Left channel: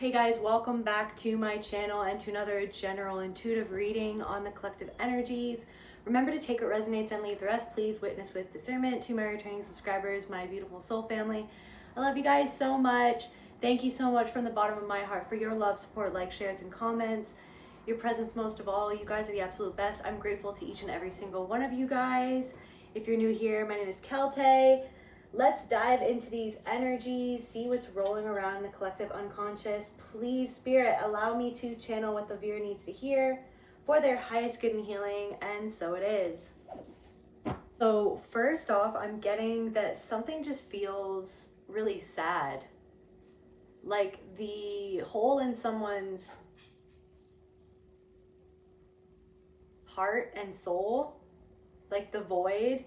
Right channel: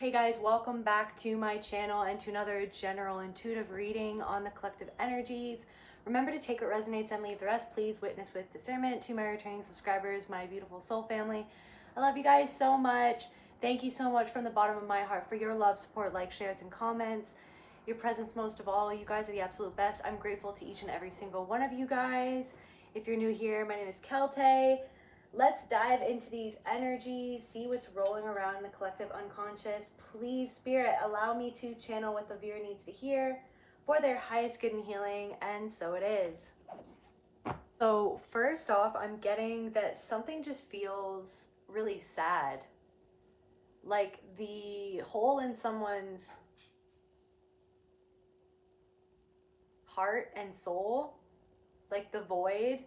Hey guys, welcome back to my channel and to another general intuitive reading on the collective energies. Remember to take what resonates and leave the rest. Please witness with discernment. To my returning subscribers, my beautiful soul family, I love you guys so much. Thank you so much from the bottom of my heart for your love, support, likes, shares, and comments. Your presence most of all. You guys are the absolute best. I'm grateful to each and every single one of you guys. If you're new here, my name is Celtae. Let's dive into these energies, see what's rolling around in the collective unconscious. Please, Spirit, allow me to channel what the viewer needs to hear for their highest good and healing, and so it is. So first off, I'm getting that something just feels really sad. Like the hole in someone's heart and soul, like the void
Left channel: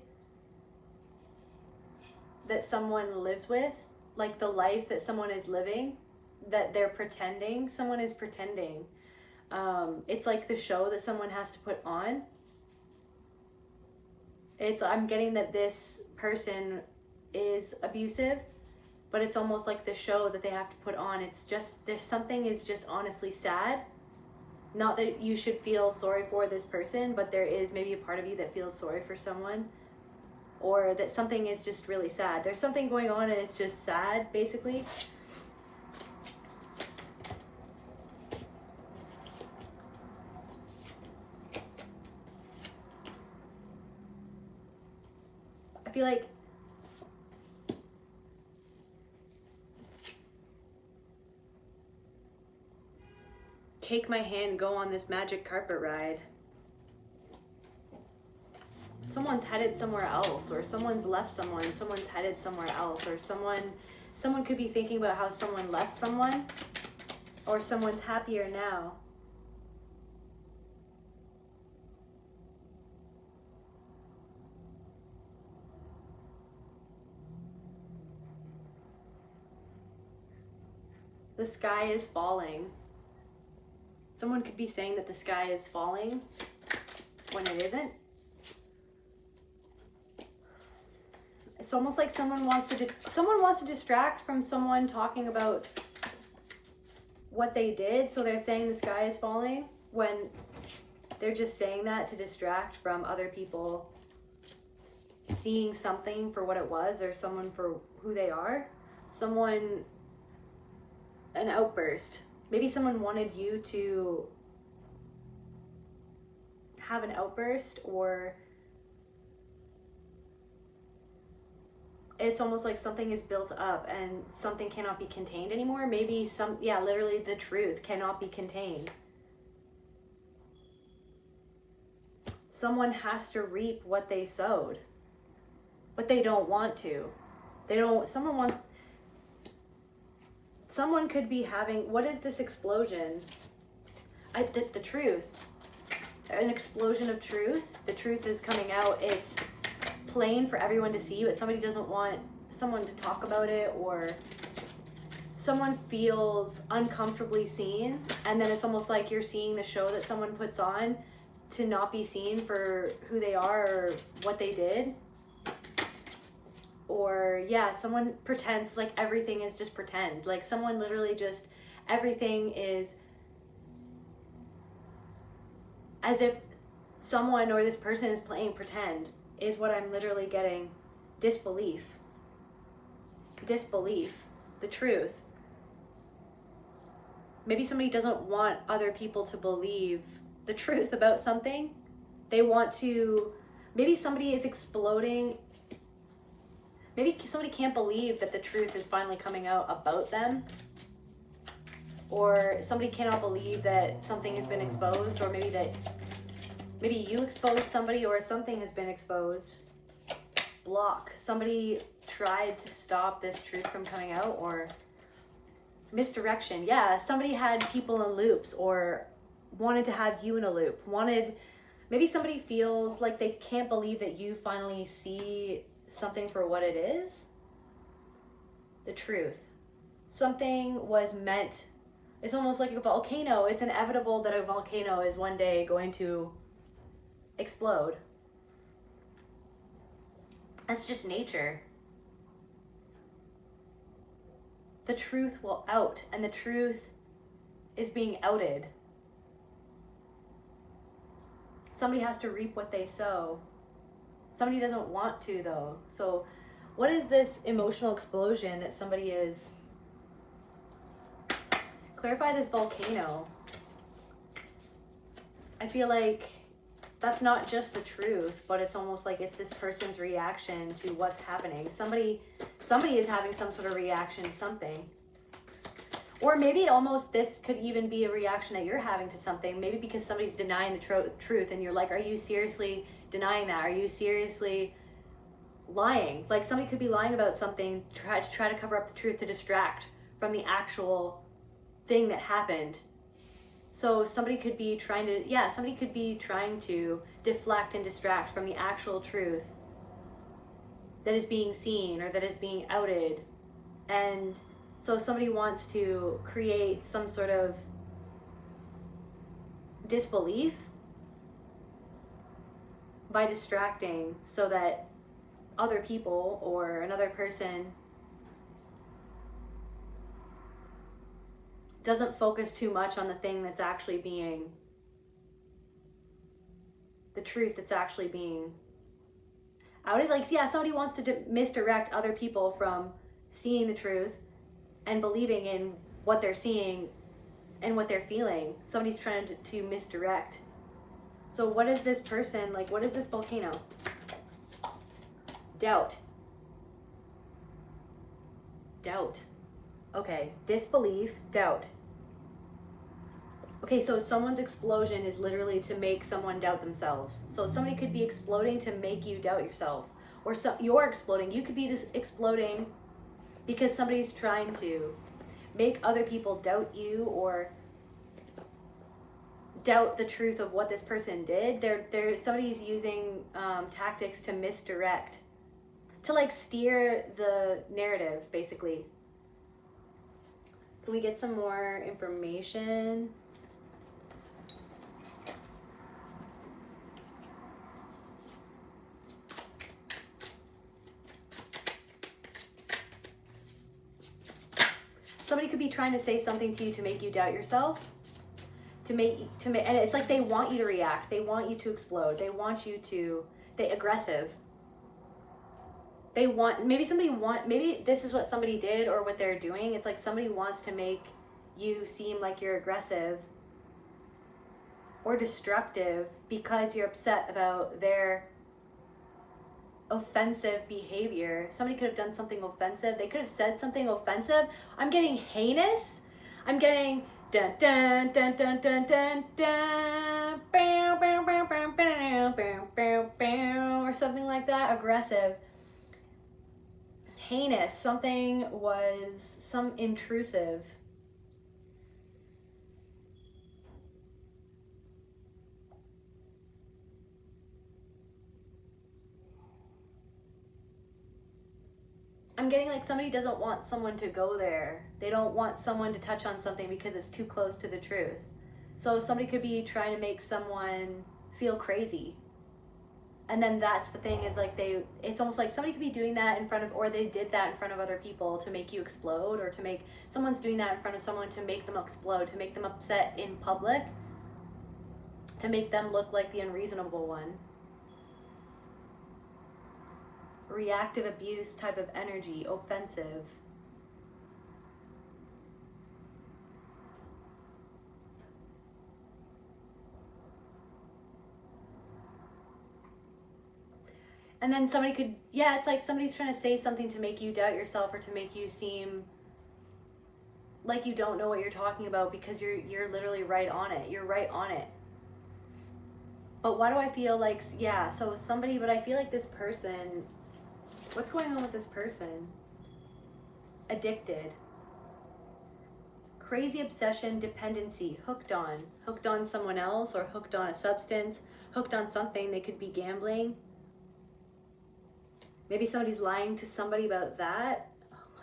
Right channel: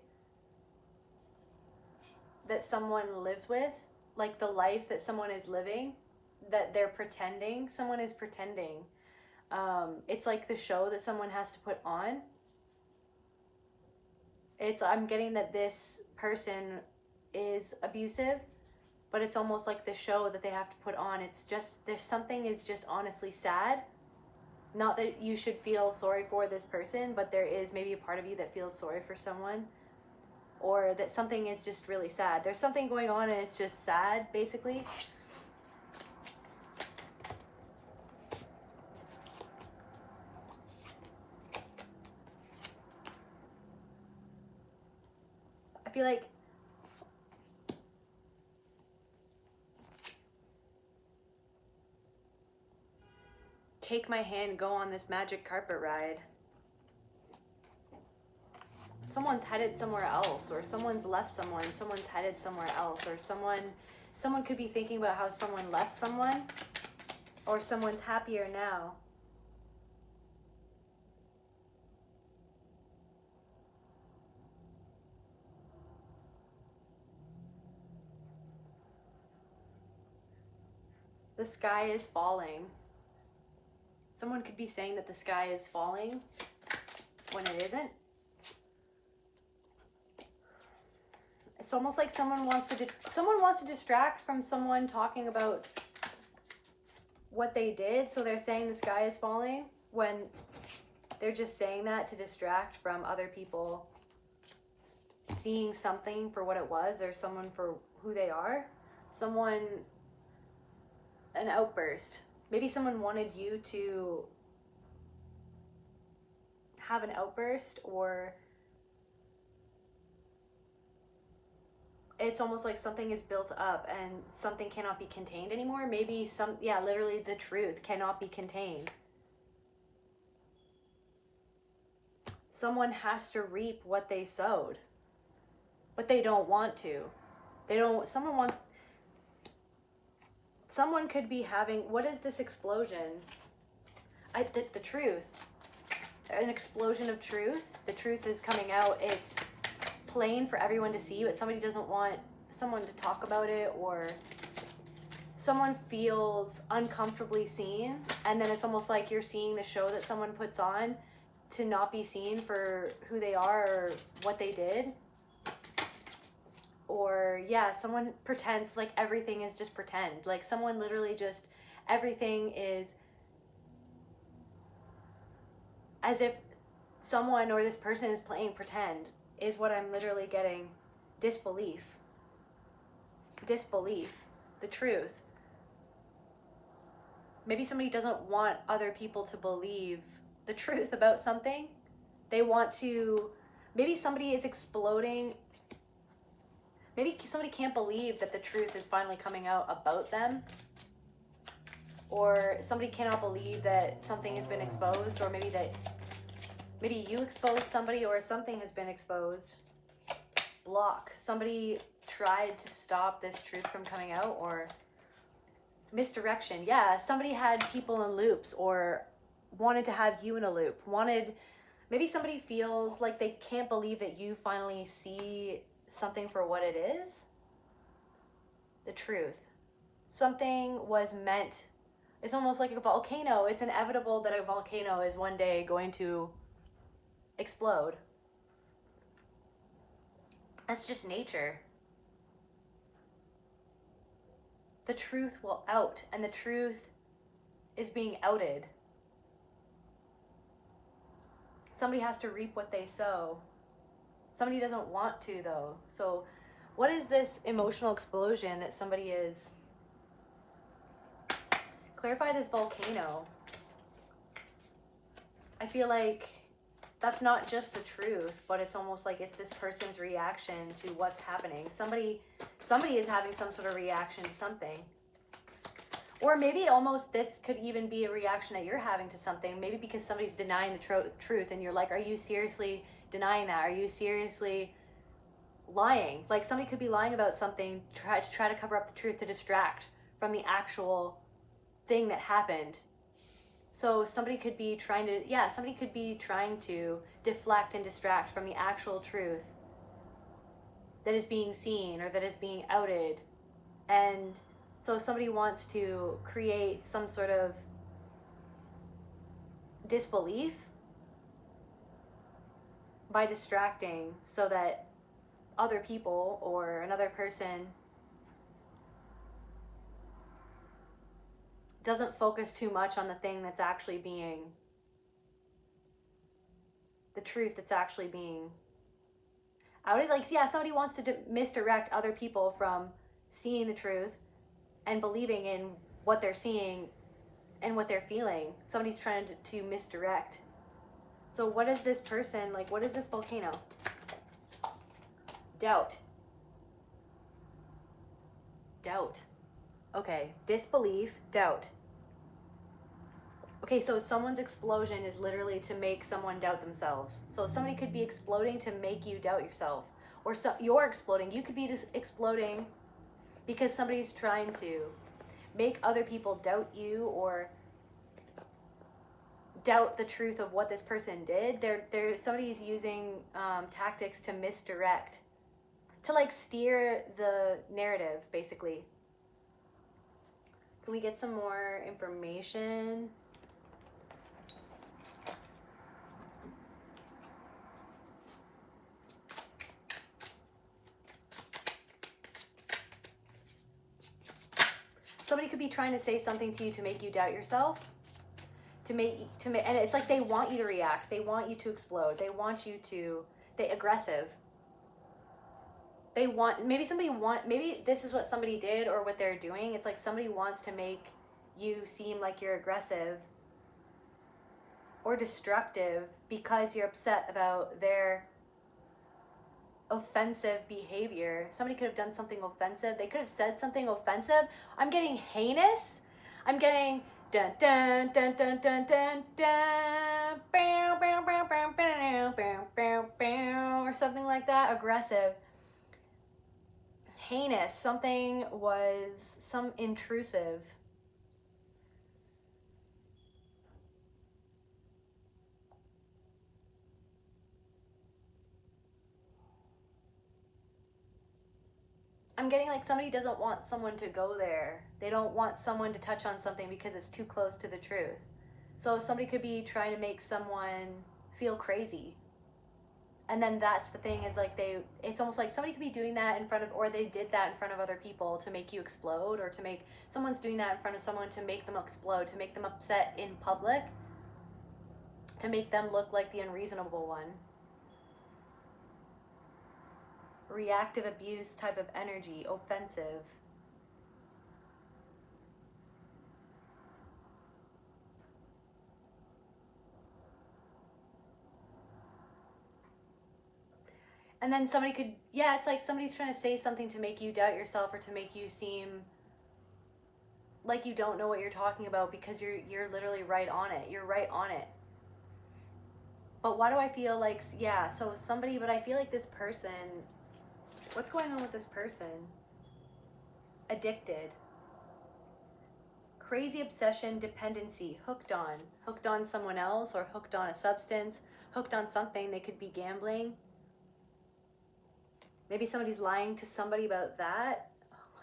that someone lives with, like the life that someone is living, that they're pretending, someone is pretending. It's like the show that someone has to put on. I'm getting that this person is abusive, but it's almost like the show that they have to put on. It's just, there's something is just honestly sad. Not that you should feel sorry for this person, but there is maybe a part of you that feels sorry for someone. Or that something is just really sad. There's something going on and it's just sad, basically. I feel like take my hand, go on this magic carpet ride. Someone's headed somewhere else, or someone's left someone, someone's headed somewhere else, or someone could be thinking about how someone left someone, or someone's happier now. The sky is falling. Someone could be saying that the sky is falling when it isn't. It's almost like someone wants to distract from someone talking about what they did, so they're saying the sky is falling when they're just saying that to distract from other people seeing something for what it was, or someone for who they are. An outburst. Maybe someone wanted you to have an outburst, or it's almost like something is built up and something cannot be contained anymore. Maybe literally the truth cannot be contained. Someone has to reap what they sowed, but they don't want to. Someone could be having, what is this explosion? The truth. An explosion of truth. The truth is coming out. It's plain for everyone to see, but somebody doesn't want someone to talk about it, or someone feels uncomfortably seen, and then it's almost like you're seeing the show that someone puts on to not be seen for who they are or what they did. Or someone pretends like everything is just pretend. Like someone literally just, everything is as if someone or this person is playing pretend, is what I'm literally getting. Disbelief. The truth. Maybe somebody doesn't want other people to believe the truth about something. They want to, maybe somebody is exploding. Maybe somebody can't believe that the truth is finally coming out about them. Or somebody cannot believe that something has been exposed, or maybe you exposed somebody, or something has been exposed. Block. Somebody tried to stop this truth from coming out, or misdirection. Yeah, somebody had people in loops, or wanted to have you in a loop. Maybe somebody feels like they can't believe that you finally see something for what it is. The truth. Something was meant. It's almost like a volcano. It's inevitable that a volcano is one day going to explode. That's just nature. The truth will out, and the truth is being outed. Somebody has to reap what they sow. Somebody doesn't want to, though. So what is this emotional explosion that somebody is? Clarify this volcano. I feel like that's not just the truth, but it's almost like it's this person's reaction to what's happening. Somebody is having some sort of reaction to something. Or maybe almost this could even be a reaction that you're having to something. Maybe because somebody's denying the truth and you're like, are you seriously denying that? Are you seriously lying? Like somebody could be lying about something, try to cover up the truth, to distract from the actual thing that happened. So somebody could be trying to deflect and distract from the actual truth that is being seen or that is being outed. And so somebody wants to create some sort of disbelief by distracting so that other people or another person doesn't focus too much on the thing that's actually being, the truth that's actually being outed. Like, yeah, somebody wants to misdirect other people from seeing the truth and believing in what they're seeing and what they're feeling. Somebody's trying to misdirect. So what is this person, like, what is this volcano? Doubt. Doubt. Okay, disbelief, doubt. Okay, so someone's explosion is literally to make someone doubt themselves. So somebody could be exploding to make you doubt yourself. Or you're exploding. You could be just exploding because somebody's trying to make other people doubt you or doubt the truth of what this person did. Somebody's using tactics to misdirect, to like steer the narrative, basically. Can we get some more information? Somebody could be trying to say something to you to make you doubt yourself, and it's like they want you to react. They want you to explode. They want you to, aggressive. Maybe this is what somebody did or what they're doing. It's like somebody wants to make you seem like you're aggressive or destructive because you're upset about their offensive behavior. Somebody could have done something offensive. They could have said something offensive. I'm getting heinous. I'm getting dun dun dun dun dun dun dun bow, bow, bow, bow, bow, bow, bow, bow, or something like that. Aggressive. Heinous. Something was some intrusive. I'm getting like somebody doesn't want someone to go there. They don't want someone to touch on something because it's too close to the truth. So somebody could be trying to make someone feel crazy. And then that's the thing, is like it's almost like somebody could be doing that in front of, or they did that in front of other people to make you explode, or to make, someone's doing that in front of someone to make them explode, to make them upset in public, to make them look like the unreasonable one. Reactive abuse type of energy, offensive. And then somebody could, yeah, it's like somebody's trying to say something to make you doubt yourself, or to make you seem like you don't know what you're talking about, because you're literally right on it. You're right on it. But why do I feel like, yeah, so somebody, but I feel like this person, what's going on with this person? Addicted. Crazy obsession, dependency, hooked on someone else, or hooked on a substance, hooked on something. They could be gambling. Maybe somebody's lying to somebody about that.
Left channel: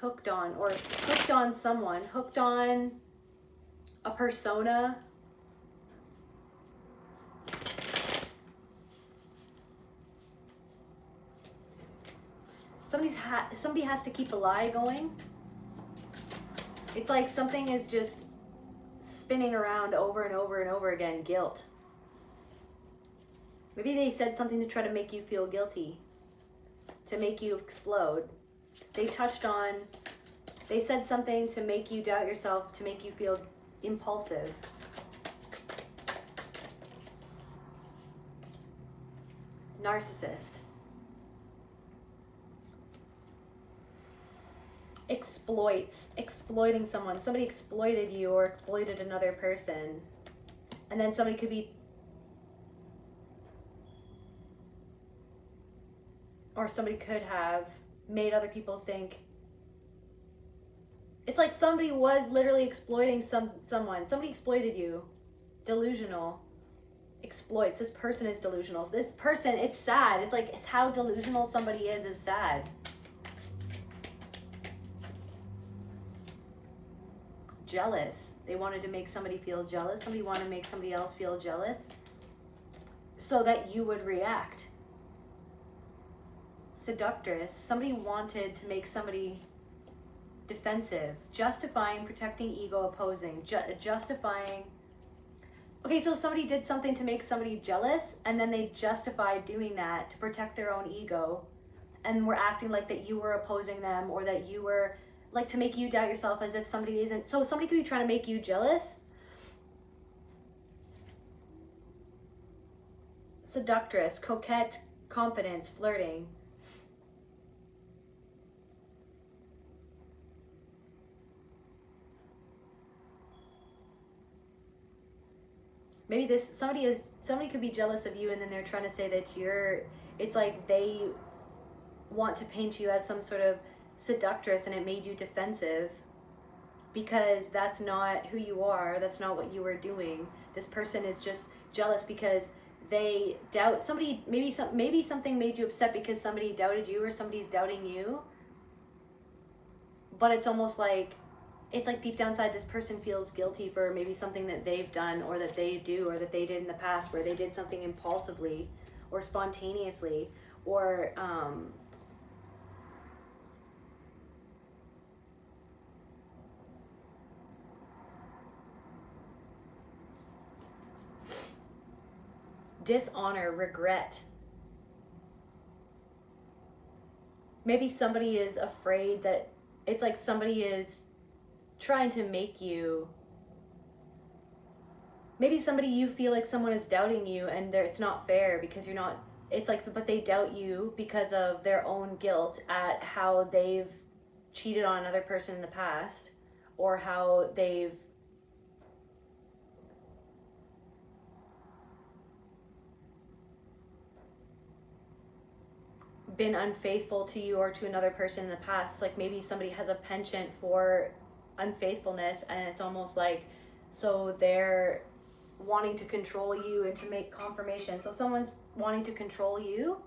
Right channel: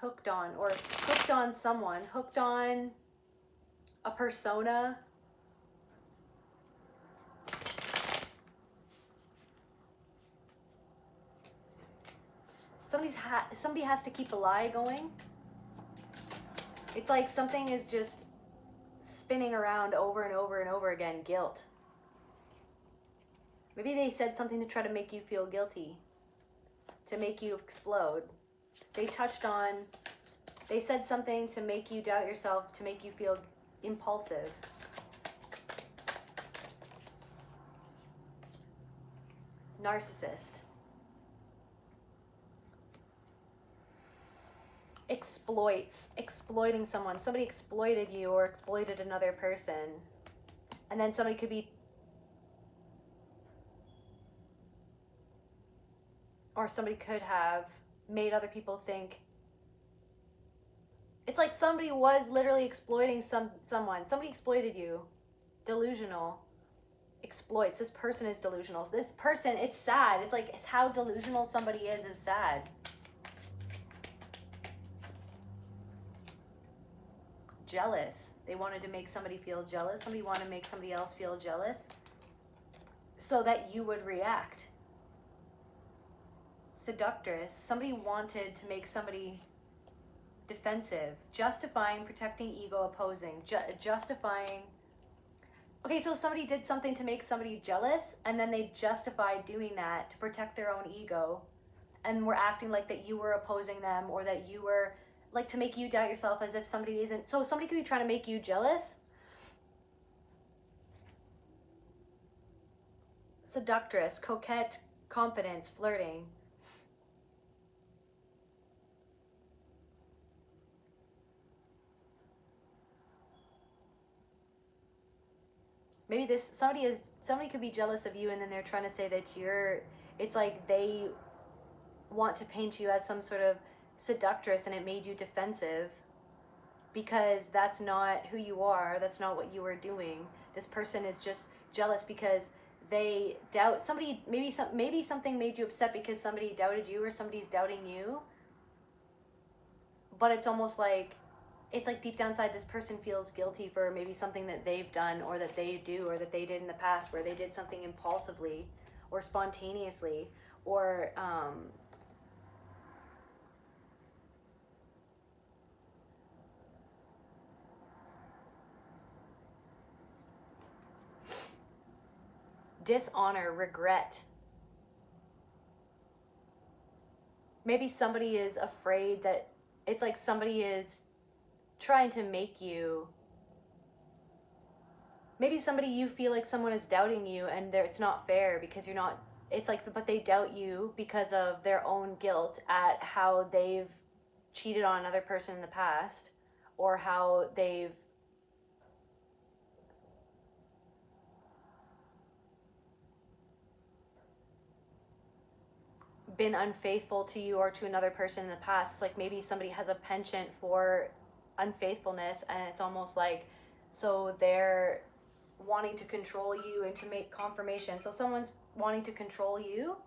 Hooked on, or hooked on someone, hooked on a persona. Somebody has to keep a lie going. It's like something is just spinning around over and over and over again, guilt. Maybe they said something to try to make you feel guilty, to make you explode. They said something to make you doubt yourself, to make you feel impulsive. Narcissist. Exploiting someone. Somebody exploited you or exploited another person. And then somebody could be, or somebody could have made other people think. It's like somebody was literally exploiting someone. Somebody exploited you. Delusional. Exploits. This person is delusional. So this person, it's sad. It's like, it's how delusional somebody is sad. Jealous. They wanted to make somebody feel jealous. Somebody wanted to make somebody else feel jealous so that you would react. Seductress. Somebody wanted to make somebody defensive. Justifying, protecting, ego, opposing. Justifying. Okay, so somebody did something to make somebody jealous, and then they justified doing that to protect their own ego, and were acting like that you were opposing them, or that you were, like, to make you doubt yourself, as if somebody isn't. So somebody could be trying to make you jealous. Seductress, coquette, confidence, flirting. Maybe somebody could be jealous of you, and then they're trying to say that it's like they want to paint you as some sort of seductress, and it made you defensive because that's not who you are. That's not what you are doing. This person is just jealous because they doubt somebody. Maybe something made you upset because somebody doubted you, or somebody's doubting you. But it's almost like, it's like deep down inside, this person feels guilty for maybe something that they've done, or that they do, or that they did in the past, where they did something impulsively or spontaneously, or dishonor, regret. Maybe somebody is afraid that, it's like somebody is trying to make you, maybe somebody, you feel like someone is doubting you, and it's not fair because you're not, it's like, but they doubt you because of their own guilt at how they've cheated on another person in the past, or how they've been unfaithful to you or to another person in the past. It's like maybe somebody has a penchant for unfaithfulness, and it's almost like, so they're wanting to control you and to make confirmation. So someone's wanting to control you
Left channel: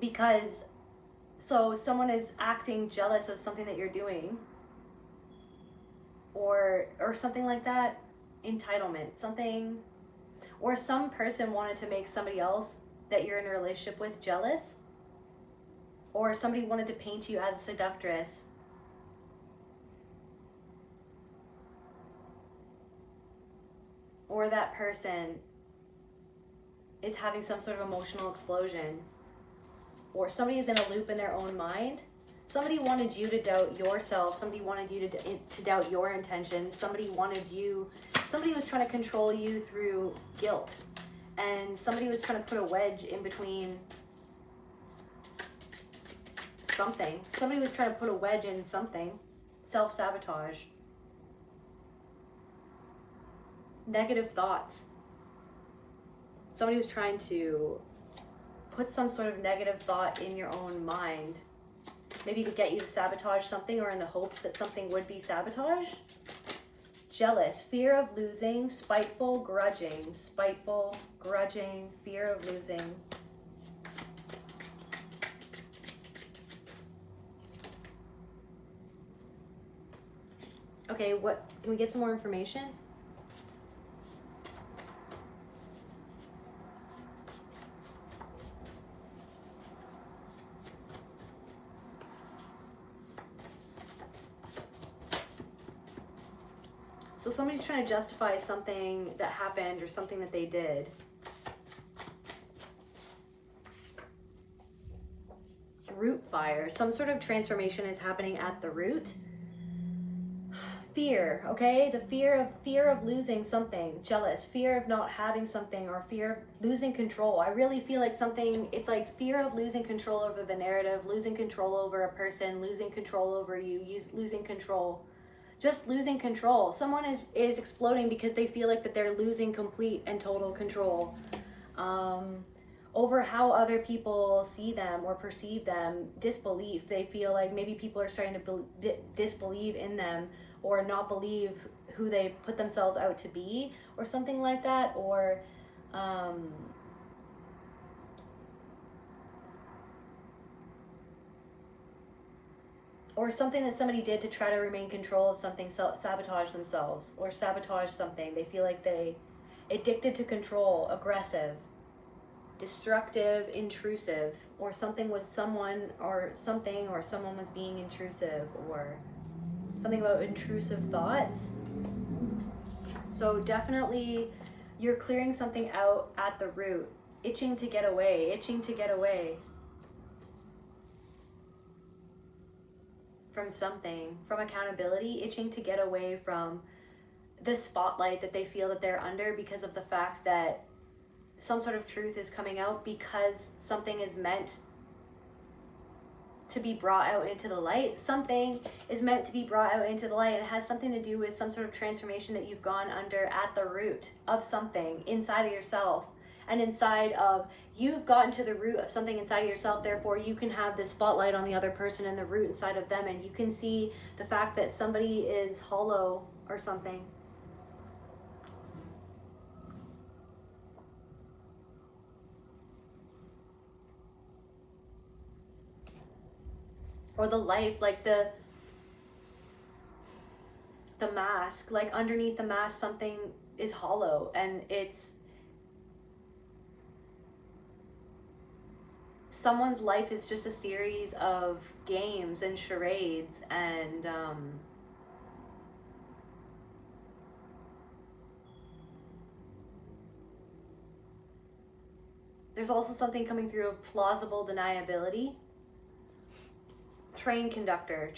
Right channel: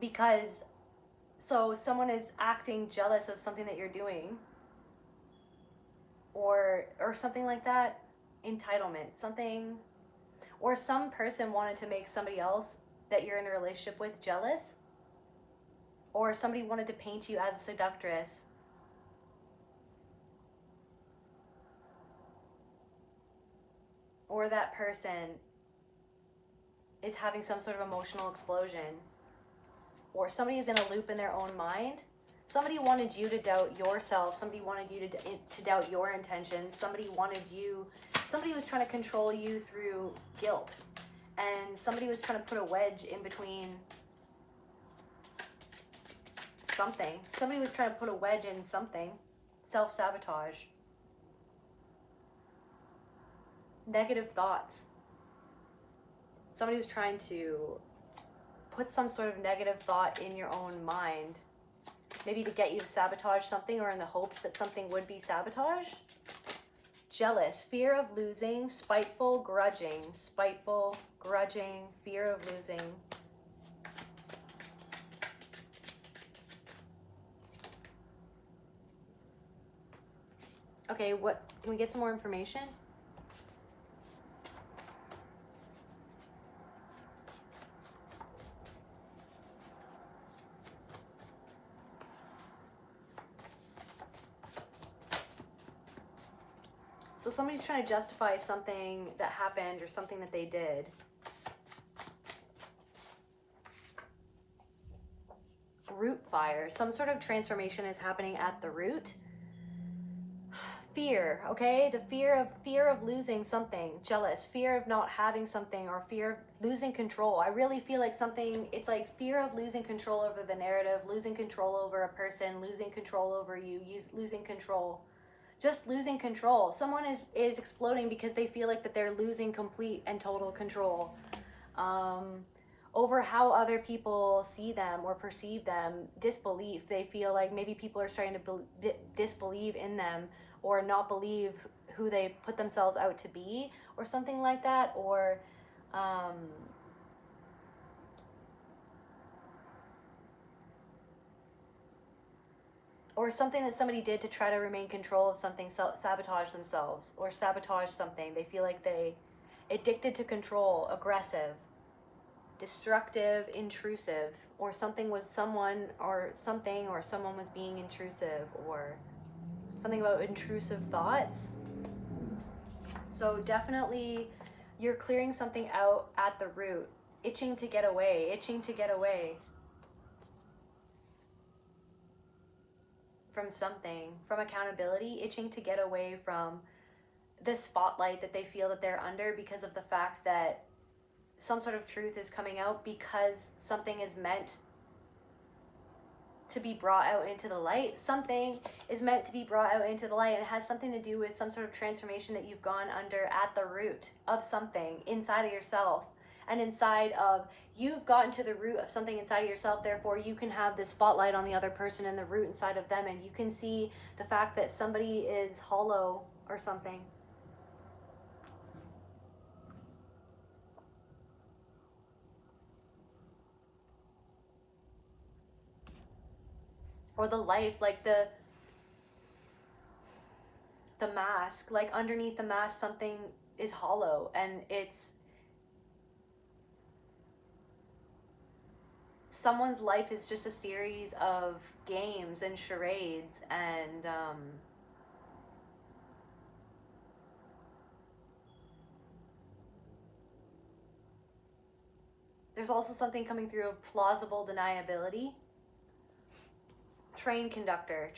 because, so someone is acting jealous of something that you're doing, or something like that. Entitlement, something, or some person wanted to make somebody else that you're in a relationship with jealous, or somebody wanted to paint you as a seductress. Or that person is having some sort of emotional explosion, or somebody is in a loop in their own mind. Somebody wanted you to doubt yourself. Somebody wanted you to doubt your intentions. Somebody was trying to control you through guilt. And somebody was trying to put a wedge in between something. Somebody was trying to put a wedge in something. Self-sabotage. Negative thoughts. Somebody was trying to put some sort of negative thought in your own mind. Maybe to get you to sabotage something, or in the hopes that something would be sabotaged. Jealous, fear of losing, spiteful, grudging, fear of losing. Okay, what, can we get some more information? So somebody's trying to justify something that happened or something that they did. Root fire. Some sort of transformation is happening at the root. Fear, okay? The fear of losing something, jealous, fear of not having something, or fear of losing control. I really feel like something, it's like fear of losing control over the narrative, losing control over a person, losing control over you, losing control. Just losing control. Someone is exploding because they feel like that they're losing complete and total control over how other people see them or perceive them. Disbelief. They feel like maybe people are starting to disbelieve in them, or not believe who they put themselves out to be, or something like that, or something that somebody did to try to remain in control of something, sabotage themselves, or sabotage something. They feel like they addicted to control, aggressive, destructive, intrusive, or something was someone or something, or someone was being intrusive, or something about intrusive thoughts. So definitely you're clearing something out at the root, itching to get away, from something, from accountability, itching to get away from the spotlight that they feel that they're under because of the fact that some sort of truth is coming out, because something is meant to be brought out into the light. Something is meant to be brought out into the light, and it has something to do with some sort of transformation that you've gone under at the root of something inside of yourself. And inside of, you've gotten to the root of something inside of yourself, therefore you can have the spotlight on the other person and the root inside of them, and you can see the fact that somebody is hollow or something. Or the life, like the mask, like underneath the mask something is hollow, and it's someone's life is just a series of games and charades, and there's also something coming through of plausible deniability. Train conductor,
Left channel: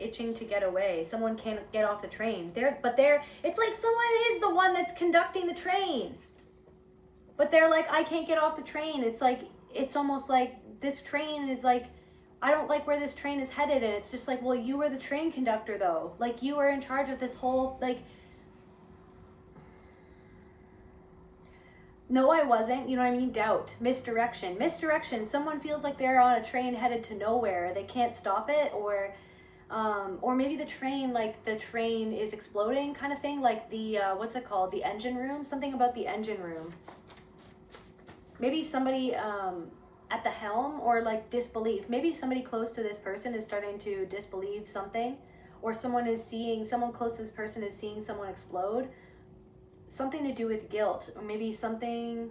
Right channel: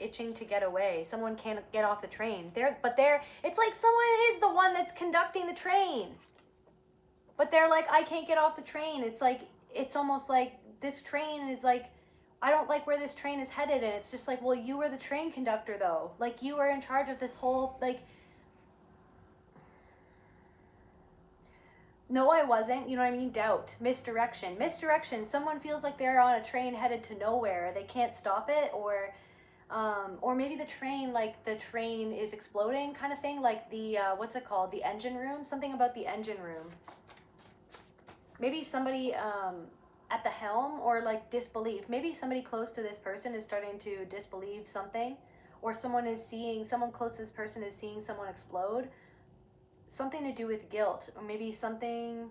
itching to get away. Someone can't get off the train. It's like someone is the one that's conducting the train, but they're like, I can't get off the train. It's like, it's almost like this train is like, I don't like where this train is headed. And it's just like, well, you were the train conductor though. Like, you were in charge of this whole, like, no, I wasn't. You know what I mean? Doubt, misdirection. Someone feels like they're on a train headed to nowhere. They can't stop it, or maybe the train, like the train is exploding, kind of thing. Like the what's it called? The engine room. Something about the engine room. Maybe somebody at the helm, or like disbelief. Maybe somebody close to this person is starting to disbelieve something, or someone close to this person is seeing someone explode. Something to do with guilt, or maybe something,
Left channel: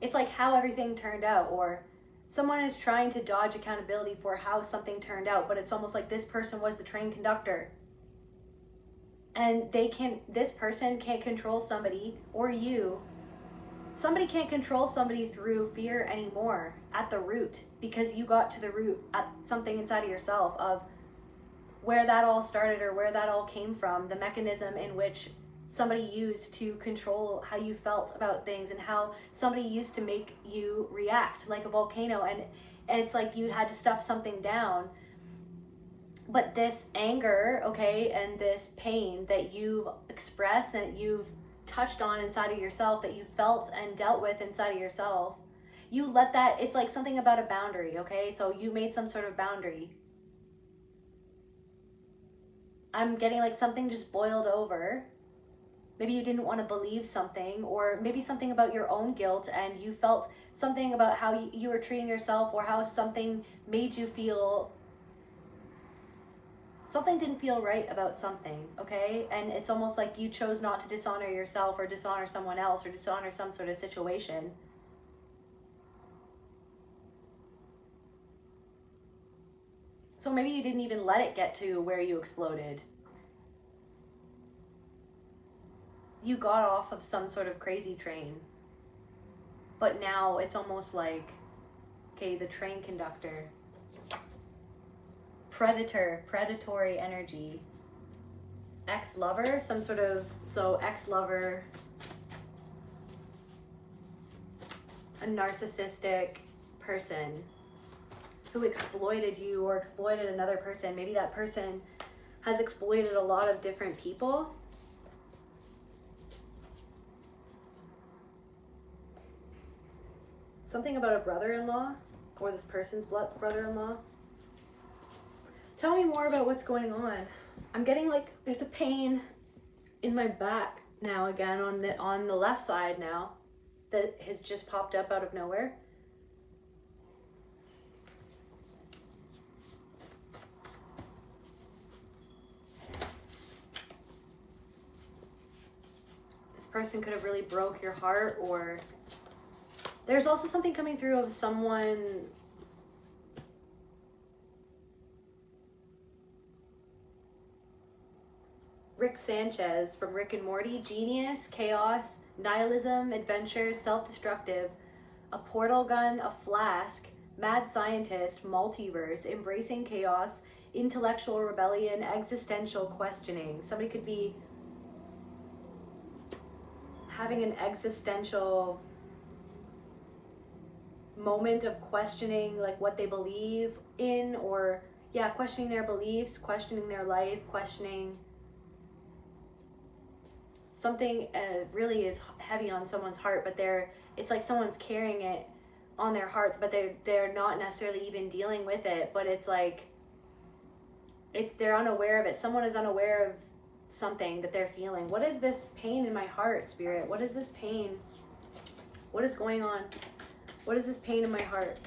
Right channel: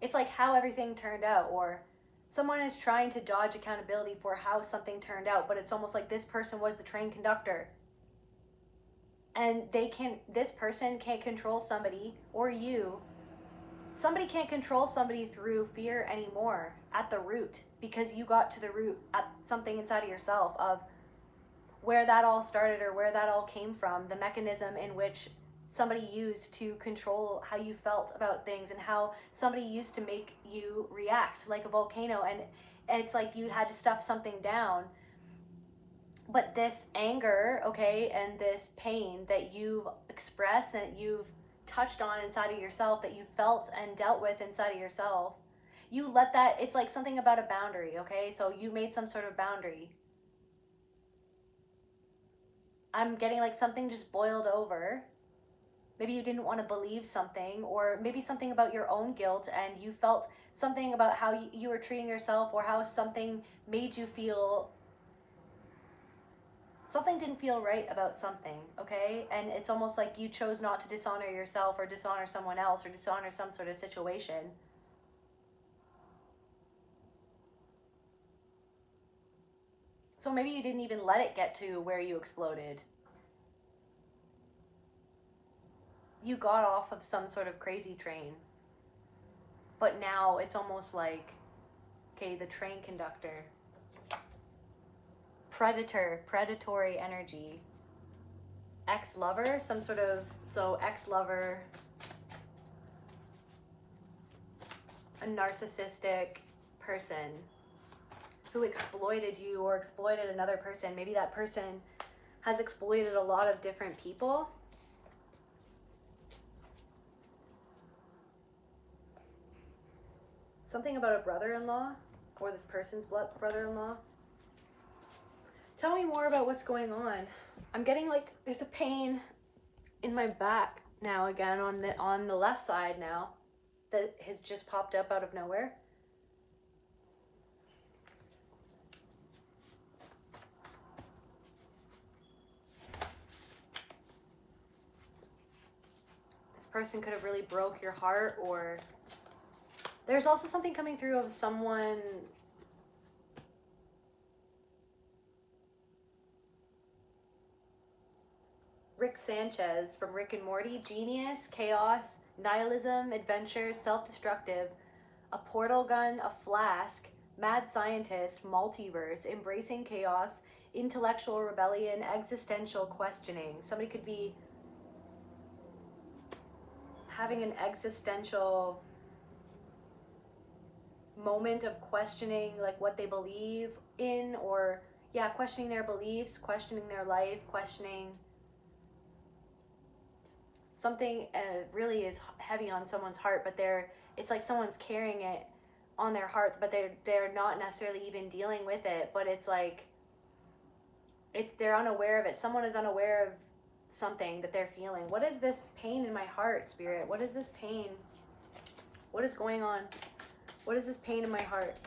it's like how everything turned out, or someone is trying to dodge accountability for how something turned out, but it's almost like this person was the train conductor, and this person can't control somebody, or somebody can't control somebody through fear anymore at the root, because you got to the root at something inside of yourself of where that all started, or where that all came from, the mechanism in which somebody used to control how you felt about things, and how somebody used to make you react like a volcano, and it's like you had to stuff something down. But this anger, okay, and this pain that you've expressed and you've touched on inside of yourself, that you felt and dealt with inside of yourself, you let that, it's like something about a boundary, okay? So you made some sort of boundary. I'm getting like something just boiled over. Maybe you didn't want to believe something, or maybe something about your own guilt, and you felt something about how you were treating yourself, or how something made you feel, something didn't feel right about something, okay? And it's almost like you chose not to dishonor yourself, or dishonor someone else, or dishonor some sort of situation. So maybe you didn't even let it get to where you exploded. You got off of some sort of crazy train. But now it's almost like, okay, the train conductor. Predatory energy. Ex-lover, some sort of, so ex-lover, a narcissistic person who exploited you or exploited another person. Maybe that person has exploited a lot of different people. Something about a brother-in-law, or this person's brother-in-law. Tell me more about what's going on. I'm getting like, there's a pain in my back now again on the left side now that has just popped up out of nowhere. This person could have really broke your heart, or there's also something coming through of someone Rick Sanchez from Rick and Morty. Genius, chaos, nihilism, adventure, self-destructive, a portal gun, a flask, mad scientist, multiverse, embracing chaos, intellectual rebellion, existential questioning. Somebody could be having an existential moment of questioning like what they believe in, or yeah, questioning their beliefs, questioning their life, questioning something really is heavy on someone's heart, but it's like someone's carrying it on their heart, but they're not necessarily even dealing with it, but it's like they're unaware of it. Someone is unaware of something that they're feeling. What is this pain in my heart, Spirit? What is this pain? What is going on? What is this pain in my heart?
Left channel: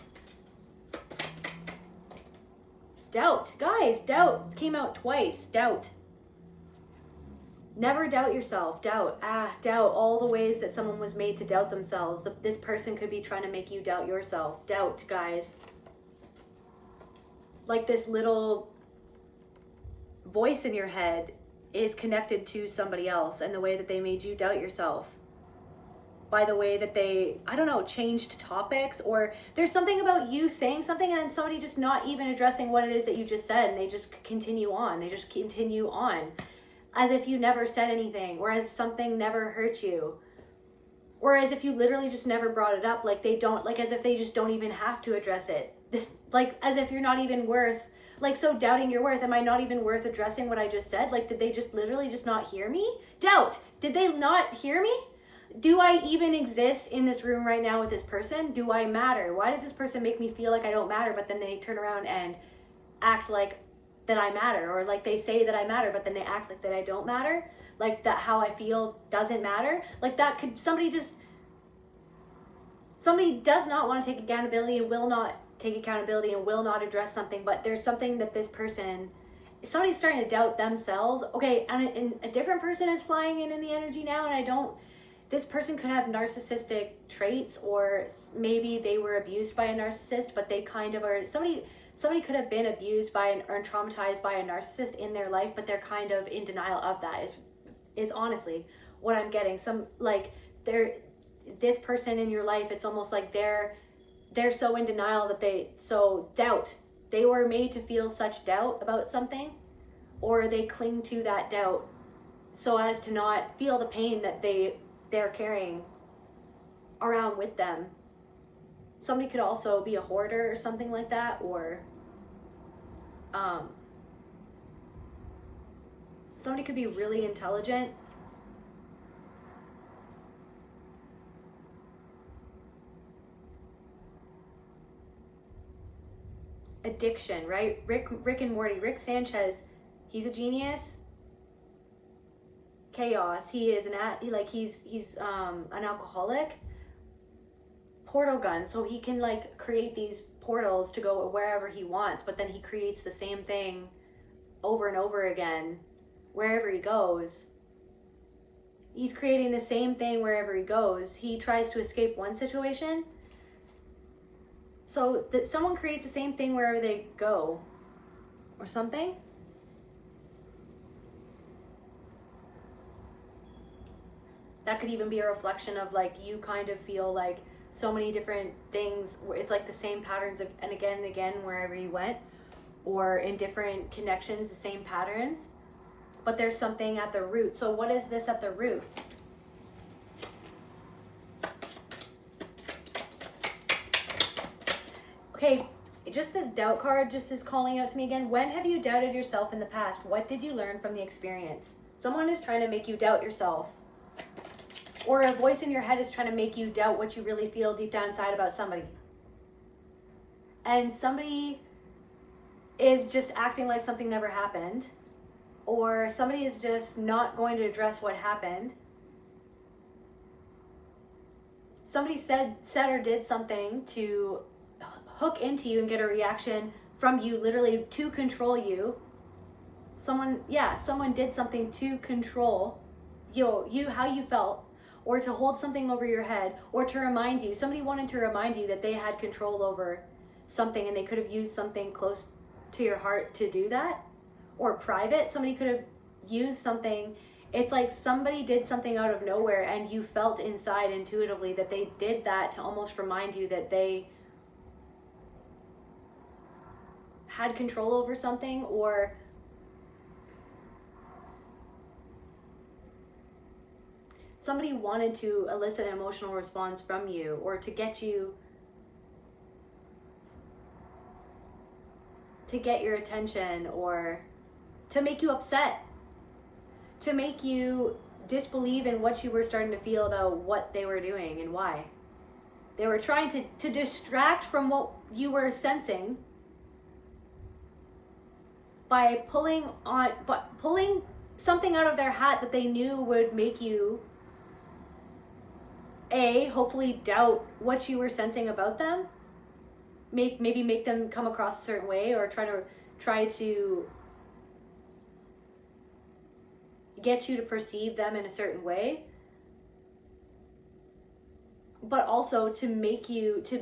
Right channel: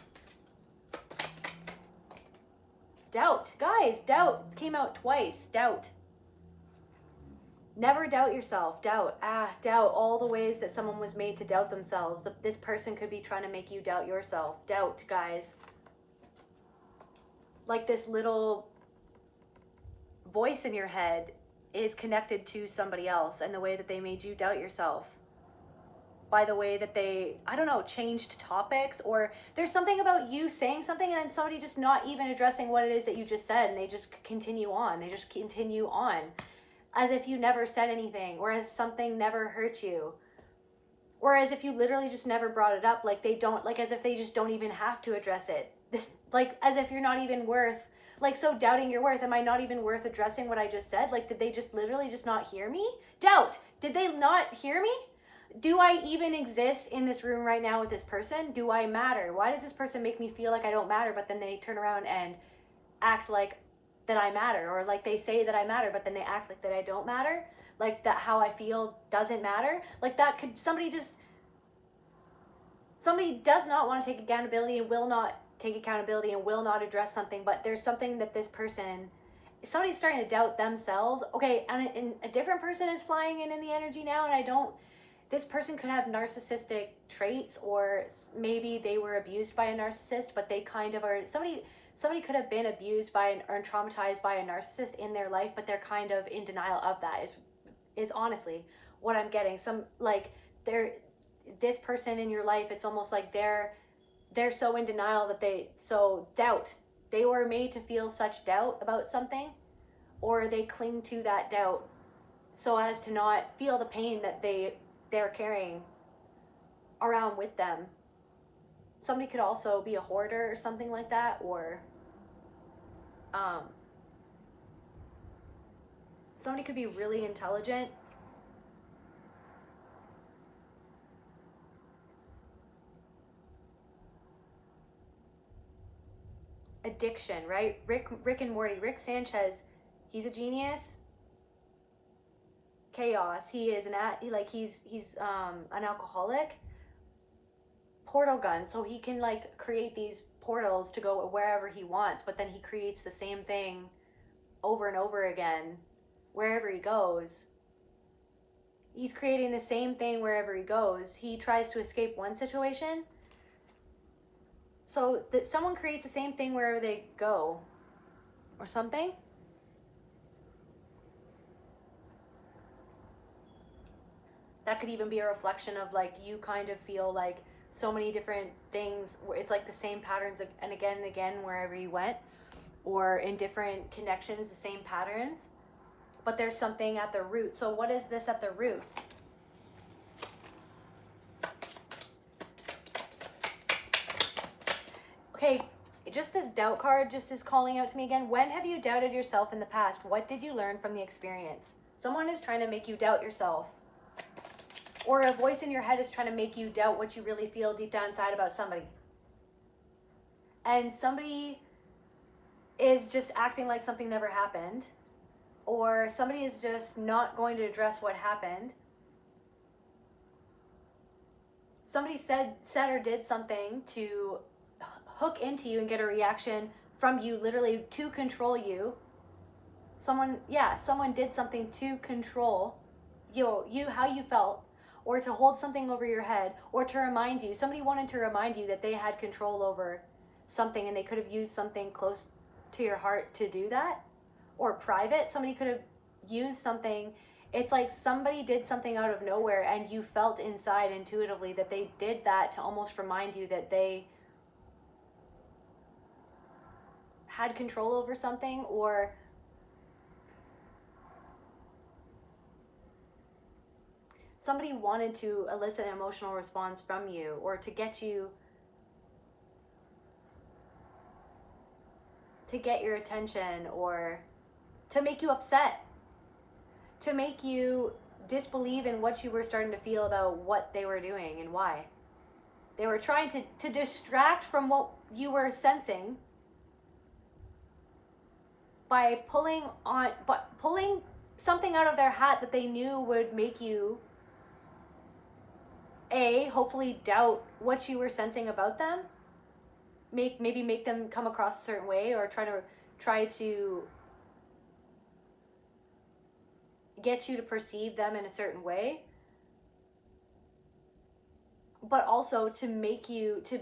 Doubt. Guys, doubt came out twice. Doubt. Never doubt yourself. Doubt. Doubt. All the ways that someone was made to doubt themselves. This person could be trying to make you doubt yourself. Doubt, guys. Like this little voice in your head is connected to somebody else, and the way that they made you doubt yourself. By the way that they, I don't know, changed topics, or there's something about you saying something and then somebody just not even addressing what it is that you just said, and they just continue on. They just continue on. As if you never said anything, or as something never hurt you, or as if you literally just never brought it up, like they don't, like as if they just don't even have to address it. Like as if you're not even worth, like so doubting your worth. Am I not even worth addressing what I just said? Like did they just literally just not hear me? Doubt. Did they not hear me? Do I even exist in this room right now with this person? Do I matter? Why does this person make me feel like I don't matter, but then they turn around and act like that I matter, or like they say that I matter, but then they act like that I don't matter, like that how I feel doesn't matter? Like that could, somebody does not want to take accountability and will not take accountability and will not address something, but there's something that this person, somebody's starting to doubt themselves. Okay, and a different person is flying in the energy now, and this person could have narcissistic traits, or maybe they were abused by a narcissist, but they kind of are, somebody could have been abused by or traumatized by a narcissist in their life, but they're kind of in denial of that, is honestly what I'm getting. This person in your life, it's almost like they're so in denial that doubt. They were made to feel such doubt about something, or they cling to that doubt so as to not feel the pain that they're carrying around with them. Somebody could also be a hoarder or something like that, or somebody could be really intelligent. Addiction, right? Rick and Morty. Rick Sanchez, he's a genius. Chaos. He's an alcoholic. Portal gun, so he can like create these portals to go wherever he wants, but then he creates the same thing over and over again wherever he goes. He's creating the same thing wherever he goes. He tries to escape one situation, so that someone creates the same thing wherever they go. or something. That could even be a reflection of like you kind of feel like so many different things where it's like the same patterns and again wherever you went, or in different connections, the same patterns, but there's something at the root. So what is this at the root? Okay, just this doubt card just is calling out to me again. When have you doubted yourself in the past? What did you learn from the experience? Someone is trying to make you doubt yourself. Or a voice in your head is trying to make you doubt what you really feel deep down inside about somebody. And somebody is just acting like something never happened. Or somebody is just not going to address what happened. Somebody said or did something to hook into you and get a reaction from you, literally to control you. Someone did something to control you, how you felt, or to hold something over your head, or to remind you. Somebody wanted to remind you that they had control over something, and they could have used something close to your heart to do that, or private. Somebody could have used something. It's like somebody did something out of nowhere, and you felt inside intuitively that they did that to almost remind you that they had control over something, or somebody wanted to elicit an emotional response from you, or to get you, to get your attention, or to make you upset, to make you disbelieve in what you were starting to feel about what they were doing and why. They were trying to distract from what you were sensing by pulling something out of their hat that they knew would make you hopefully doubt what you were sensing about them, maybe make them come across a certain way, or try to get you to perceive them in a certain way, but also to make you to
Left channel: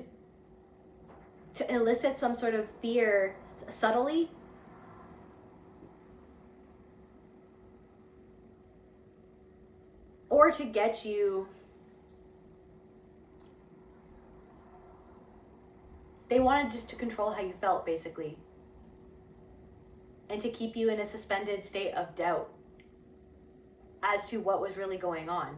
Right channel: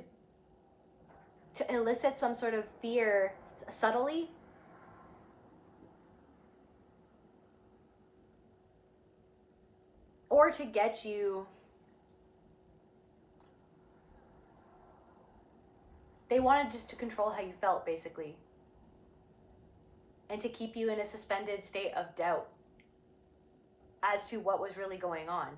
elicit some sort of fear subtly, or to get you. They wanted just to control how you felt, basically, and to keep you in a suspended state of doubt as to what was really going on.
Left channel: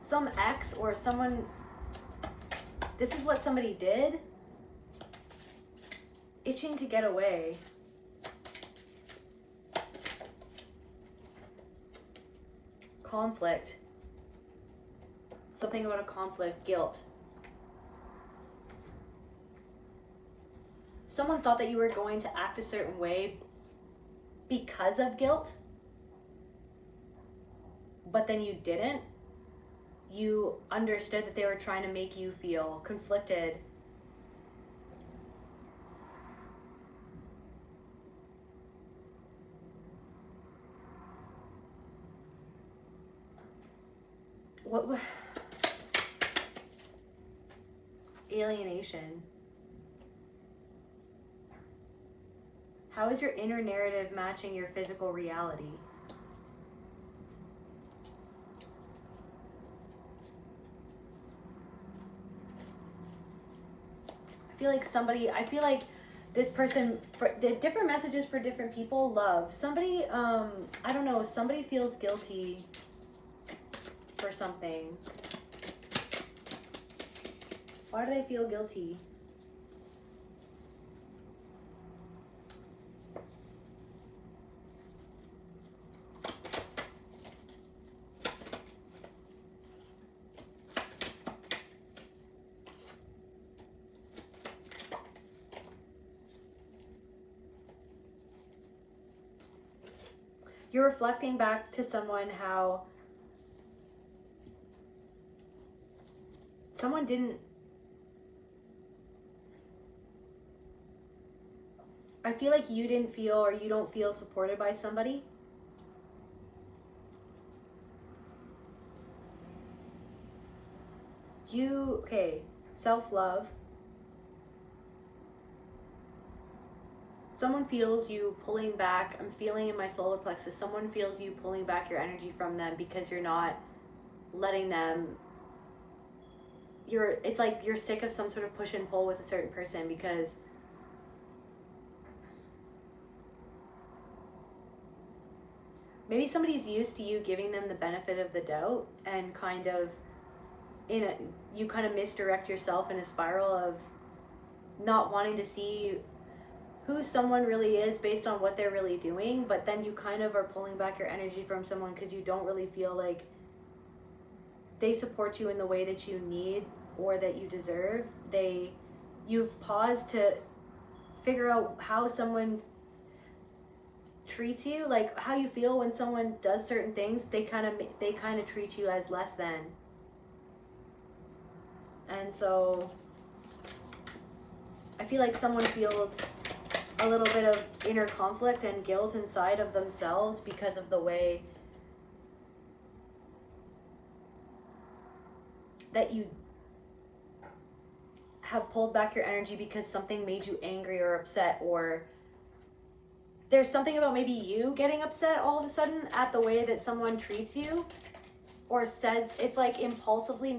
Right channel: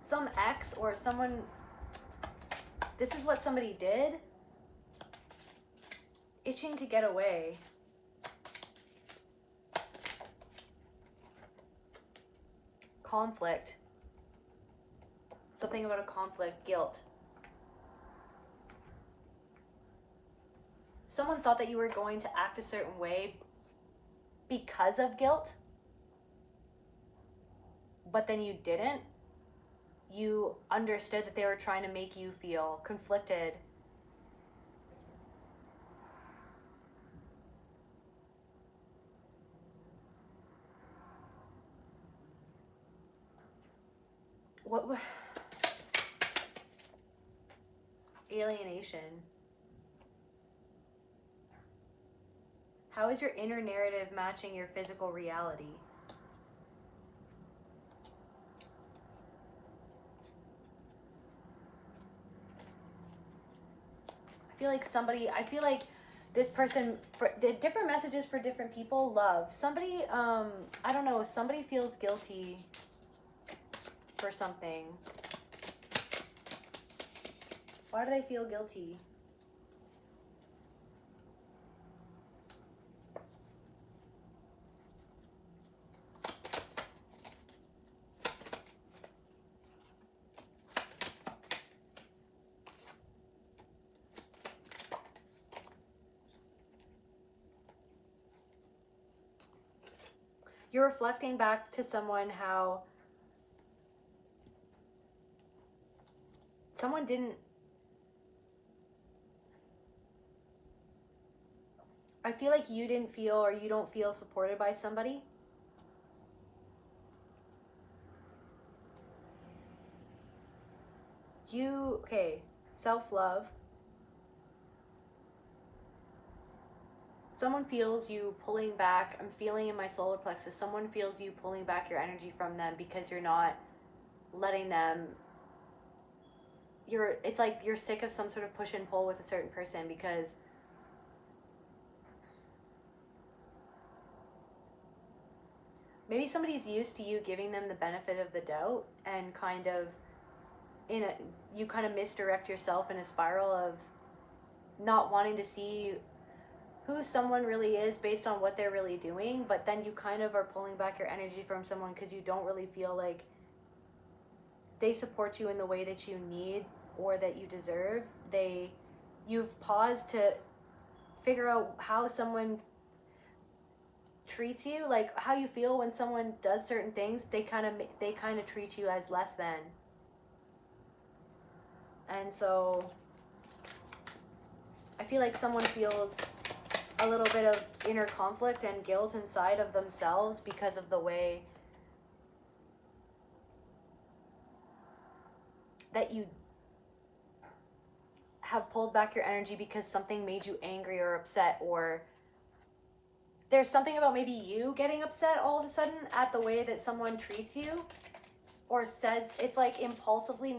Some ex or someone, this is what somebody did, itching to get away. Conflict. Something about a conflict. Guilt. Someone thought that you were going to act a certain way because of guilt, but then you didn't. You understood that they were trying to make you feel conflicted. What alienation? How is your inner narrative matching your physical reality? I feel like this person, for the different messages for different people. Love. Somebody, I don't know, somebody feels guilty for something. Why do they feel guilty? You're reflecting back to someone how someone didn't. I feel like you didn't feel, or you don't feel supported by somebody. okay, self-love. Someone feels you pulling back. I'm feeling in my solar plexus, someone feels you pulling back your energy from them because you're not letting them, it's like you're sick of some sort of push and pull with a certain person, because maybe somebody's used to you giving them the benefit of the doubt, and kind of you kind of misdirect yourself in a spiral of not wanting to see who someone really is based on what they're really doing, but then you kind of are pulling back your energy from someone because you don't really feel like they support you in the way that you need or that you deserve. You've paused to figure out how someone treats you, like how you feel when someone does certain things. They kind of treat you as less than. And so I feel like someone feels a little bit of inner conflict and guilt inside of themselves because of the way that you have pulled back your energy because something made you angry or upset, or there's something about maybe you getting upset all of a sudden at the way that someone treats you or says. It's like impulsively,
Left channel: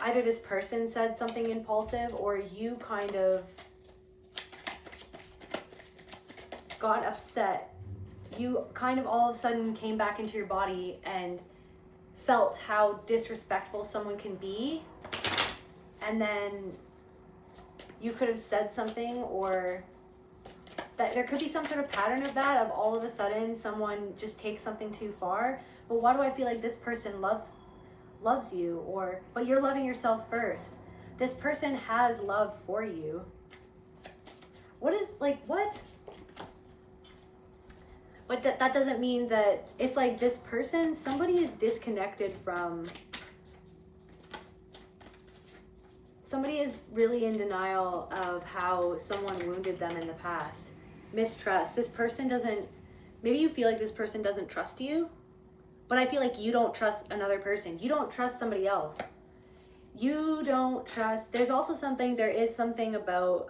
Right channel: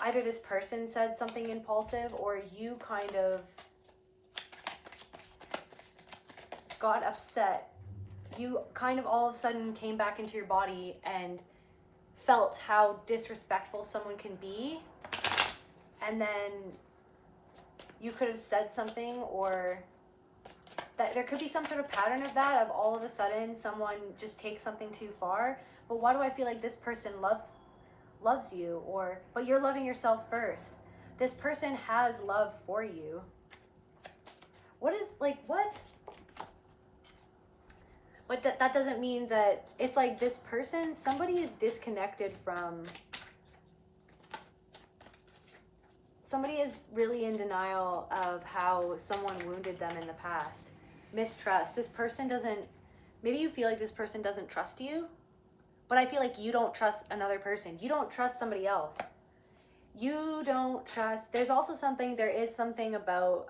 either this person said something impulsive or you kind of got upset. You kind of all of a sudden came back into your body and felt how disrespectful someone can be, and then you could have said something, or that there could be some sort of pattern of that, of all of a sudden someone just takes something too far. But why do I feel like this person loves you, but you're loving yourself first? This person has love for you. What? But that doesn't mean that it's like this person, somebody is disconnected from, somebody is really in denial of how someone wounded them in the past. Mistrust. This person doesn't, maybe you feel like this person doesn't trust you, but I feel like you don't trust another person. You don't trust somebody else. You don't trust, there is something about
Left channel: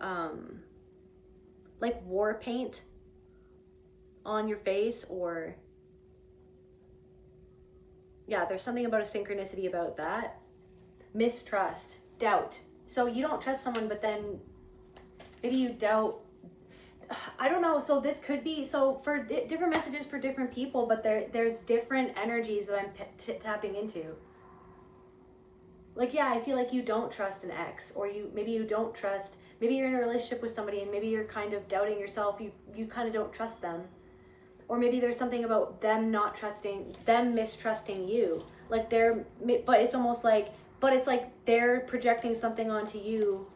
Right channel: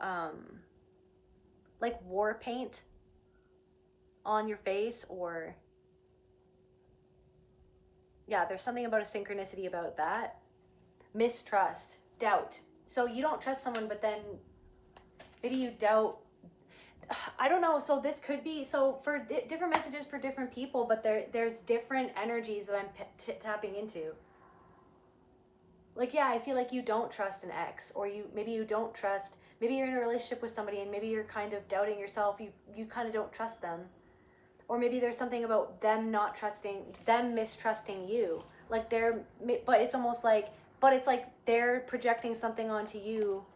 like war paint on your face, or yeah, there's something about a synchronicity about that. Mistrust, doubt. So you don't trust someone, but then maybe you doubt. I don't know. So this could be, so for different messages for different people, but there's different energies that I'm tapping into. Like, yeah, I feel like you don't trust an ex, or maybe you don't trust, maybe you're in a relationship with somebody and maybe you're kind of doubting yourself. You kind of don't trust them. Or maybe there's something about them mistrusting you. Like but it's almost like, it's like they're projecting something onto you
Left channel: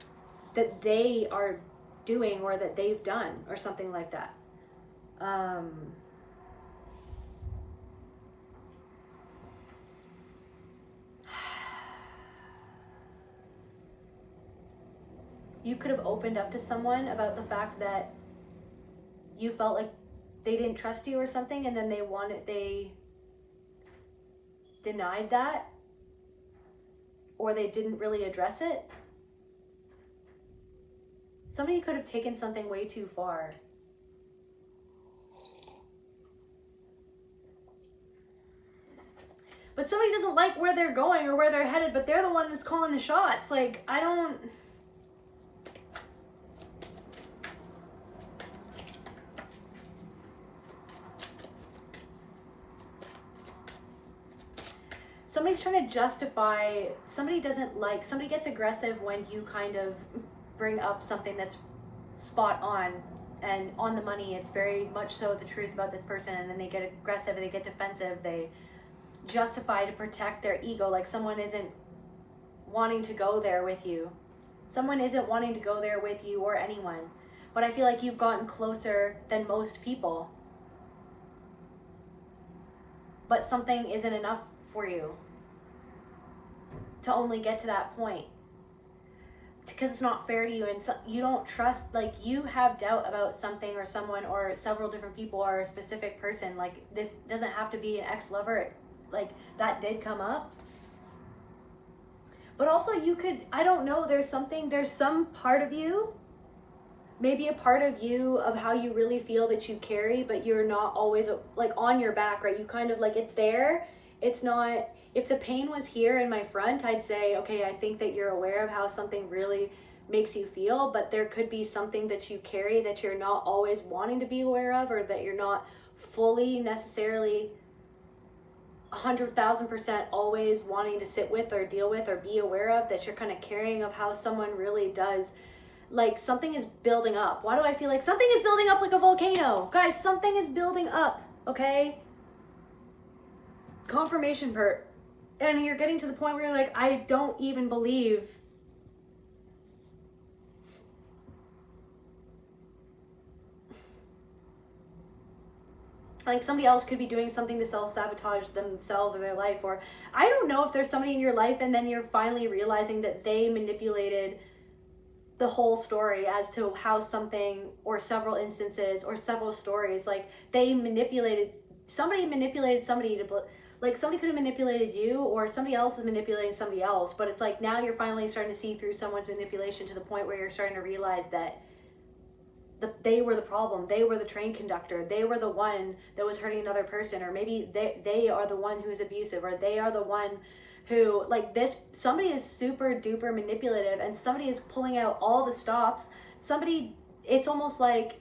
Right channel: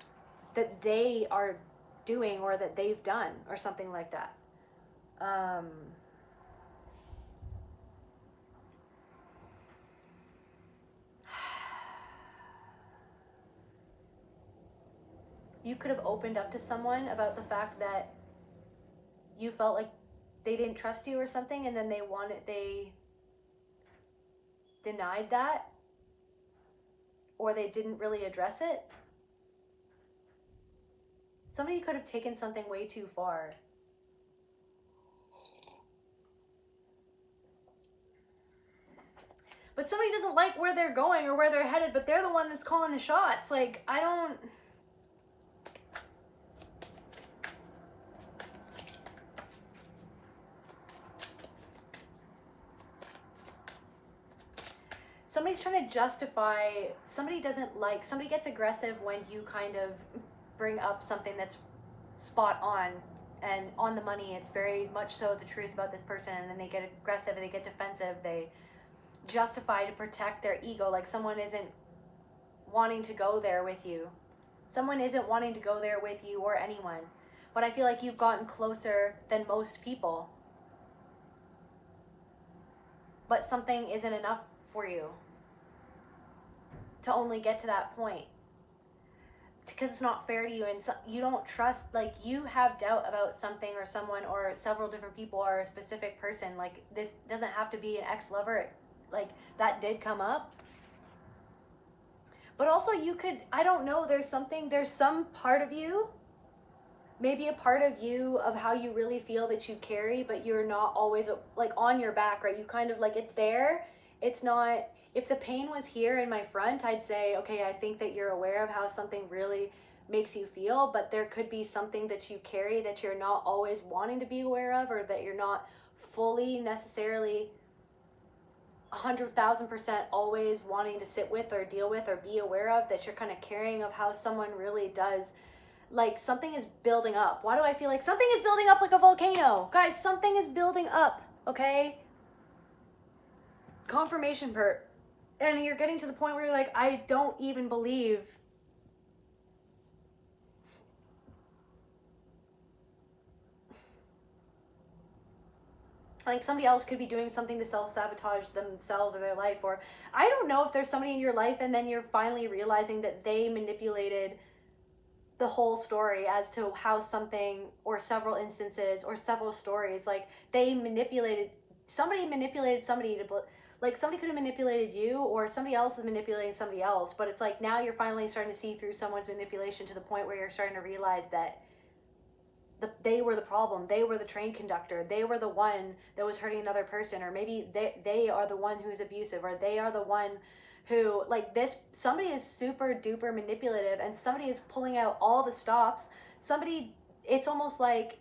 that they are doing or that they've done or something like that. You could have opened up to someone about the fact that you felt like they didn't trust you or something, and then they denied that, or they didn't really address it. Somebody could have taken something way too far. But somebody doesn't like where they're going or where they're headed, but they're the one that's calling the shots. Like, I don't... Somebody's trying to justify, somebody gets aggressive when you kind of bring up something that's spot on and on the money. It's very much so the truth about this person, and then they get aggressive, they get defensive, they justify to protect their ego. Like someone isn't wanting to go there with you. Someone isn't wanting to go there with you or anyone. But I feel like you've gotten closer than most people. But something isn't enough for you to only get to that point, because it's not fair to you, and so you don't trust, like you have doubt about something or someone or several different people or a specific person. Like this doesn't have to be an ex-lover, like that did come up, But also you could, I don't know, there's some part of you, maybe a part of you of how you really feel that you carry, but you're not always like on your back, right? You kind of like, it's there, it's not, if the pain was here in my front, I'd say, okay, I think that you're aware of how something really makes you feel, but there could be something that you carry that you're not always wanting to be aware of, or that you're not fully necessarily 100,000% always wanting to sit with or deal with or be aware of, that you're kind of carrying of how someone really does. Like something is building up. Why do I feel like something is building up like a volcano? Guys, something is building up, okay? Confirmation part. And you're getting to the point where you're like, I don't even believe like somebody else could be doing something to self-sabotage themselves or their life. Or I don't know if there's somebody in your life and then you're finally realizing that they manipulated the whole story as to how something, or several instances or several stories, like they manipulated somebody to, like somebody could have manipulated you, or somebody else is manipulating somebody else. But it's like now you're finally starting to see through someone's manipulation to the point where you're starting to realize that they were the problem, they were the train conductor, they were the one that was hurting another person, or maybe they are the one who's abusive, or they are the one who, like this, somebody is super duper manipulative, and somebody is pulling out all the stops. Somebody, it's almost like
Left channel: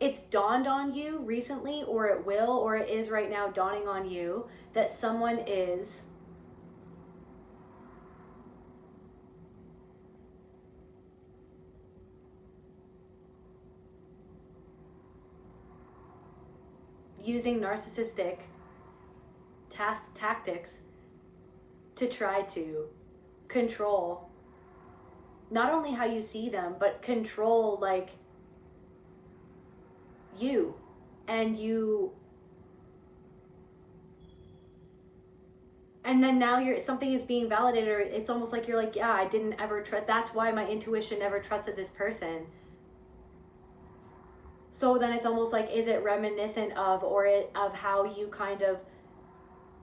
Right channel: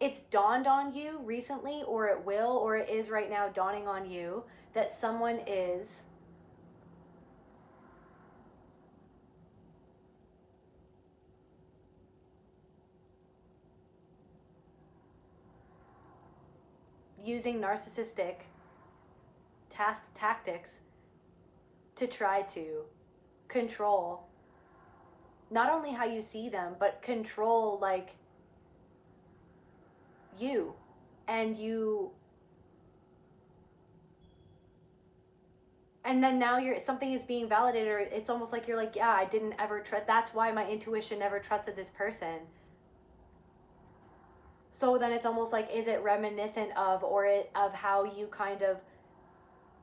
it's dawned on you recently, or it will, or it is right now dawning on you, that someone is using narcissistic tactics to try to control not only how you see them, but control like you, and and then now something is being validated, or it's almost like you're like, yeah, I didn't ever trust, that's why my intuition never trusted this person. So then it's almost like, is it reminiscent of, or of how you kind of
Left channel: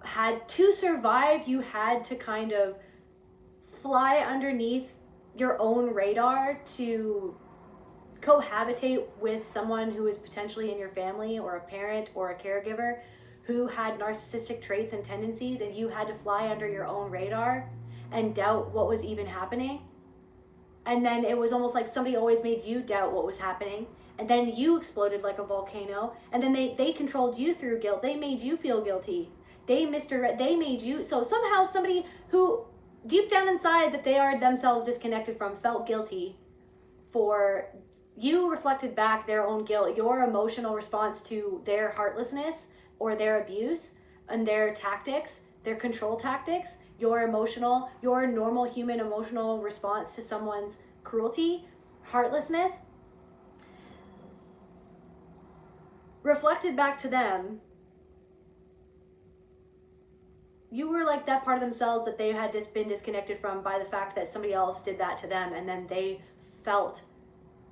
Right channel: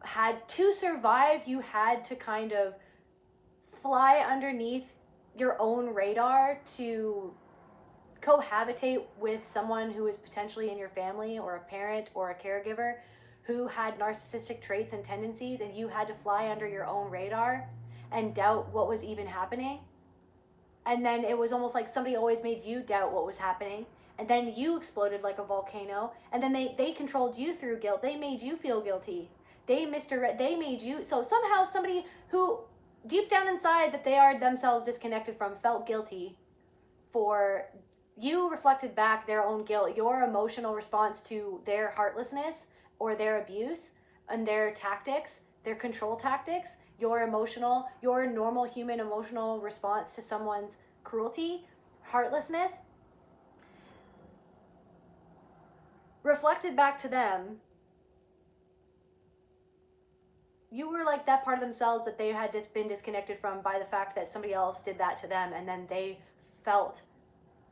had to survive, you had to kind of fly underneath your own radar to cohabitate with someone who is potentially in your family, or a parent or a caregiver who had narcissistic traits and tendencies, and you had to fly under your own radar and doubt what was even happening. And then it was almost like somebody always made you doubt what was happening, and then you exploded like a volcano, and then they controlled you through guilt. They made you feel guilty. They made you, so somehow somebody who deep down inside that they are themselves disconnected from felt guilty for, you reflected back their own guilt, your emotional response to their heartlessness or their abuse and their tactics, their control tactics, your normal human emotional response to someone's cruelty, heartlessness, reflected back to them. You were like that part of themselves that they had just been disconnected from by the fact that somebody else did that to them, and then they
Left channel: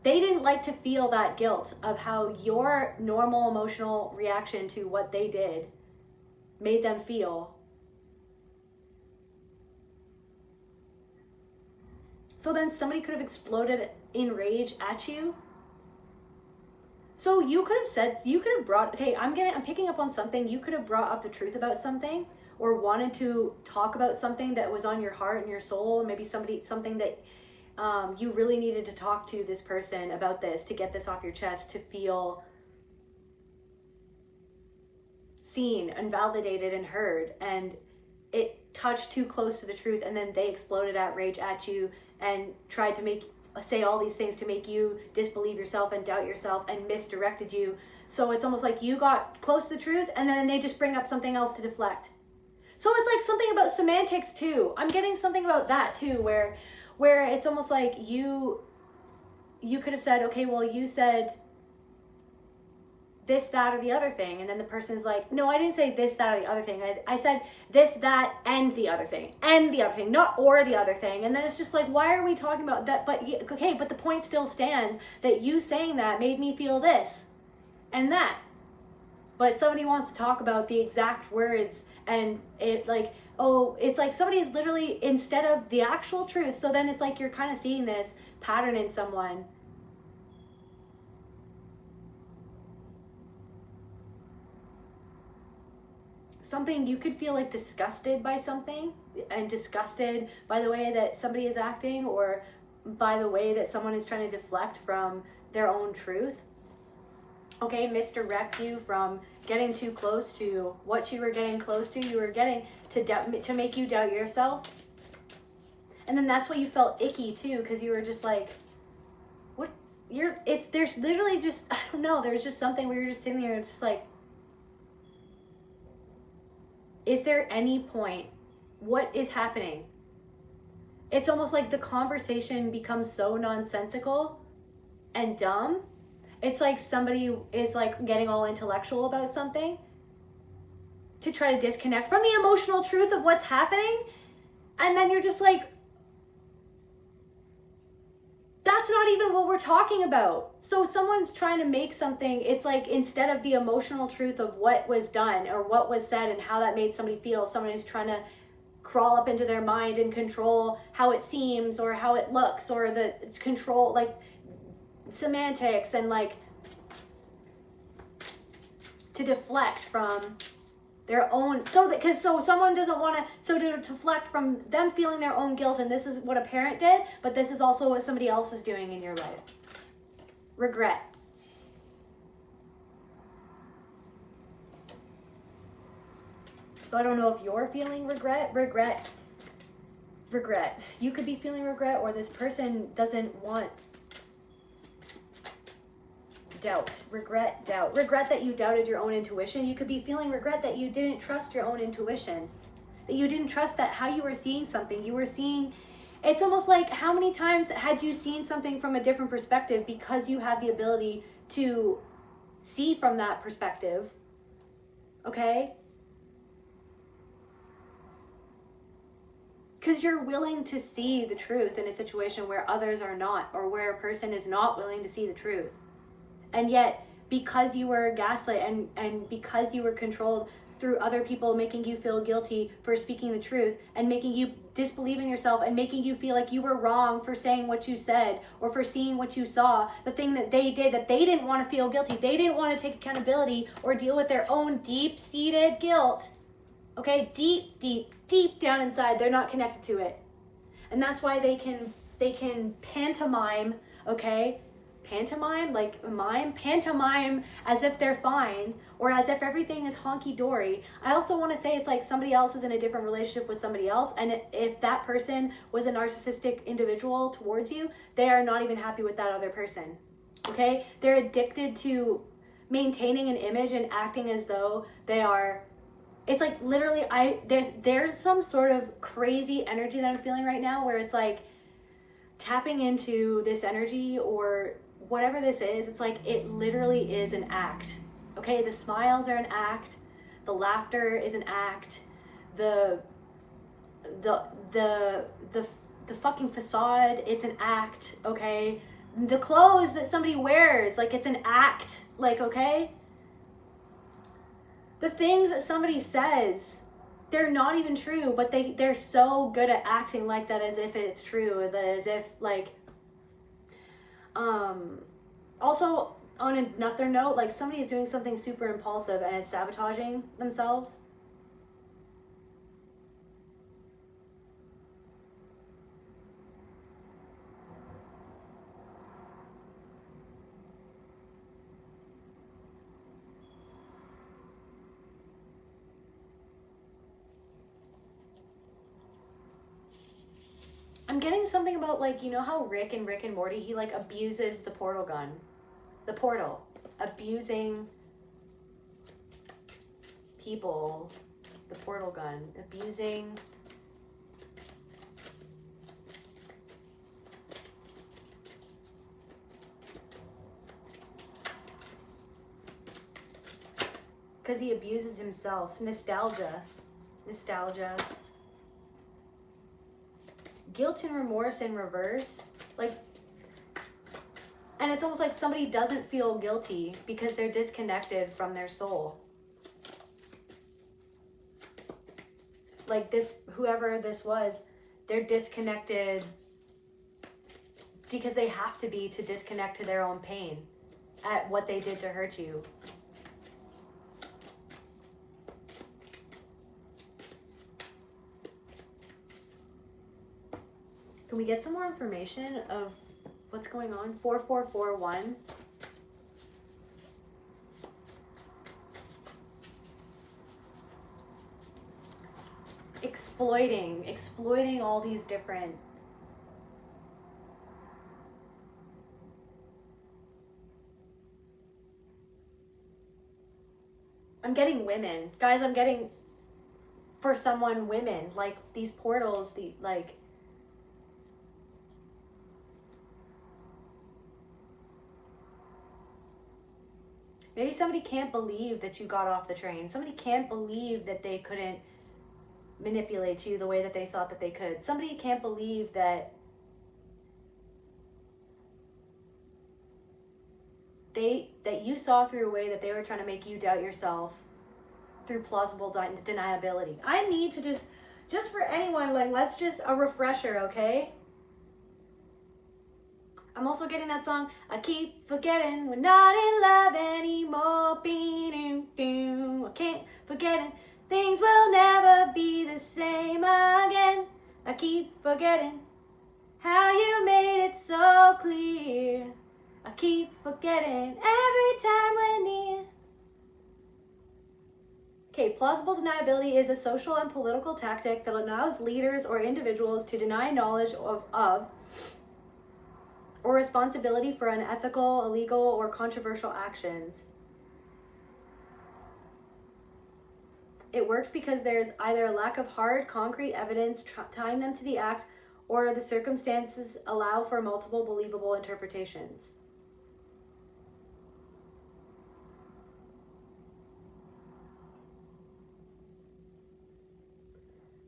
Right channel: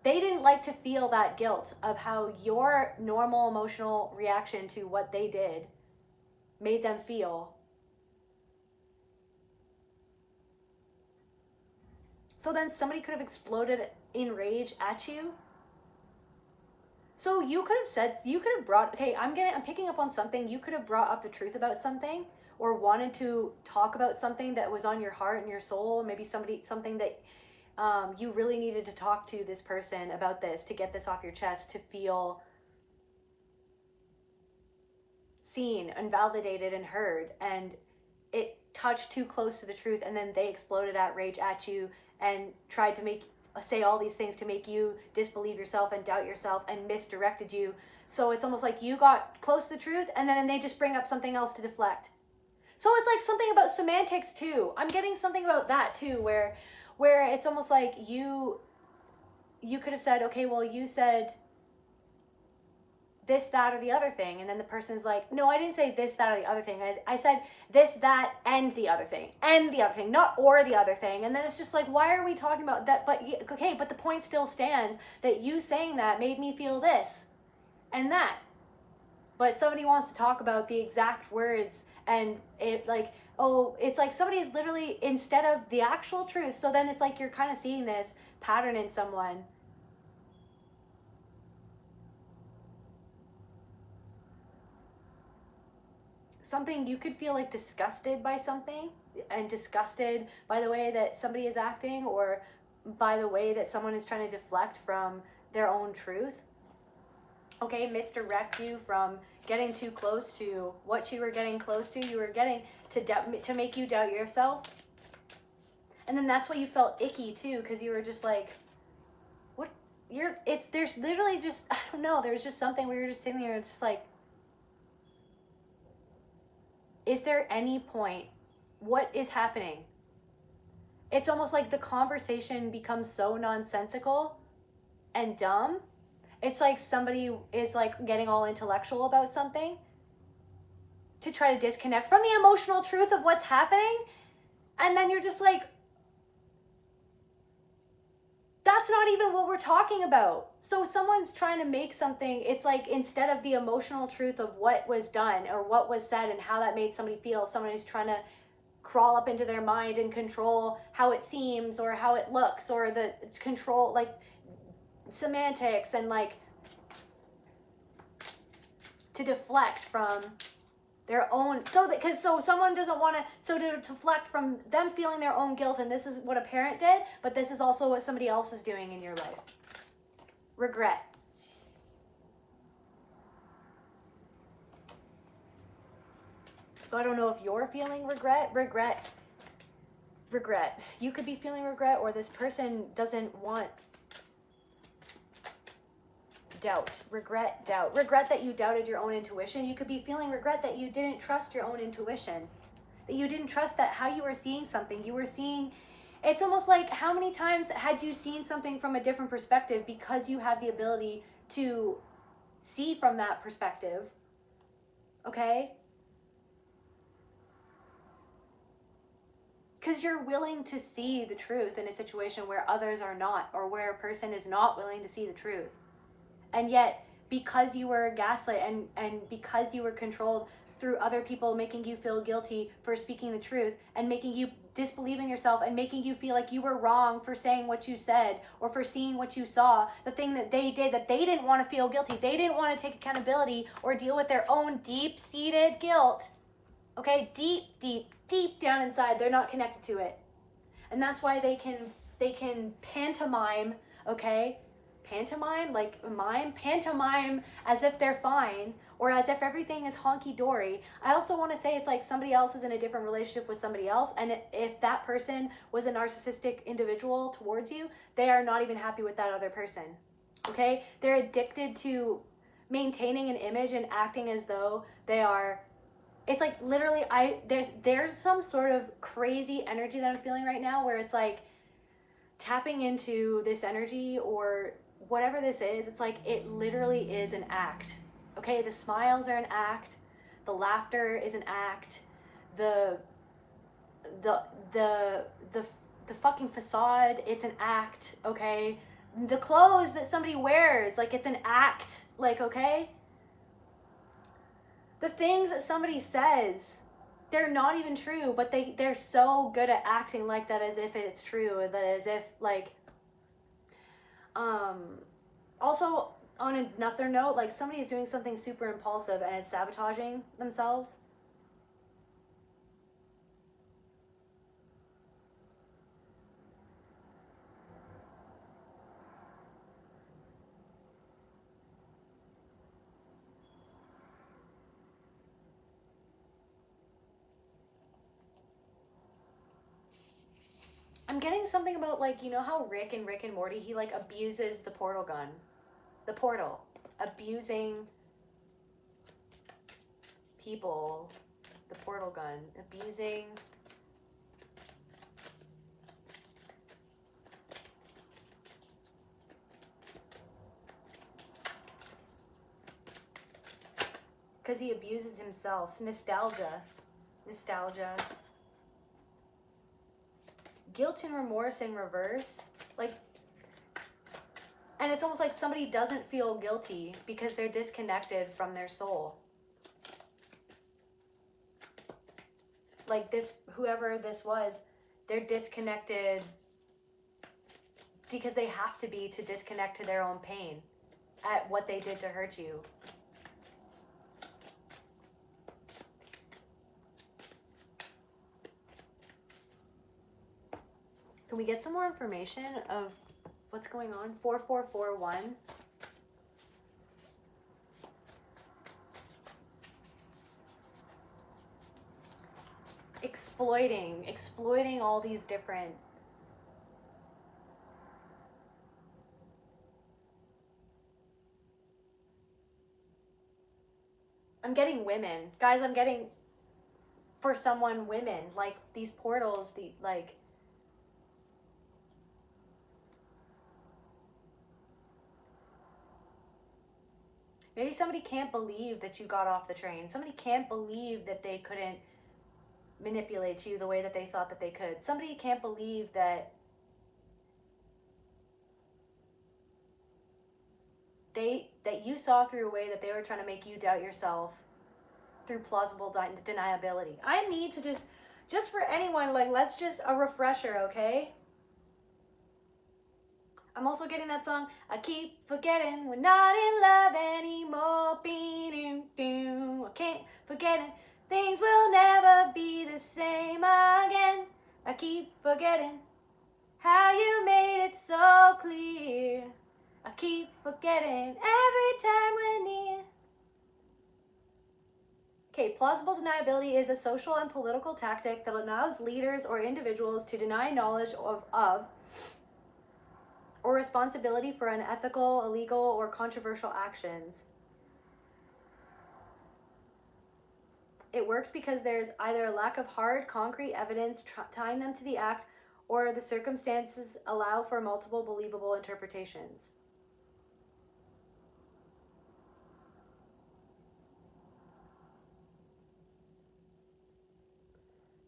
didn't like to feel that guilt of how your normal emotional reaction to what they did made them feel. So then somebody could have exploded in rage at you. So you could have brought, okay, I'm picking up on something, you could have brought up the truth about something, or wanted to talk about something that was on your heart and your soul, maybe something that you really needed to talk to this person about this, to get this off your chest, to feel seen and validated and heard, and it touched too close to the truth, and then they exploded at rage at you and tried to say all these things to make you disbelieve yourself and doubt yourself and misdirected you. So it's almost like you got close to the truth, and then they just bring up something else to deflect. So it's like something about semantics too. I'm getting something about that too, where it's almost like you could have said, okay, well, you said this, that, or the other thing. And then the person is like, no, I didn't say this, that, or the other thing. I said this, that, and the other thing, not or the other thing. And then it's just like, why are we talking about that? But okay, but the point still stands that you saying that made me feel this and that. But somebody wants to talk about the exact words, and it like, oh, it's like somebody's literally, instead of the actual truth, so then it's like you're kind of seeing this pattern in someone. Something, you could feel like disgusted by something, and disgusted by the way that somebody is acting, or by the way that someone is trying to deflect from their own truth. Okay, misdirect you from getting too close to what you were getting close to. You were getting to make you doubt yourself. And then that's why you felt icky too, because you were just like, what? There's literally just, I don't know, there's just something where you're just sitting there just like, is there any point? What is happening? It's almost like the conversation becomes so nonsensical and dumb. It's like somebody is like getting all intellectual about something to try to disconnect from the emotional truth of what's happening. And then you're just like, that's not even what we're talking about. So someone's trying to make something, it's like instead of the emotional truth of what was done or what was said and how that made somebody feel, someone is trying to crawl up into their mind and control how it seems or how it looks, or the control like semantics, and like to deflect from their own, so someone doesn't want to, so to deflect from them feeling their own guilt, and this is what a parent did, but this is also what somebody else is doing in your life. Regret. So I don't know if you're feeling regret. You could be feeling regret, or this person doesn't want doubt. Regret that you doubted your own intuition. You could be feeling regret that you didn't trust your own intuition, that you didn't trust that how you were seeing something. You were seeing, it's almost like, how many times had you seen something from a different perspective because you have the ability to see from that perspective, okay? Because you're willing to see the truth in a situation where others are not, or where a person is not willing to see the truth. And yet, because you were gaslit and because you were controlled through other people making you feel guilty for speaking the truth, and making you disbelieve in yourself, and making you feel like you were wrong for saying what you said, or for seeing what you saw, the thing that they did, that they didn't want to feel guilty, they didn't want to take accountability or deal with their own deep-seated guilt. Okay, deep down inside, they're not connected to it. And that's why they can pantomime, okay? Pantomime as if they're fine, or as if everything is honky-dory. I also want to say it's like somebody else is in a different relationship with somebody else, and if that person was a narcissistic individual towards you, they are not even happy with that other person, okay? They're addicted to maintaining an image and acting as though they are. It's like literally, there's some sort of crazy energy that I'm feeling right now, where it's like tapping into this energy or whatever this is. It's like it literally is an act. Okay, the smiles are an act, the laughter is an act, the fucking facade, it's an act. Okay, the clothes that somebody wears, like it's an act. Like, okay, the things that somebody says, they're not even true, but they're so good at acting like that as if it's true, or that as if like, also on another note, like somebody's doing something super impulsive and it's sabotaging themselves. I'm getting something about, like, you know how Rick and Morty, he like abuses the portal gun. The portal. Abusing people. The portal gun. Abusing. Because he abuses himself. Nostalgia. Guilt and remorse in reverse, like, and it's almost like somebody doesn't feel guilty because they're disconnected from their soul. like this, whoever this was, they're disconnected because they have to be, to disconnect to their own pain at what they did to hurt you. Can we get some more information of what's going on? 4441. Exploiting all these different I'm getting women. Guys, I'm getting for someone women, like these portals, the like maybe somebody can't believe that you got off the train. Somebody can't believe that they couldn't manipulate you the way that they thought that they could. Somebody can't believe that you saw through a way that they were trying to make you doubt yourself through plausible deniability. I need to just for anyone, like, let's just a refresher, okay? I'm also getting that song, I keep forgetting we're not in love anymore. I can't forget it. Things will never be the same again. I keep forgetting how you made it so clear. I keep forgetting every time we're near. Okay, plausible deniability is a social and political tactic that allows leaders or individuals to deny knowledge of or responsibility for unethical, illegal, or controversial actions. It works because there's either a lack of hard, concrete evidence tying them to the act, or the circumstances allow for multiple believable interpretations.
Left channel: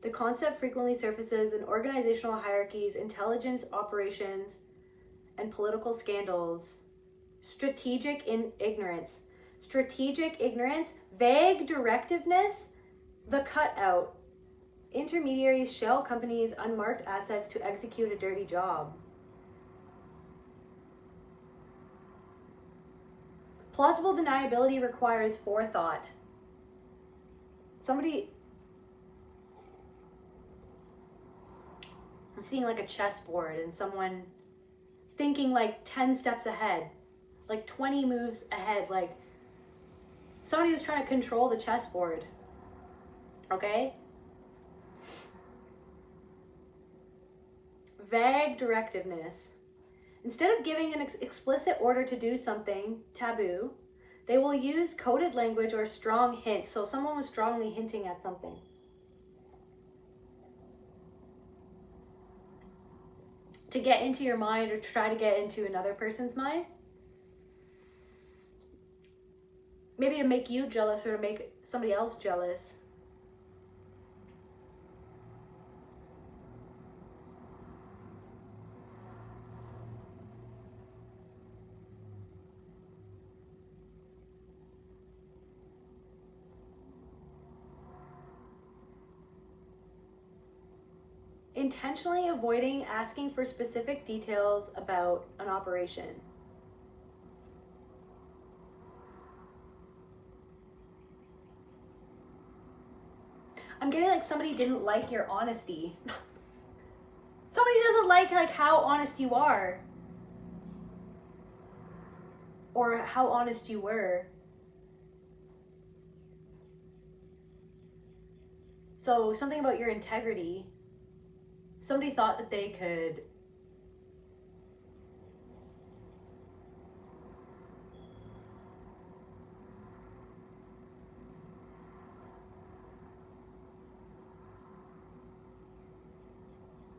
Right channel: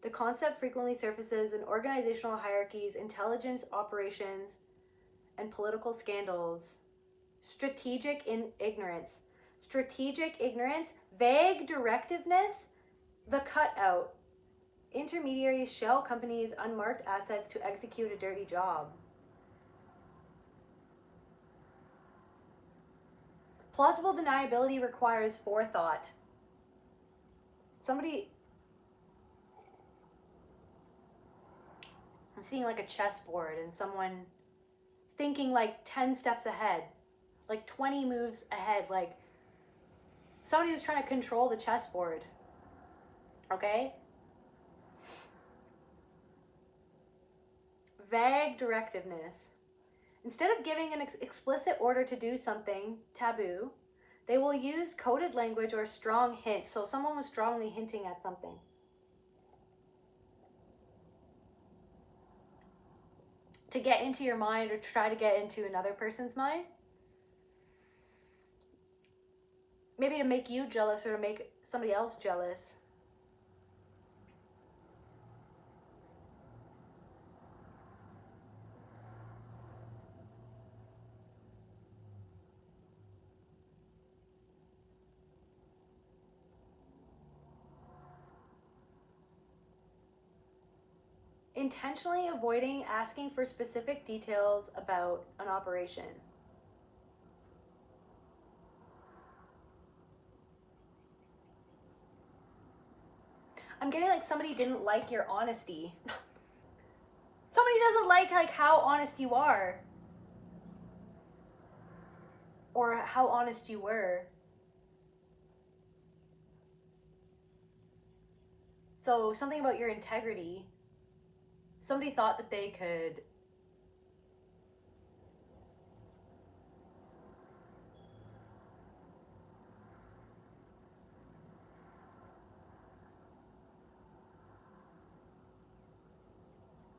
The concept frequently surfaces in organizational hierarchies, intelligence operations, and political scandals. Strategic ignorance, vague directiveness, the cutout. Intermediaries shell companies' unmarked assets to execute a dirty job. Plausible deniability requires forethought. I'm seeing like a chessboard and someone thinking like 10 steps ahead, like 20 moves ahead, like somebody who's trying to control the chessboard, okay? Vague directiveness. Instead of giving an explicit order to do something taboo, they will use coded language or strong hints. So someone was strongly hinting at something. To get into your mind or try to get into another person's mind. Maybe to make you jealous or to make somebody else jealous. Intentionally avoiding asking for specific details about an operation. I'm getting like somebody didn't like your honesty. Somebody doesn't like how honest you are. Or how honest you were. So something about your integrity. Somebody thought that they could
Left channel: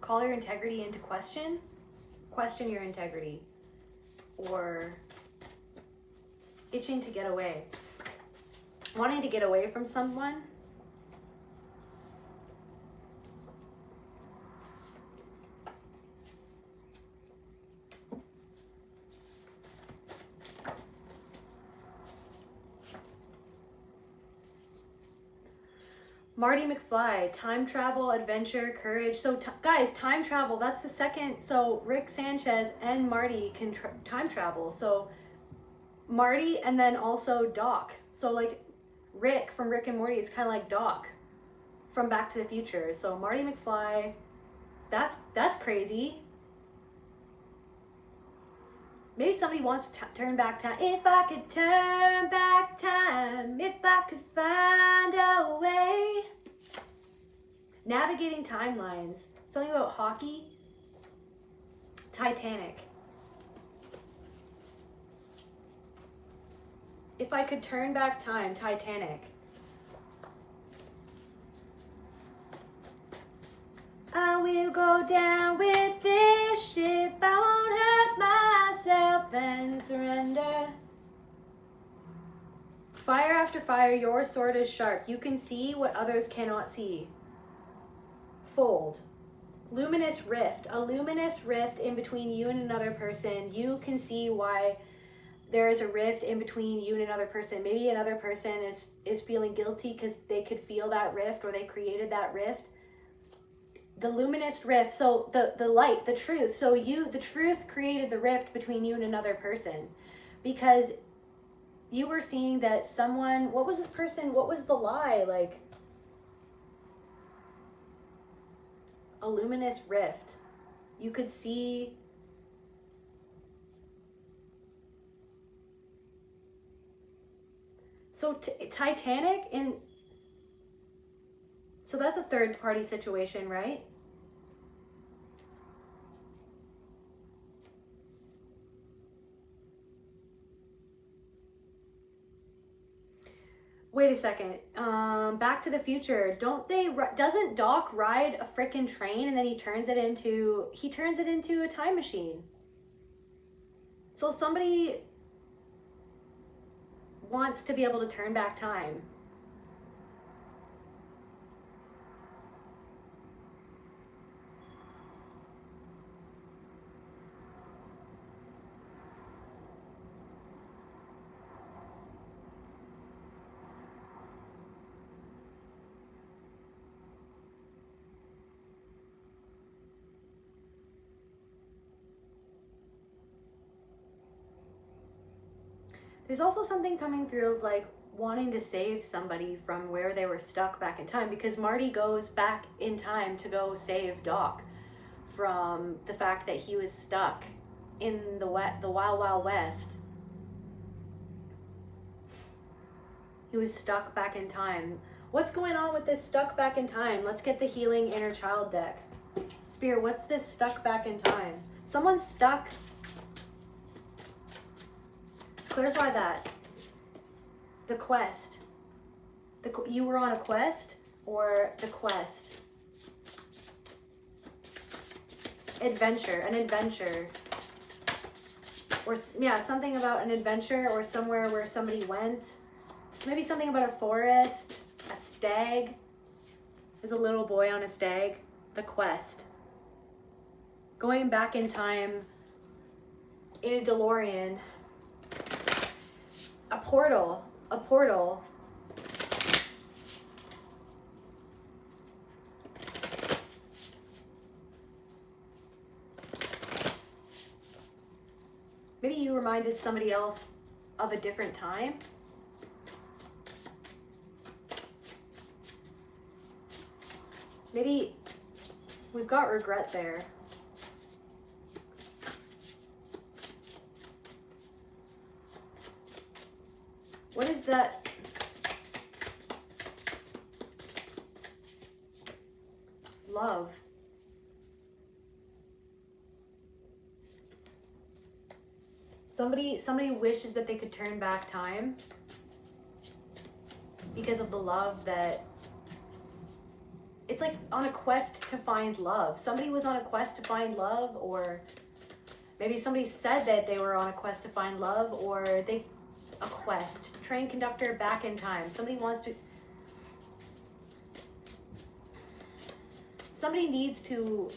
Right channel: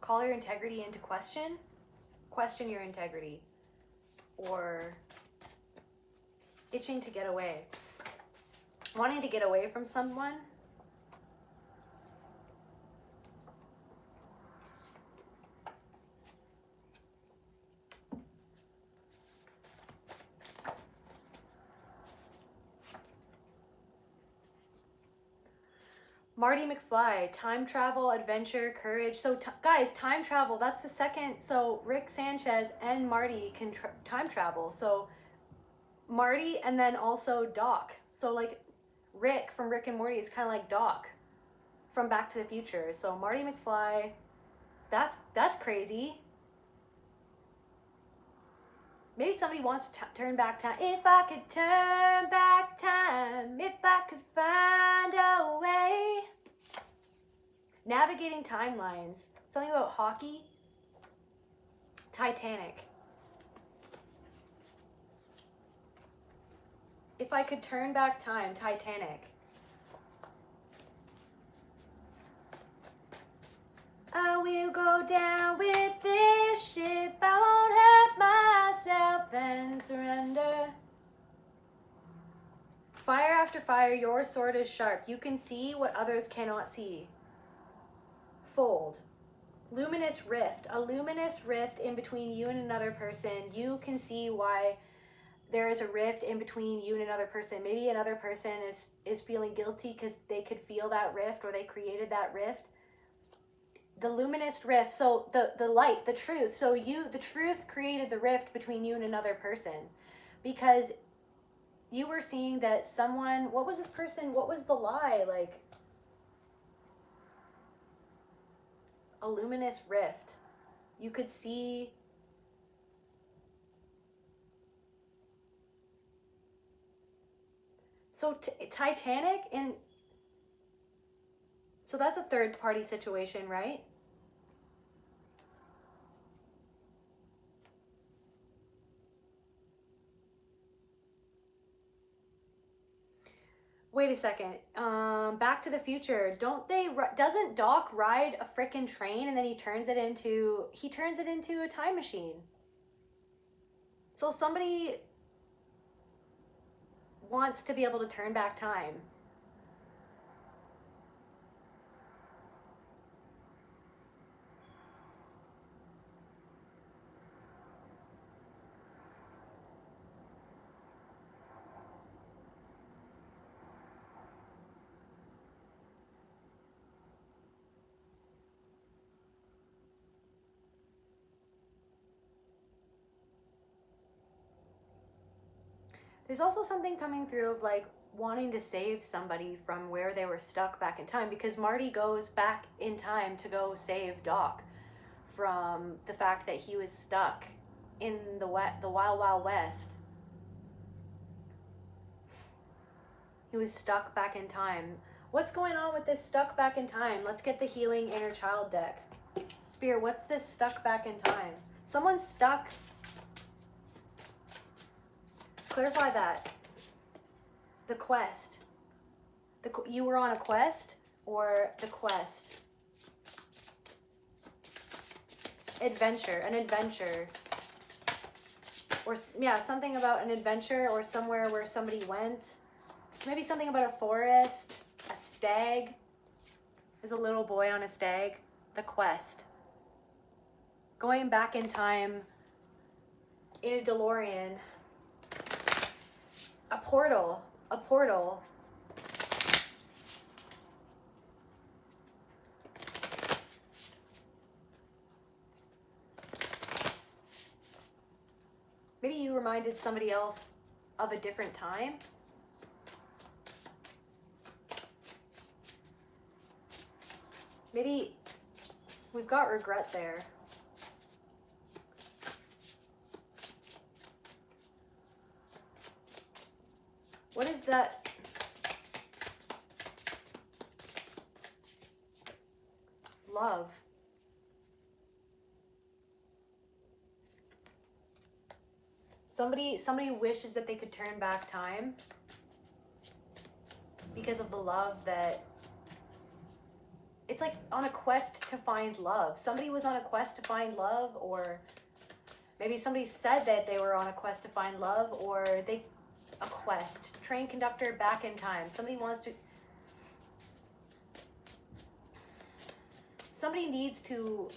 call your integrity into question your integrity, or itching to get away, wanting to get away from someone. Marty McFly, time travel, adventure, courage. So guys, time travel, that's the second. So Rick Sanchez and Marty can time travel. So Marty and then also Doc. So like Rick from Rick and Morty is kind of like Doc from Back to the Future. So Marty McFly, that's crazy. Maybe somebody wants to turn back time. If I could turn back time, if I could find a way. Navigating timelines. Something about hockey. Titanic. If I could turn back time, Titanic. I will go down with this ship. I won't hurt myself and surrender. Fire after fire, your sword is sharp. You can see what others cannot see. Fold. Luminous rift. A luminous rift in between you and another person. You can see why there is a rift in between you and another person. Maybe another person is feeling guilty because they could feel that rift or they created that rift. The luminous rift, so the light, the truth. So the truth created the rift between you and another person because you were seeing that someone, what was this person, what was the lie? Like a luminous rift. You could see so Titanic so that's a third party situation, right? Wait a second. Back to the Future. Doesn't Doc ride a frickin' train and then he turns it into a time machine? So somebody wants to be able to turn back time. There's also something coming through of like wanting to save somebody from where they were stuck back in time, because Marty goes back in time to go save Doc from the fact that he was stuck in the Wild Wild West. He was stuck back in time. What's going on with this stuck back in time? Let's get the healing inner child deck. Spirit, what's this stuck back in time? Someone's stuck. Clarify that. The quest. You were on a quest or the quest? Adventure, an adventure. Or yeah, something about an adventure or somewhere where somebody went. So maybe something about a forest, a stag. There's a little boy on a stag. The quest. Going back in time in a DeLorean. A portal. A portal. Maybe you reminded somebody else of a different time. Maybe we've got regret there. What is that? Love. Somebody wishes that they could turn back time because of the love that... It's like on a quest to find love. Somebody was on a quest to find love, or maybe somebody said that they were on a quest to find love, or a quest. Train conductor back in time. Somebody wants to... Somebody needs to...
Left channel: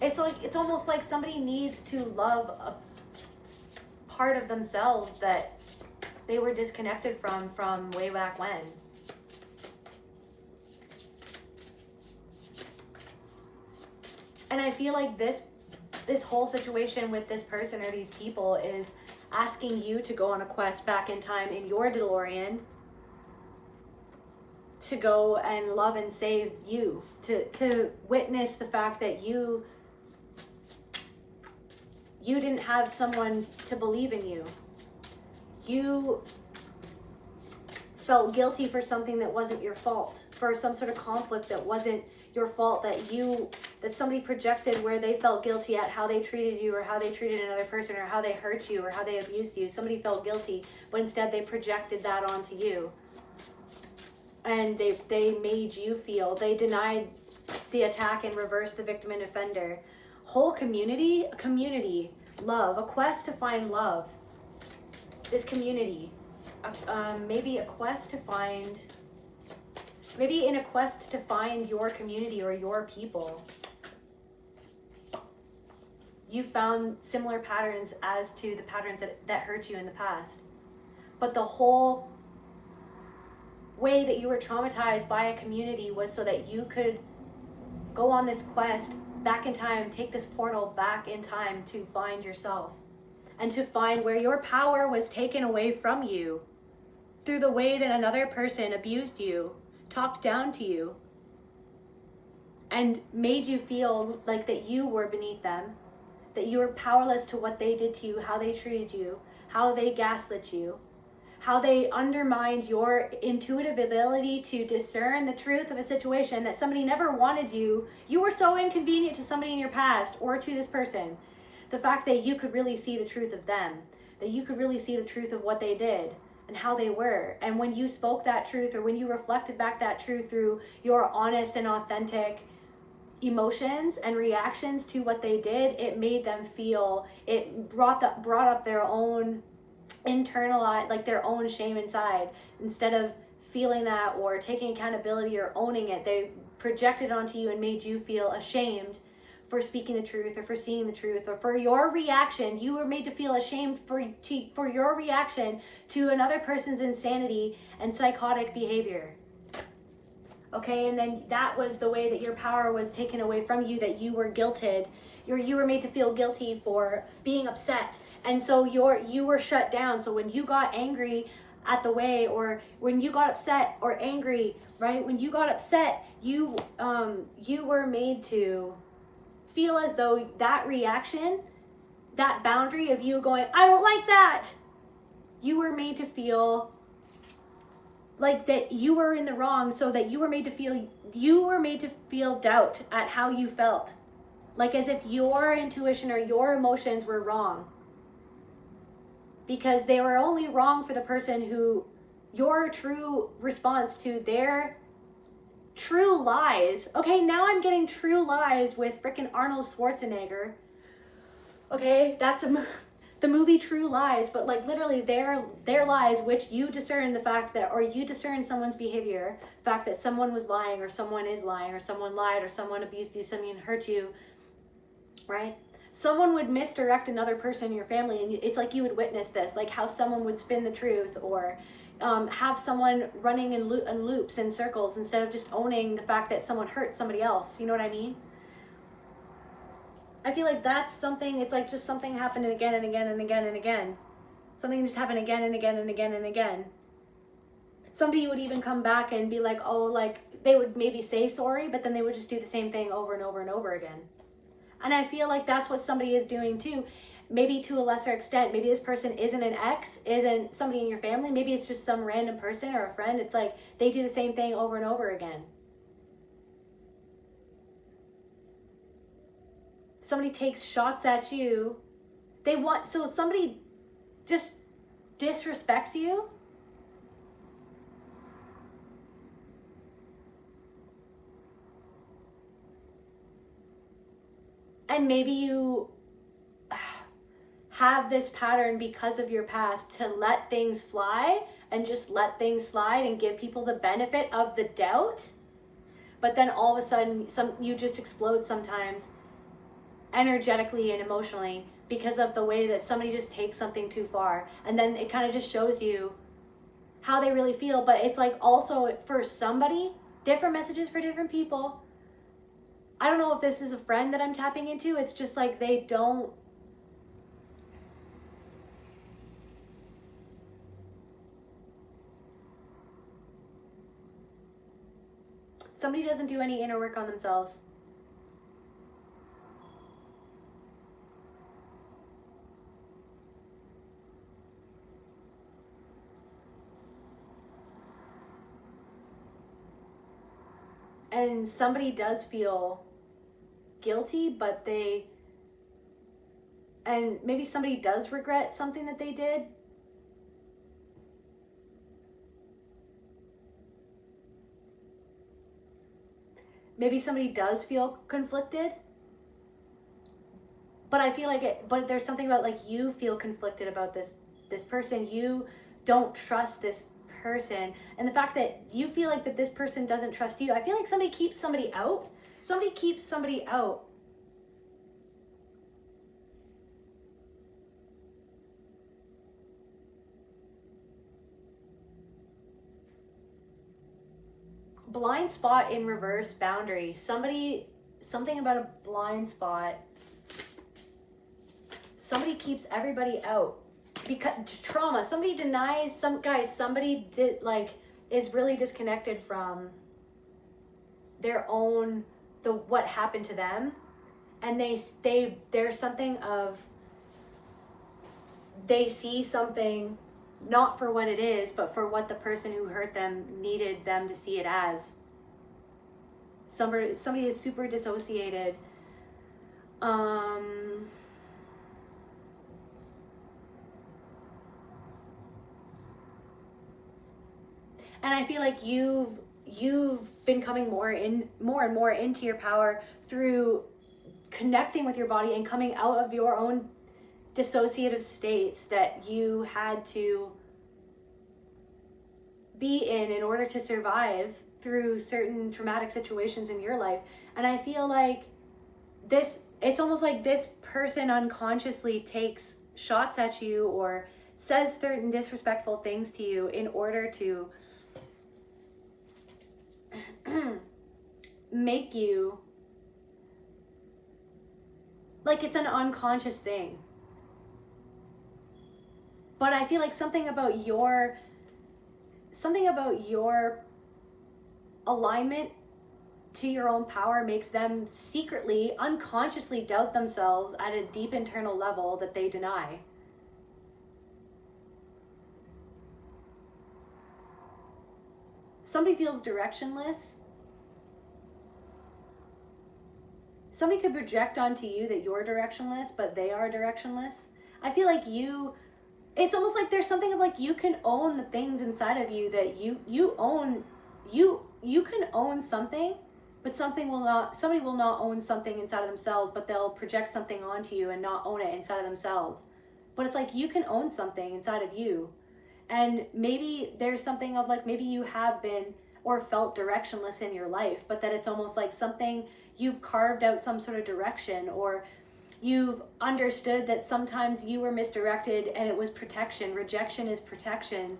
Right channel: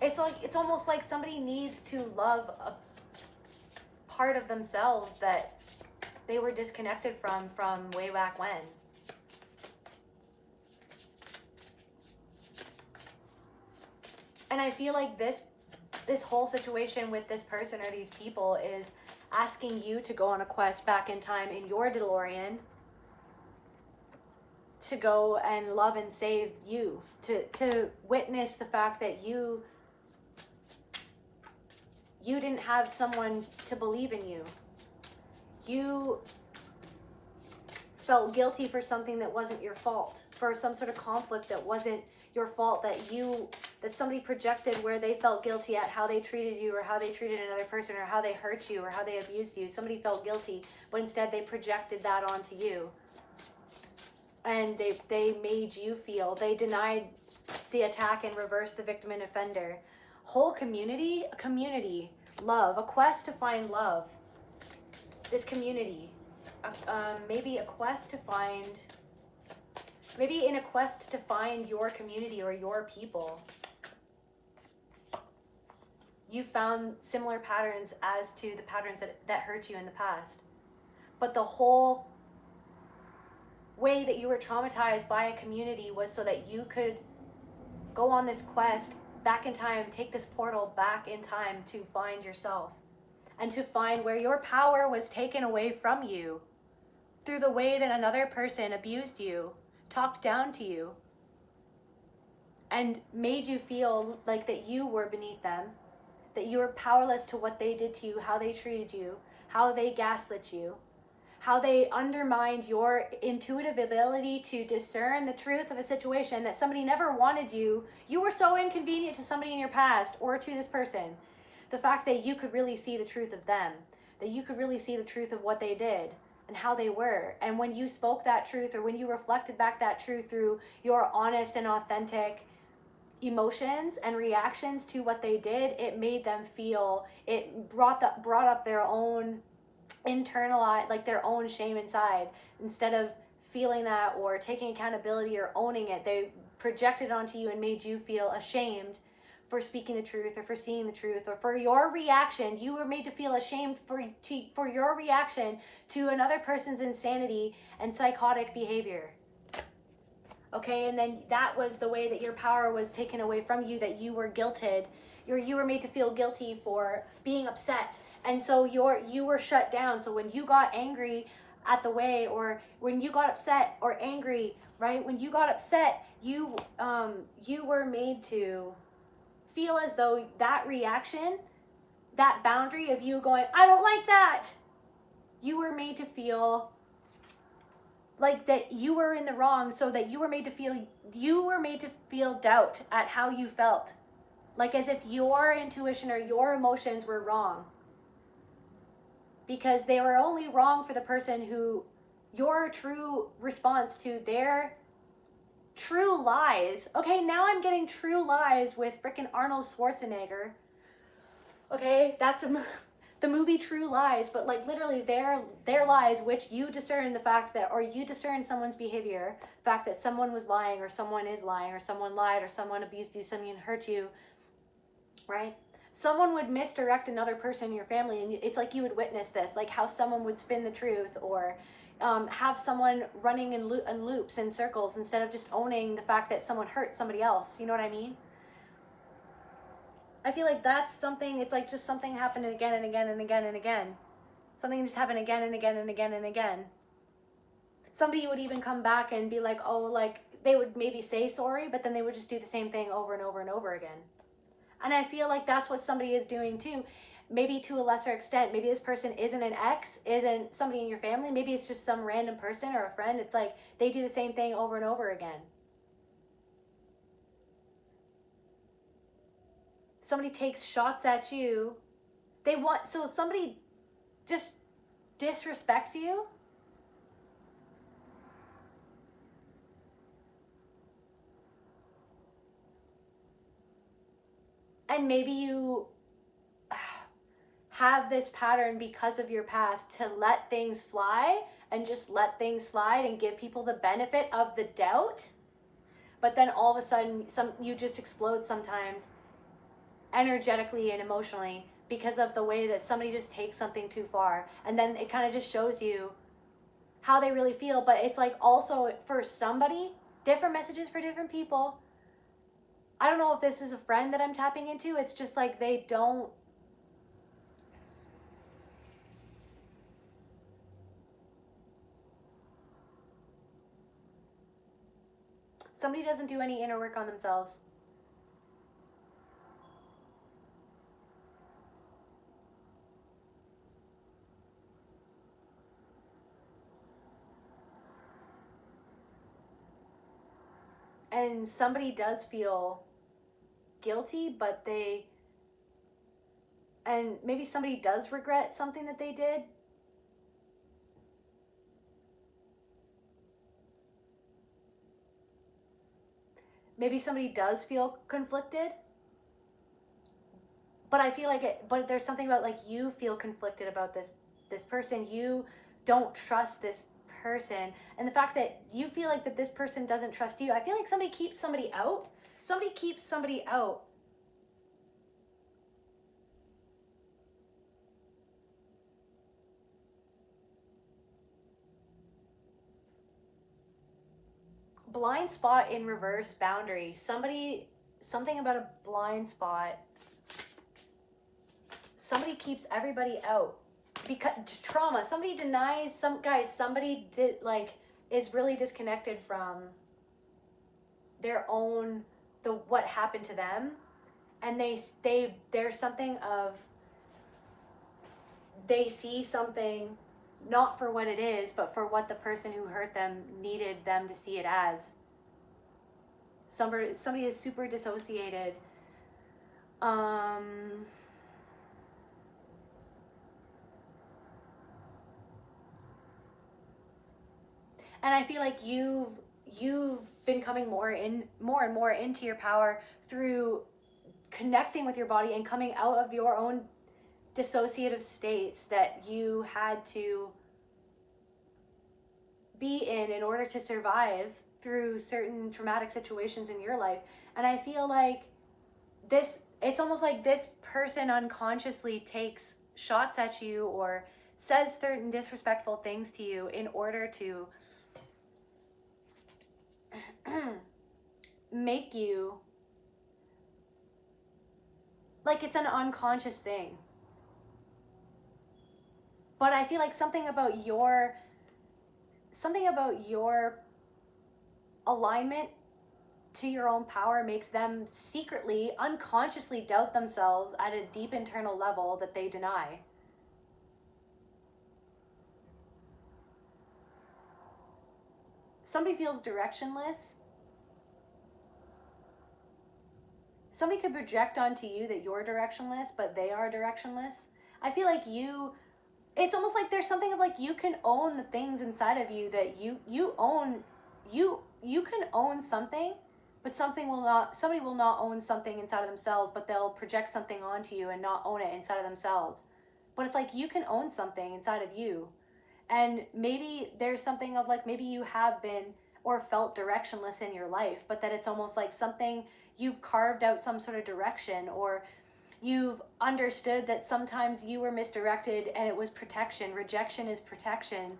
It's almost like somebody needs to love a part of themselves that they were disconnected from way back when. And I feel like this whole situation with this person or these people is asking you to go on a quest back in time in your DeLorean to go and love and save you, to witness the fact that you didn't have someone to believe in you. You felt guilty for something that wasn't your fault, for some sort of conflict that wasn't your fault, that somebody projected where they felt guilty at how they treated you or how they treated another person or how they hurt you or how they abused you. Somebody felt guilty, but instead they projected that onto you. And they made you feel, they denied the attack and reversed the victim and offender. Whole community, love, a quest to find love. This community, maybe in a quest to find your community or your people. You found similar patterns as to the patterns that hurt you in the past. But the whole way that you were traumatized by a community was so that you could go on this quest back in time, take this portal back in time to find yourself and to find where your power was taken away from you through the way that another person abused you, talked down to you, and made you feel like that you were beneath them, that you were powerless to what they did to you, how they treated you, how they gaslit you, how they undermined your intuitive ability to discern the truth of a situation that somebody never wanted you. You were so inconvenient to somebody in your past or to this person. The fact that you could really see the truth of them, that you could really see the truth of what they did and how they were. And when you spoke that truth, or when you reflected back that truth through your honest and authentic emotions and reactions to what they did, it made them feel, it brought up their own internalized, like their own shame inside. Instead of feeling that or taking accountability or owning it, they projected onto you and made you feel ashamed for speaking the truth or for seeing the truth or for your reaction. You were made to feel ashamed for your reaction to another person's insanity and psychotic behavior. Okay, and then that was the way that your power was taken away from you, that you were guilted. You were made to feel guilty for being upset. And so you were shut down. So when you got angry at the way, or when you got upset or angry, right? When you got upset, you were made to feel as though that reaction, that boundary of you going, I don't like that, you were made to feel like that you were in the wrong, so that you were made to feel doubt at how you felt, like as if your intuition or your emotions were wrong, because they were only wrong for the person who, your true response to their true lies. Okay, now I'm getting True Lies with frickin' Arnold Schwarzenegger. Okay, that's the movie True Lies, but like literally their lies, which you discern the fact that, or you discern someone's behavior, the fact that someone was lying or someone is lying or someone lied or someone abused you, someone hurt you, right? Someone would misdirect another person in your family, and it's like you would witness this, like how someone would spin the truth, or have someone running in loops and circles instead of just owning the fact that someone hurt somebody else. You know what I mean? I feel like that's something, it's like just something happening again and again and again and again. Something just happened again and again and again and again. Somebody would even come back and be like, oh, like they would maybe say sorry, but then they would just do the same thing over and over and over again. And I feel like that's what somebody is doing too. Maybe to a lesser extent. Maybe this person isn't an ex, isn't somebody in your family. Maybe it's just some random person or a friend. It's like they do the same thing over and over again. Somebody takes shots at you. So somebody just disrespects you. And maybe you have this pattern because of your past to let things fly and just let things slide and give people the benefit of the doubt. But then all of a sudden, you just explode sometimes, energetically and emotionally, because of the way that somebody just takes something too far. And then it kind of just shows you how they really feel. But it's like also for somebody, different messages for different people. I don't know if this is a friend that I'm tapping into. It's just like they don't. Somebody doesn't do any inner work on themselves. And somebody does feel guilty, but and maybe somebody does regret something that they did. Maybe somebody does feel conflicted. But I feel like but there's something about like you feel conflicted about this person. You don't trust this person, and the fact that you feel like that this person doesn't trust you. I feel like somebody keeps somebody out. Somebody keeps somebody out. Blind spot in reverse, boundary. Something about a blind spot. Somebody keeps everybody out. Because trauma, somebody denies, somebody is really disconnected from their own, what happened to them, and there's something of, they see something not for what it is, but for what the person who hurt them needed them to see it as. Somebody is super dissociated. And I feel like you've been coming more and more into your power through connecting with your body and coming out of your own dissociative states that you had to be in order to survive through certain traumatic situations in your life. And I feel like it's almost like this person unconsciously takes shots at you or says certain disrespectful things to you in order to make you, like, it's an unconscious thing. But I feel like something about your alignment to your own power makes them secretly, unconsciously doubt themselves at a deep internal level that they deny. Somebody feels directionless. Somebody could project onto you that you're directionless, but they are directionless. I feel like it's almost like there's something of like you can own the things inside of you that you own. You can own something, but somebody will not own something inside of themselves, but they'll project something onto you and not own it inside of themselves. But it's like you can own something inside of you. And maybe there's something of like, maybe you have been or felt directionless in your life, but that it's almost like something you've carved out some sort of direction, or you've understood that sometimes you were misdirected and it was protection. Rejection is protection.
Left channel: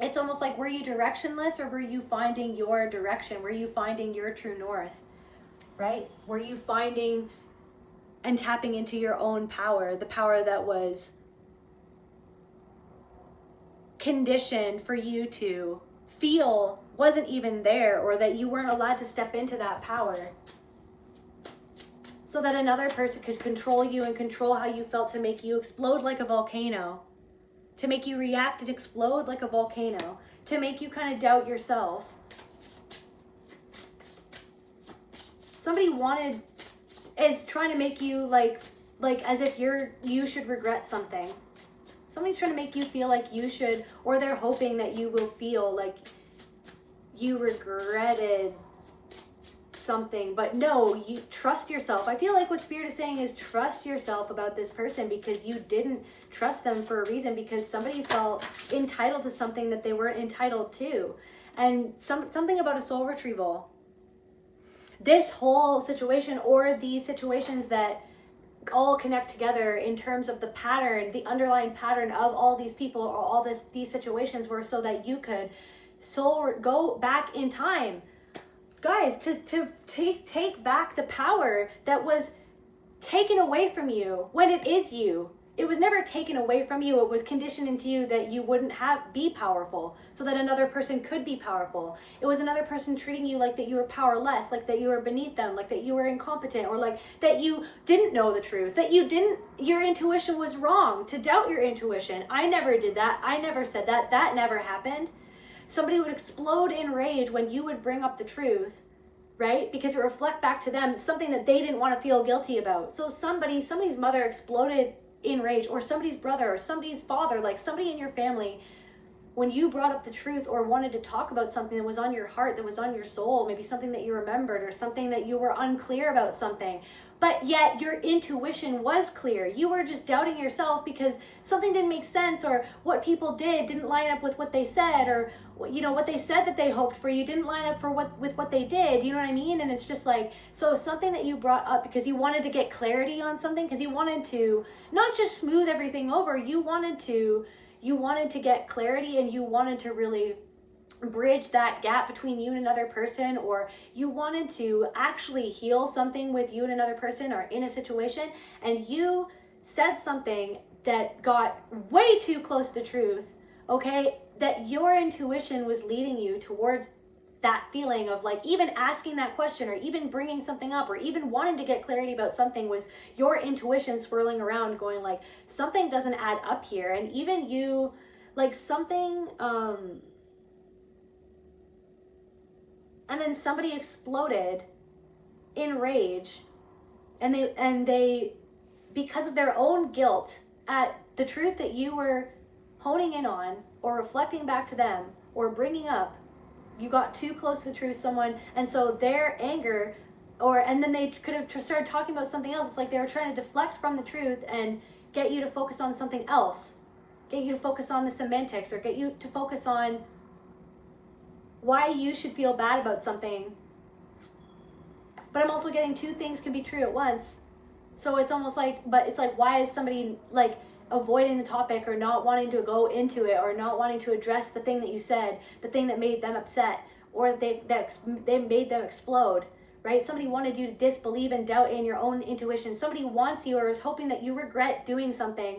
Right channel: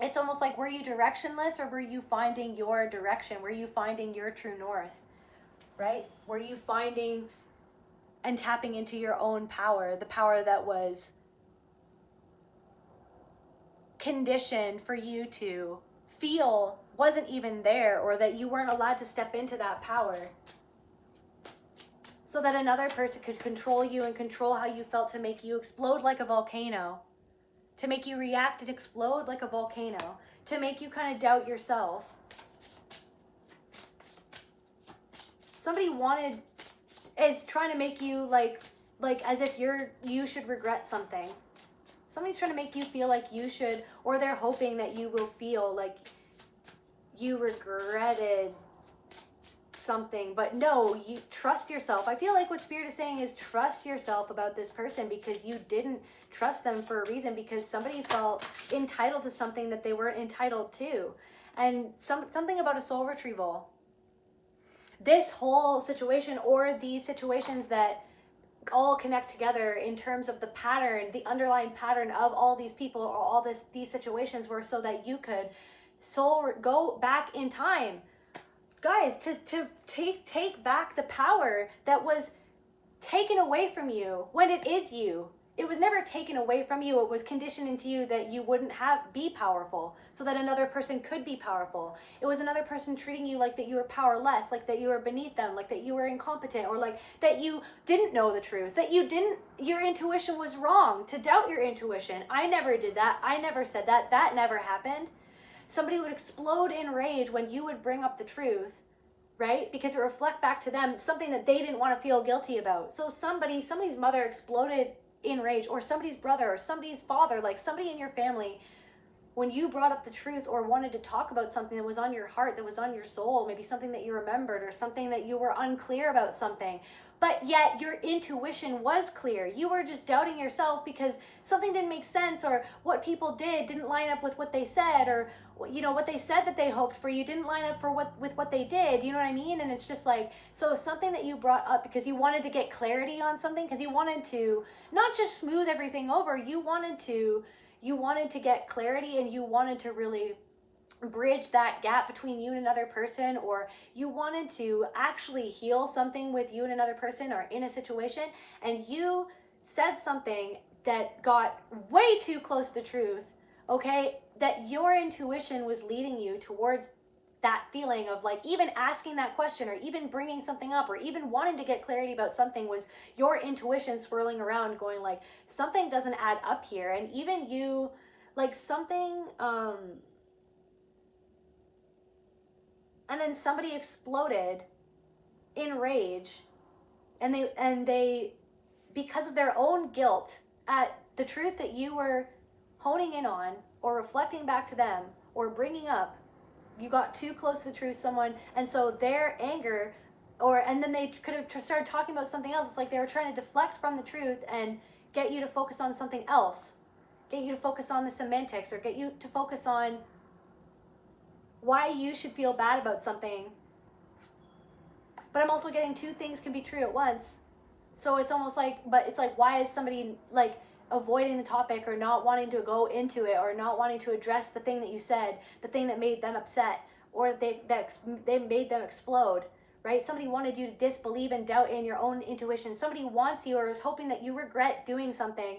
It's almost like, were you directionless, or were you finding your direction? Were you finding your true north, right? Were you finding and tapping into your own power, the power that was conditioned for you to feel wasn't even there, or that you weren't allowed to step into that power so that another person could control you and control how you felt, to make you explode like a volcano, to make you react and explode like a volcano, to make you kind of doubt yourself. Somebody is trying to make you like as if you should regret something. Somebody's trying to make you feel like you should, or they're hoping that you will feel like you regretted something. But no, you trust yourself. I feel like what Spirit is saying is trust yourself about this person, because you didn't trust them for a reason, because somebody felt entitled to something that they weren't entitled to. And something about a soul retrieval. This whole situation, or these situations that all connect together in terms of the pattern, the underlying pattern of all these people or all these situations were so that you could go back in time, guys, to take back the power that was taken away from you when it is you. It was never taken away from you. It was conditioned into you that you wouldn't be powerful so that another person could be powerful. It was another person treating you like that you were powerless, like that you were beneath them, like that you were incompetent, or like that you didn't know the truth, that your intuition was wrong, to doubt your intuition. I never did that. I never said that. That never happened. Somebody would explode in rage when you would bring up the truth, right? Because it reflect back to them something that they didn't want to feel guilty about. So somebody's mother exploded in rage, or somebody's brother, or somebody's father, like somebody in your family, when you brought up the truth or wanted to talk about something that was on your heart, that was on your soul, maybe something that you remembered or something that you were unclear about something, but yet your intuition was clear. You were just doubting yourself because something didn't make sense, or what people didn't line up with what they said, or what they said that they hoped for you didn't line up with what they did. You know what I mean? And it's just like, so something that you brought up because you wanted to get clarity on something, because you wanted to not just smooth everything over, you wanted to get clarity, and you wanted to really bridge that gap between you and another person, or you wanted to actually heal something with you and another person or in a situation, and you said something that got way too close to the truth, okay? That your intuition was leading you towards that feeling of like even asking that question, or even bringing something up, or even wanting to get clarity about something, was your intuition swirling around going like, something doesn't add up here. And even you, like something, and then somebody exploded in rage, and they because of their own guilt at the truth that you were honing in on, or reflecting back to them, or bringing up, you got too close to the truth, and so their anger, and then they could have started talking about something else. It's like they were trying to deflect from the truth and get you to focus on something else, get you to focus on the semantics, or get you to focus on why you should feel bad about something. But I'm also getting two things can be true at once. So it's almost like, but it's like, why is somebody like avoiding the topic, or not wanting to go into it, or not wanting to address the thing that you said, the thing that made them upset, or they made them explode, right? Somebody wanted you to disbelieve and doubt in your own intuition. Somebody wants you, or is hoping that you regret doing something,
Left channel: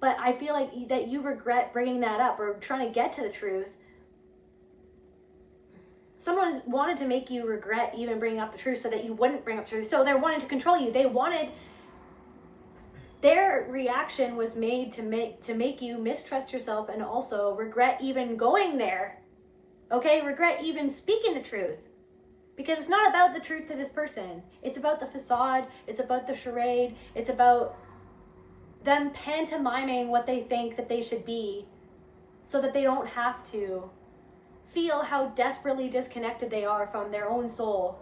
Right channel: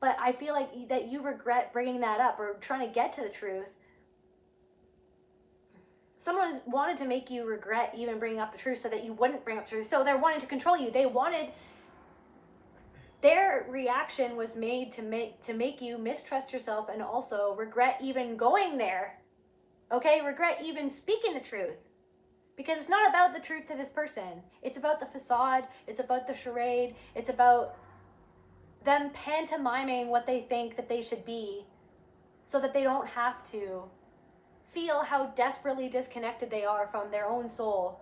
but I feel like that you regret bringing that up or trying to get to the truth. Someone wanted to make you regret even bringing up the truth so that you wouldn't bring up the truth. So they're wanting to control you. Their reaction was made to make you mistrust yourself, and also regret even going there. Okay? Regret even speaking the truth. Because it's not about the truth to this person. It's about the facade. It's about the charade. It's about them pantomiming what they think that they should be, so that they don't have to feel how desperately disconnected they are from their own soul.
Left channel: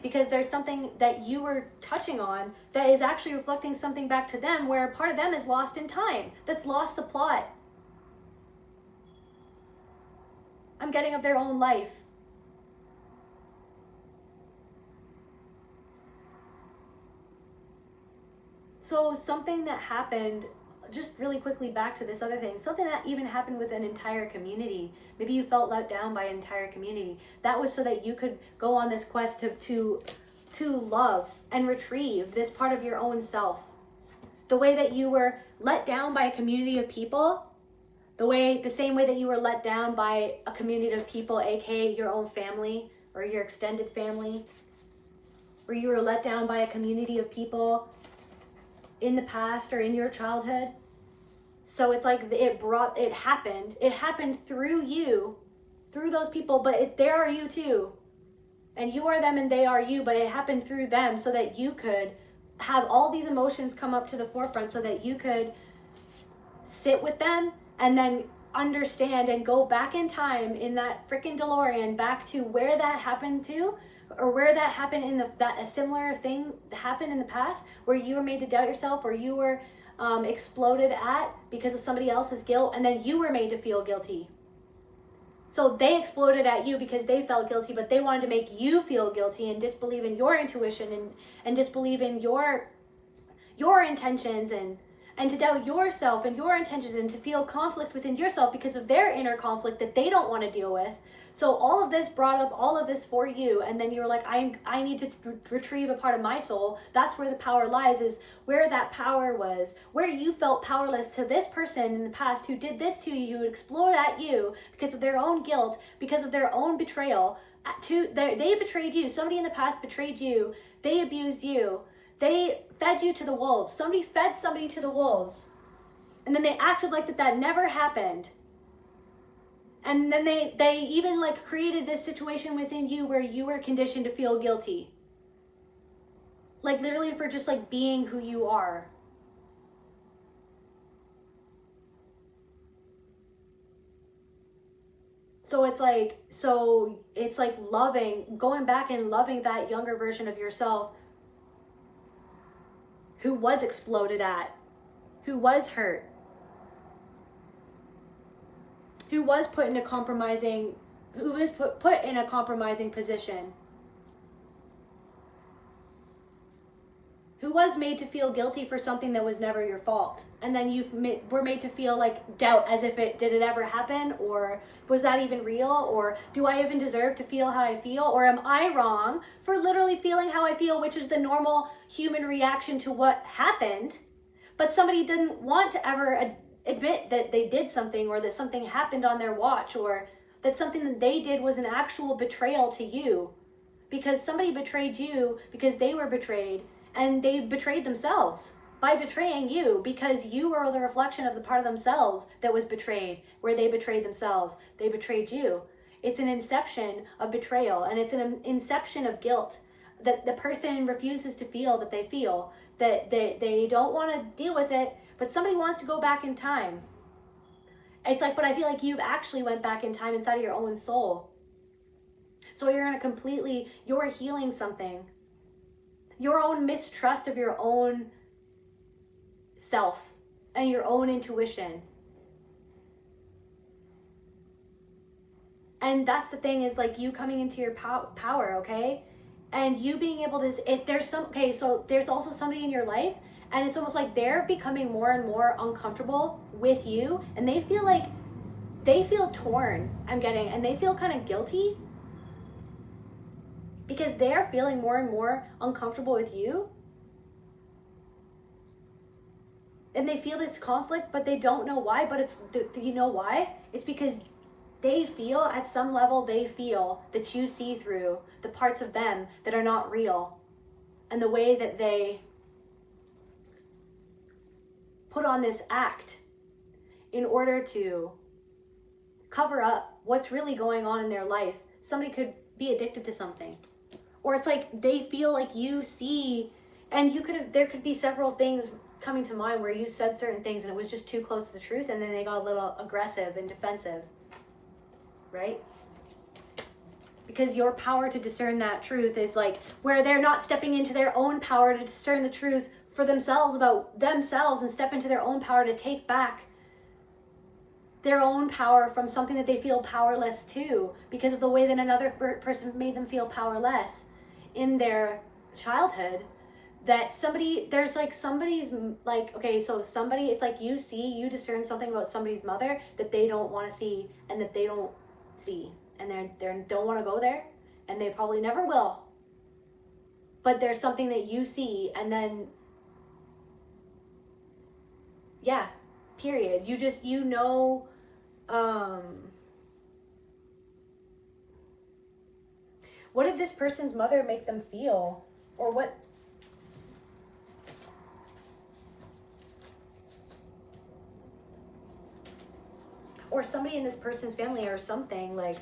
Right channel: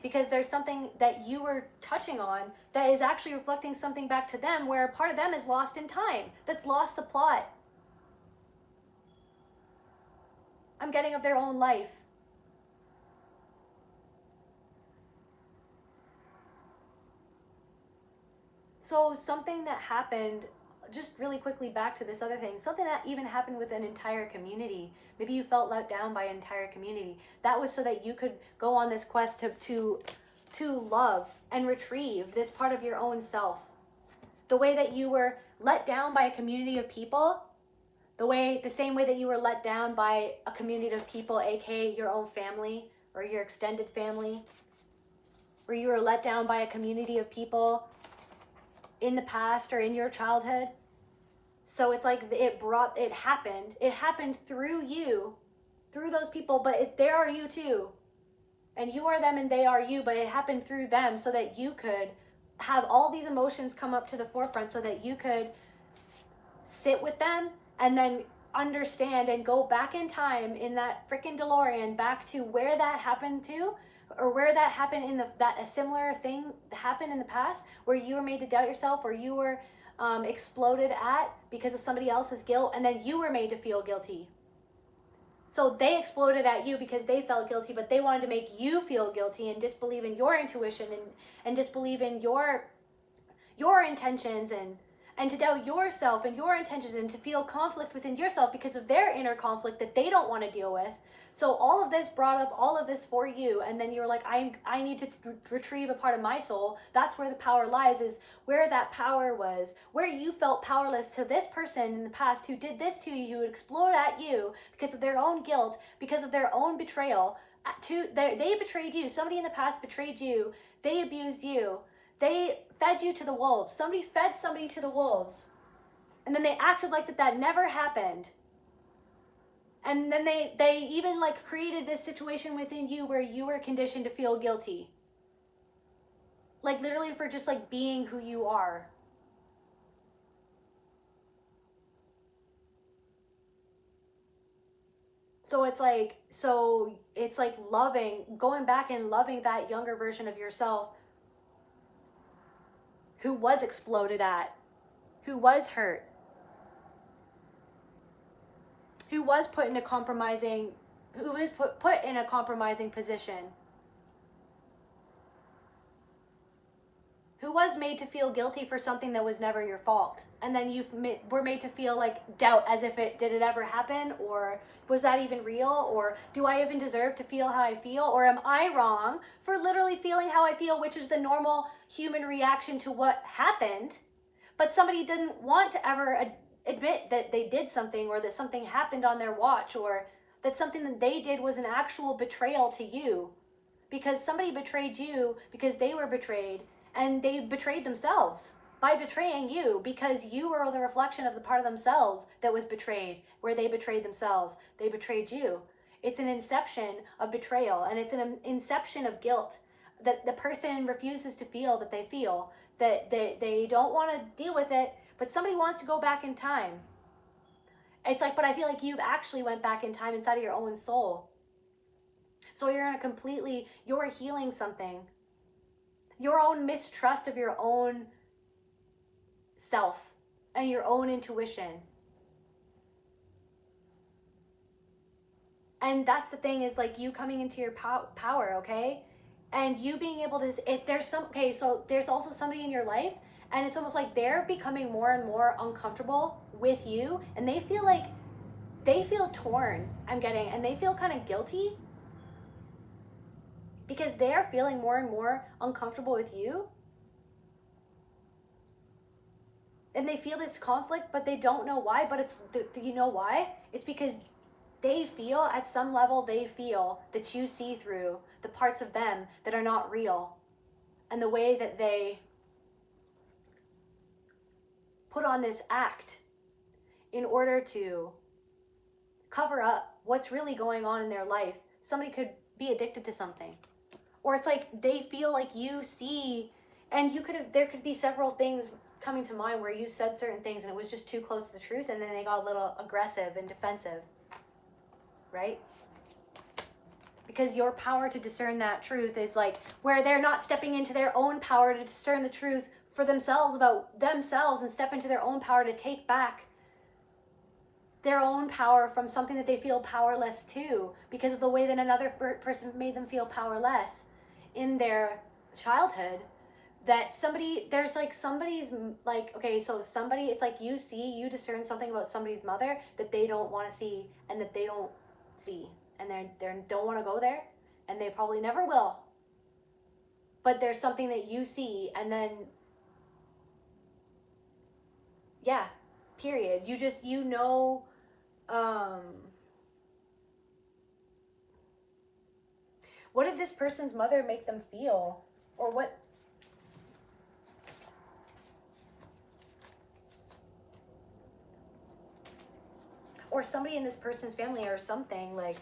Because there's something that you were touching on that is actually reflecting something back to them, where a part of them is lost in time, that's lost the plot. I'm getting of their own life. So something that happened, just really quickly back to this other thing, something that even happened with an entire community. Maybe you felt let down by an entire community. That was so that you could go on this quest to love and retrieve this part of your own self. The way that you were let down by a community of people, the same way that you were let down by a community of people, aka your own family or your extended family, or you were let down by a community of people in the past or in your childhood. So it's like it happened through you, through those people, but they are you too. And you are them and they are you, but it happened through them so that you could have all these emotions come up to the forefront, so that you could sit with them and then understand and go back in time in that freaking DeLorean back to where that happened to, or where that happened in that a similar thing happened in the past, where you were made to doubt yourself, or you were exploded at because of somebody else's guilt, and then you were made to feel guilty. So they exploded at you because they felt guilty, but they wanted to make you feel guilty and disbelieve in your intuition and disbelieve in your your intentions and to doubt yourself and your intentions and to feel conflict within yourself because of their inner conflict that they don't want to deal with. So all of this brought up all of this for you, and then you were like, I need to retrieve a part of my soul. That's where the power lies, is where that power was, where you felt powerless to this person in the past who did this to you, who would explode at you because of their own guilt, because of their own betrayal. They betrayed you. Somebody in the past betrayed you. They abused you. They fed you to the wolves. Somebody fed somebody to the wolves. And then they acted like that never happened. And then they even like created this situation within you where you were conditioned to feel guilty. Like literally for just like being who you are. So it's like going back and loving that younger version of yourself who was exploded at, who was hurt, who was put in a compromising position, who was made to feel guilty for something that was never your fault. And then you were made to feel like doubt, as if did it ever happen? Or was that even real? Or do I even deserve to feel how I feel? Or am I wrong for literally feeling how I feel, which is the normal human reaction to what happened? But somebody didn't want to ever admit that they did something, or that something happened on their watch, or that something that they did was an actual betrayal to you. Because somebody betrayed you because they were betrayed, and they betrayed themselves by betraying you, because you are the reflection of the part of themselves that was betrayed, where they betrayed themselves. They betrayed you. It's an inception of betrayal, and it's an inception of guilt that the person refuses to feel, that they feel, that they don't want to deal with it, but somebody wants to go back in time. It's like, but I feel like you've actually went back in time inside of your own soul. So you're healing something. Your own mistrust of your own self and your own intuition. And that's the thing, is like you coming into your power, okay? And you being able to, so there's also somebody in your life, and it's almost like they're becoming more and more uncomfortable with you, and they feel torn, and they feel kind of guilty because they're feeling more and more uncomfortable with you. And they feel this conflict, but they don't know why. But you know why? It's because they feel, at some level, that you see through the parts of them that are not real. And the way that they put on this act in order to cover up what's really going on in their life. Somebody could be addicted to something. Or it's like they feel like you see, and there could be several things coming to mind where you said certain things and it was just too close to the truth, and then they got a little aggressive and defensive, right? Because your power to discern that truth is like where they're not stepping into their own power to discern the truth for themselves about themselves, and step into their own power to take back their own power from something that they feel powerless to, because of the way that another person made them feel powerless in their childhood. That it's like you discern something about somebody's mother that they don't want to see, and that they don't see, and they don't want to go there, and they probably never will. But there's something that you see, and then period. What did this person's mother make them feel? Or what? Or somebody in this person's family or something, like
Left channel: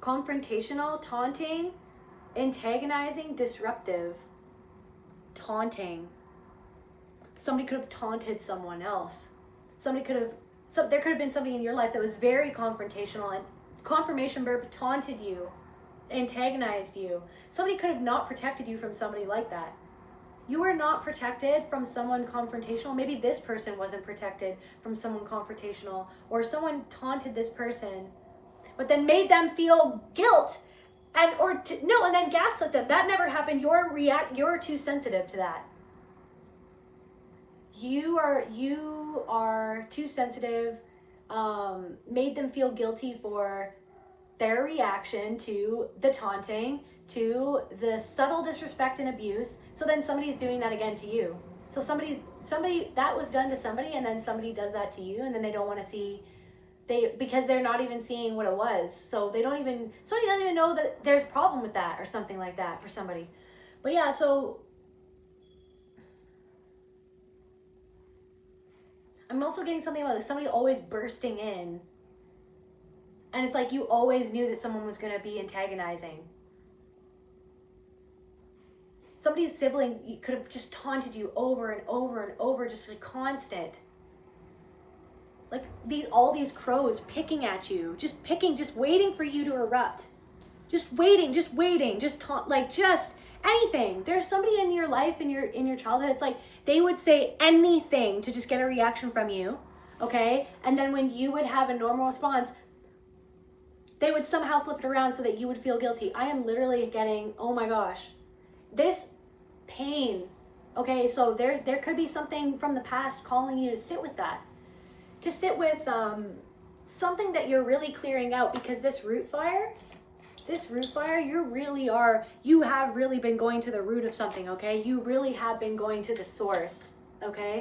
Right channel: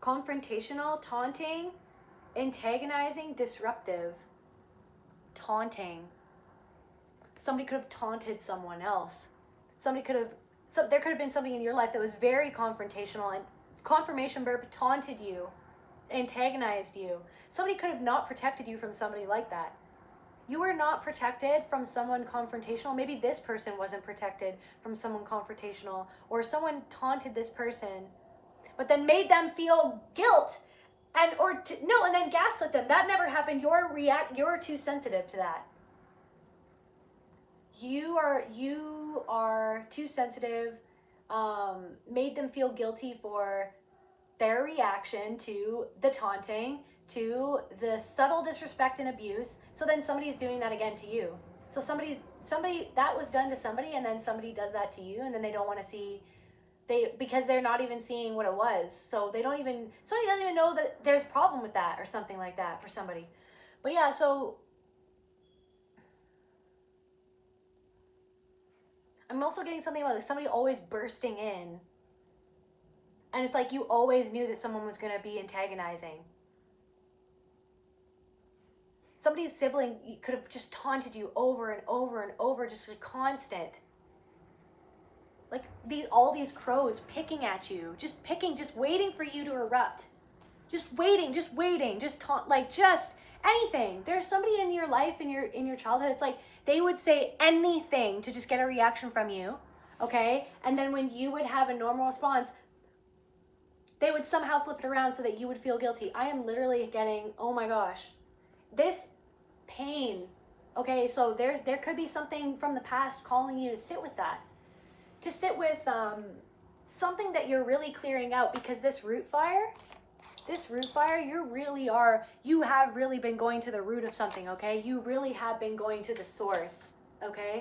confrontational, taunting, antagonizing, disruptive, taunting. Somebody could have taunted someone else. There could have been somebody in your life that was very confrontational, and confirmation verb, taunted you, antagonized you. Somebody could have not protected you from somebody like that. You were not protected from someone confrontational. Maybe this person wasn't protected from someone confrontational, or someone taunted this person, but then made them feel guilt and then gaslit them. That never happened. You're too sensitive to that. You are too sensitive. Made them feel guilty for their reaction to the taunting, to the subtle disrespect and abuse. So then somebody's doing that again to you. So somebody that was done to somebody, and then somebody does that to you, and then they don't want to see, because they're not even seeing what it was. So somebody doesn't even know that there's a problem with that or something like that for somebody. But yeah, so I'm also getting something about somebody always bursting in. And it's like you always knew that someone was going to be antagonizing. Somebody's sibling could have just taunted you over and over and over, just like constant. Like all these crows picking at you, just waiting for you to erupt. Just waiting, just taunt, like just anything. There's somebody in your life, in your childhood, it's like they would say anything to just get a reaction from you, okay? And then when you would have a normal response, they would somehow flip it around so that you would feel guilty. I am literally getting, oh my gosh, this pain. Okay, so there could be something from the past calling you to sit with that. To sit with something that you're really clearing out, because this root fire, you have really been going to the root of something, okay? You really have been going to the source, okay?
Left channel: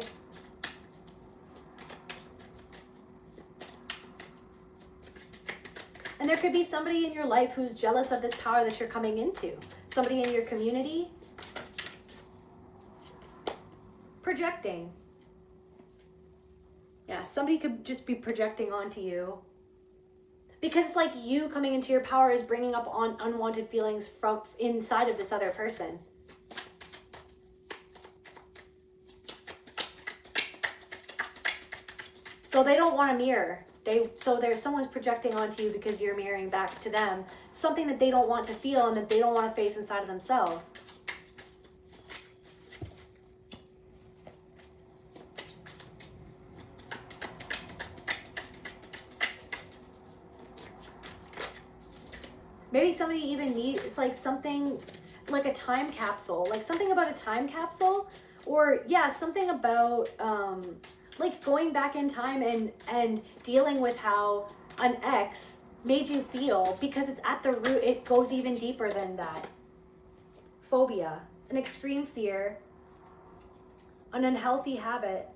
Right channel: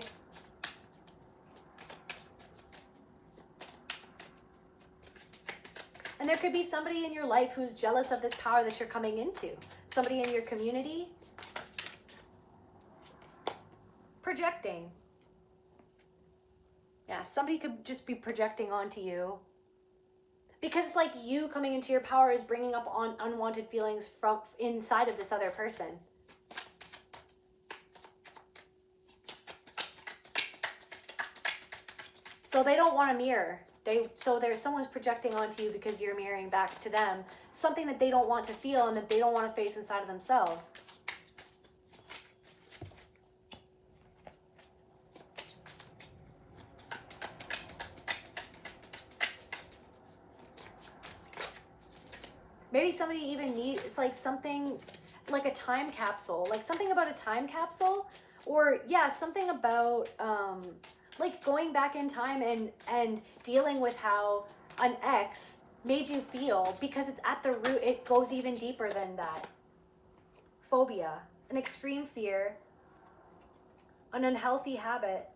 And there could be somebody in your life who's jealous of this power that you're coming into. Somebody in your community. Projecting. Yeah, somebody could just be projecting onto you. Because it's like you coming into your power is bringing up unwanted feelings from inside of this other person. So they don't want a mirror. Someone's projecting onto you because you're mirroring back to them something that they don't want to feel and that they don't want to face inside of themselves. Maybe somebody even needs, it's like something like a time capsule, like something about a time capsule, or yeah, something about like going back in time and dealing with how an ex made you feel, because it's at the root, it goes even deeper than that. Phobia, an extreme fear, an unhealthy habit,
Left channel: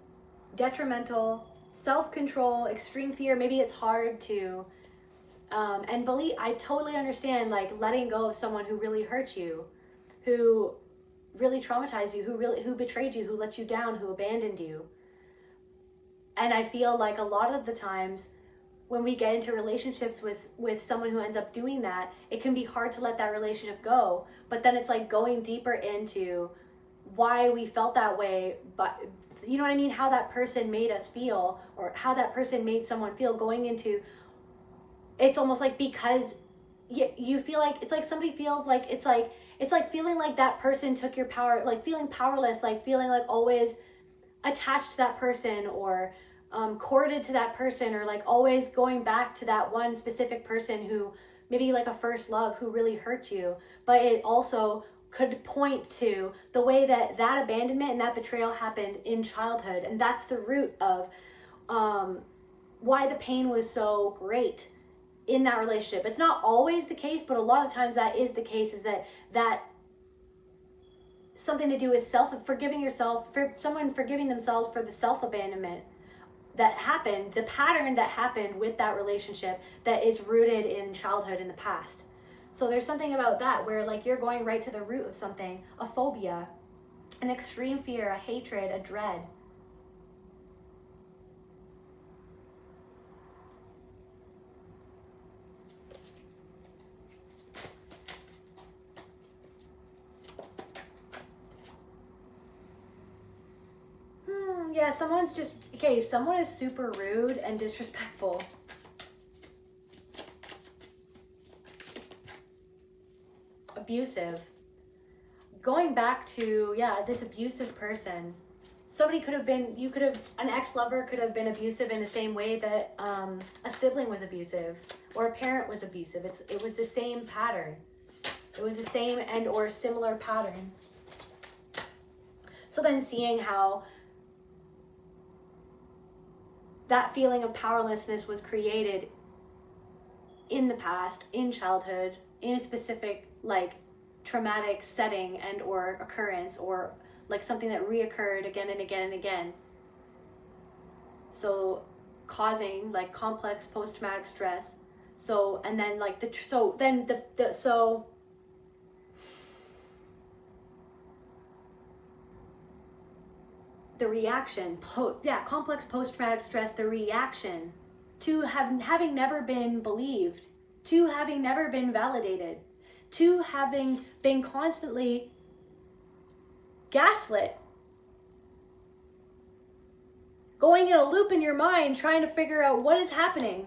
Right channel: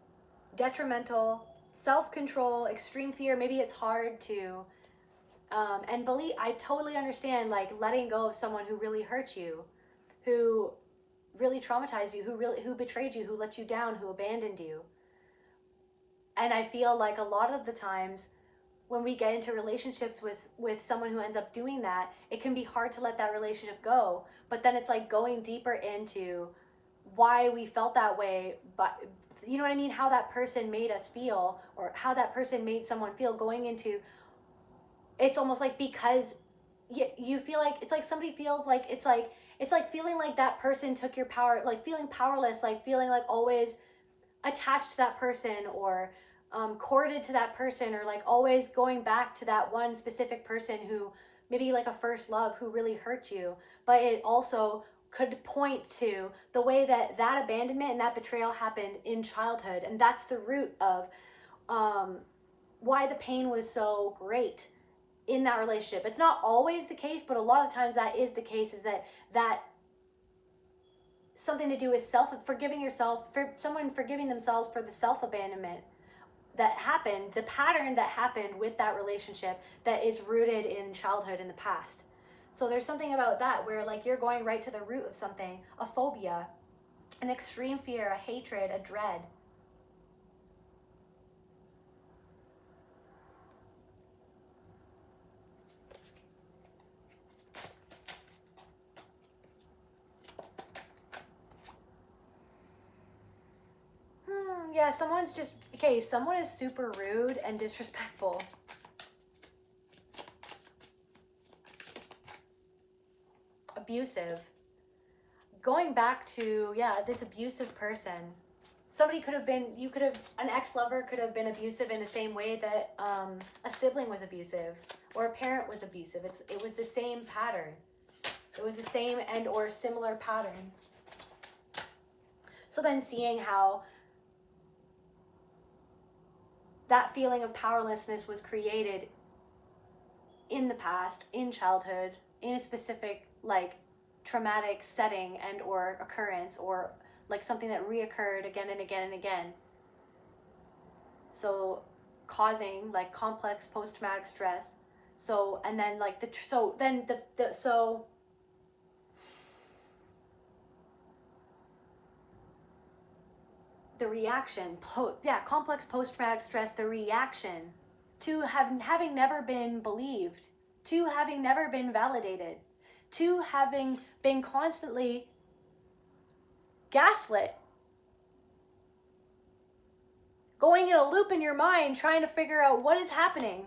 detrimental, self-control, extreme fear. Maybe it's hard to, and believe, I totally understand, like letting go of someone who really hurt you, who really traumatized you, who betrayed you, who let you down, who abandoned you. And I feel like a lot of the times when we get into relationships with someone who ends up doing that, it can be hard to let that relationship go. But then it's like going deeper into why we felt that way, but you know what I mean? How that person made us feel, or how that person made someone feel, going into, it's almost like because you feel like, it's like somebody feels like, it's like feeling like that person took your power, like feeling powerless, like feeling like always attached to that person, or courted to that person, or like always going back to that one specific person who maybe like a first love who really hurt you. But it also could point to the way that abandonment and that betrayal happened in childhood, and that's the root of why the pain was so great in that relationship. It's not always the case, but a lot of times that is the case, is that something to do with forgiving yourself, for someone forgiving themselves for the self-abandonment that happened, the pattern that happened with that relationship that is rooted in childhood in the past. So there's something about that where like you're going right to the root of something, a phobia, an extreme fear, a hatred, a dread. Yeah, someone's just, okay, someone is super rude and disrespectful. Abusive. Going back to, yeah, this abusive person. Somebody could have been, an ex-lover could have been abusive in the same way that a sibling was abusive, or a parent was abusive. It was the same pattern. It was the same and or similar pattern. So then seeing how that feeling of powerlessness was created in the past, in childhood, in a specific like traumatic setting and or occurrence, or like something that reoccurred again and again and again. So causing like complex post-traumatic stress. So, and then like so the reaction, complex post-traumatic stress, the reaction to having never been believed, to having never been validated, to having been constantly gaslit, going in a loop in your mind trying to figure out what is happening.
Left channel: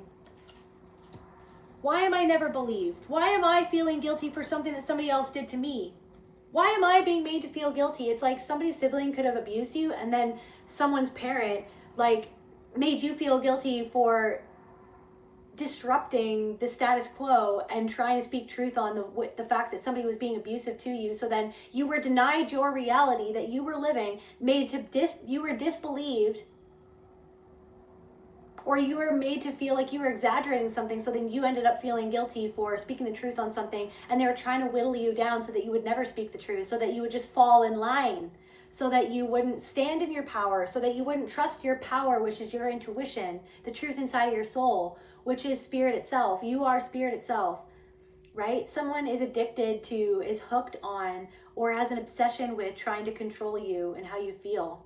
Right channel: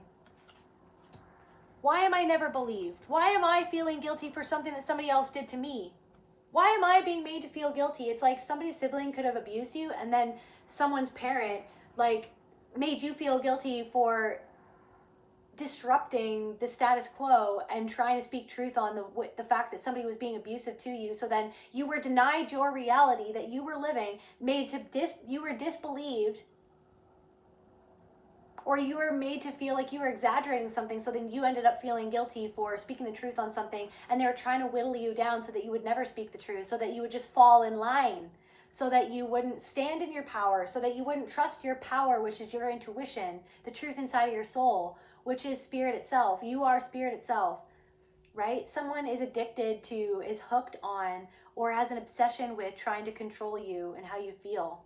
Why am I never believed? Why am I feeling guilty for something that somebody else did to me? Why am I being made to feel guilty? It's like somebody's sibling could have abused you, and then someone's parent like made you feel guilty for disrupting the status quo and trying to speak truth on the fact that somebody was being abusive to you. So then you were denied your reality that you were living, you were disbelieved, or you were made to feel like you were exaggerating something. So then you ended up feeling guilty for speaking the truth on something, and they were trying to whittle you down so that you would never speak the truth, so that you would just fall in line, so that you wouldn't stand in your power, so that you wouldn't trust your power, which is your intuition, the truth inside of your soul, which is spirit itself. You are spirit itself, right? Someone is addicted to, is hooked on, or has an obsession with trying to control you and how you feel.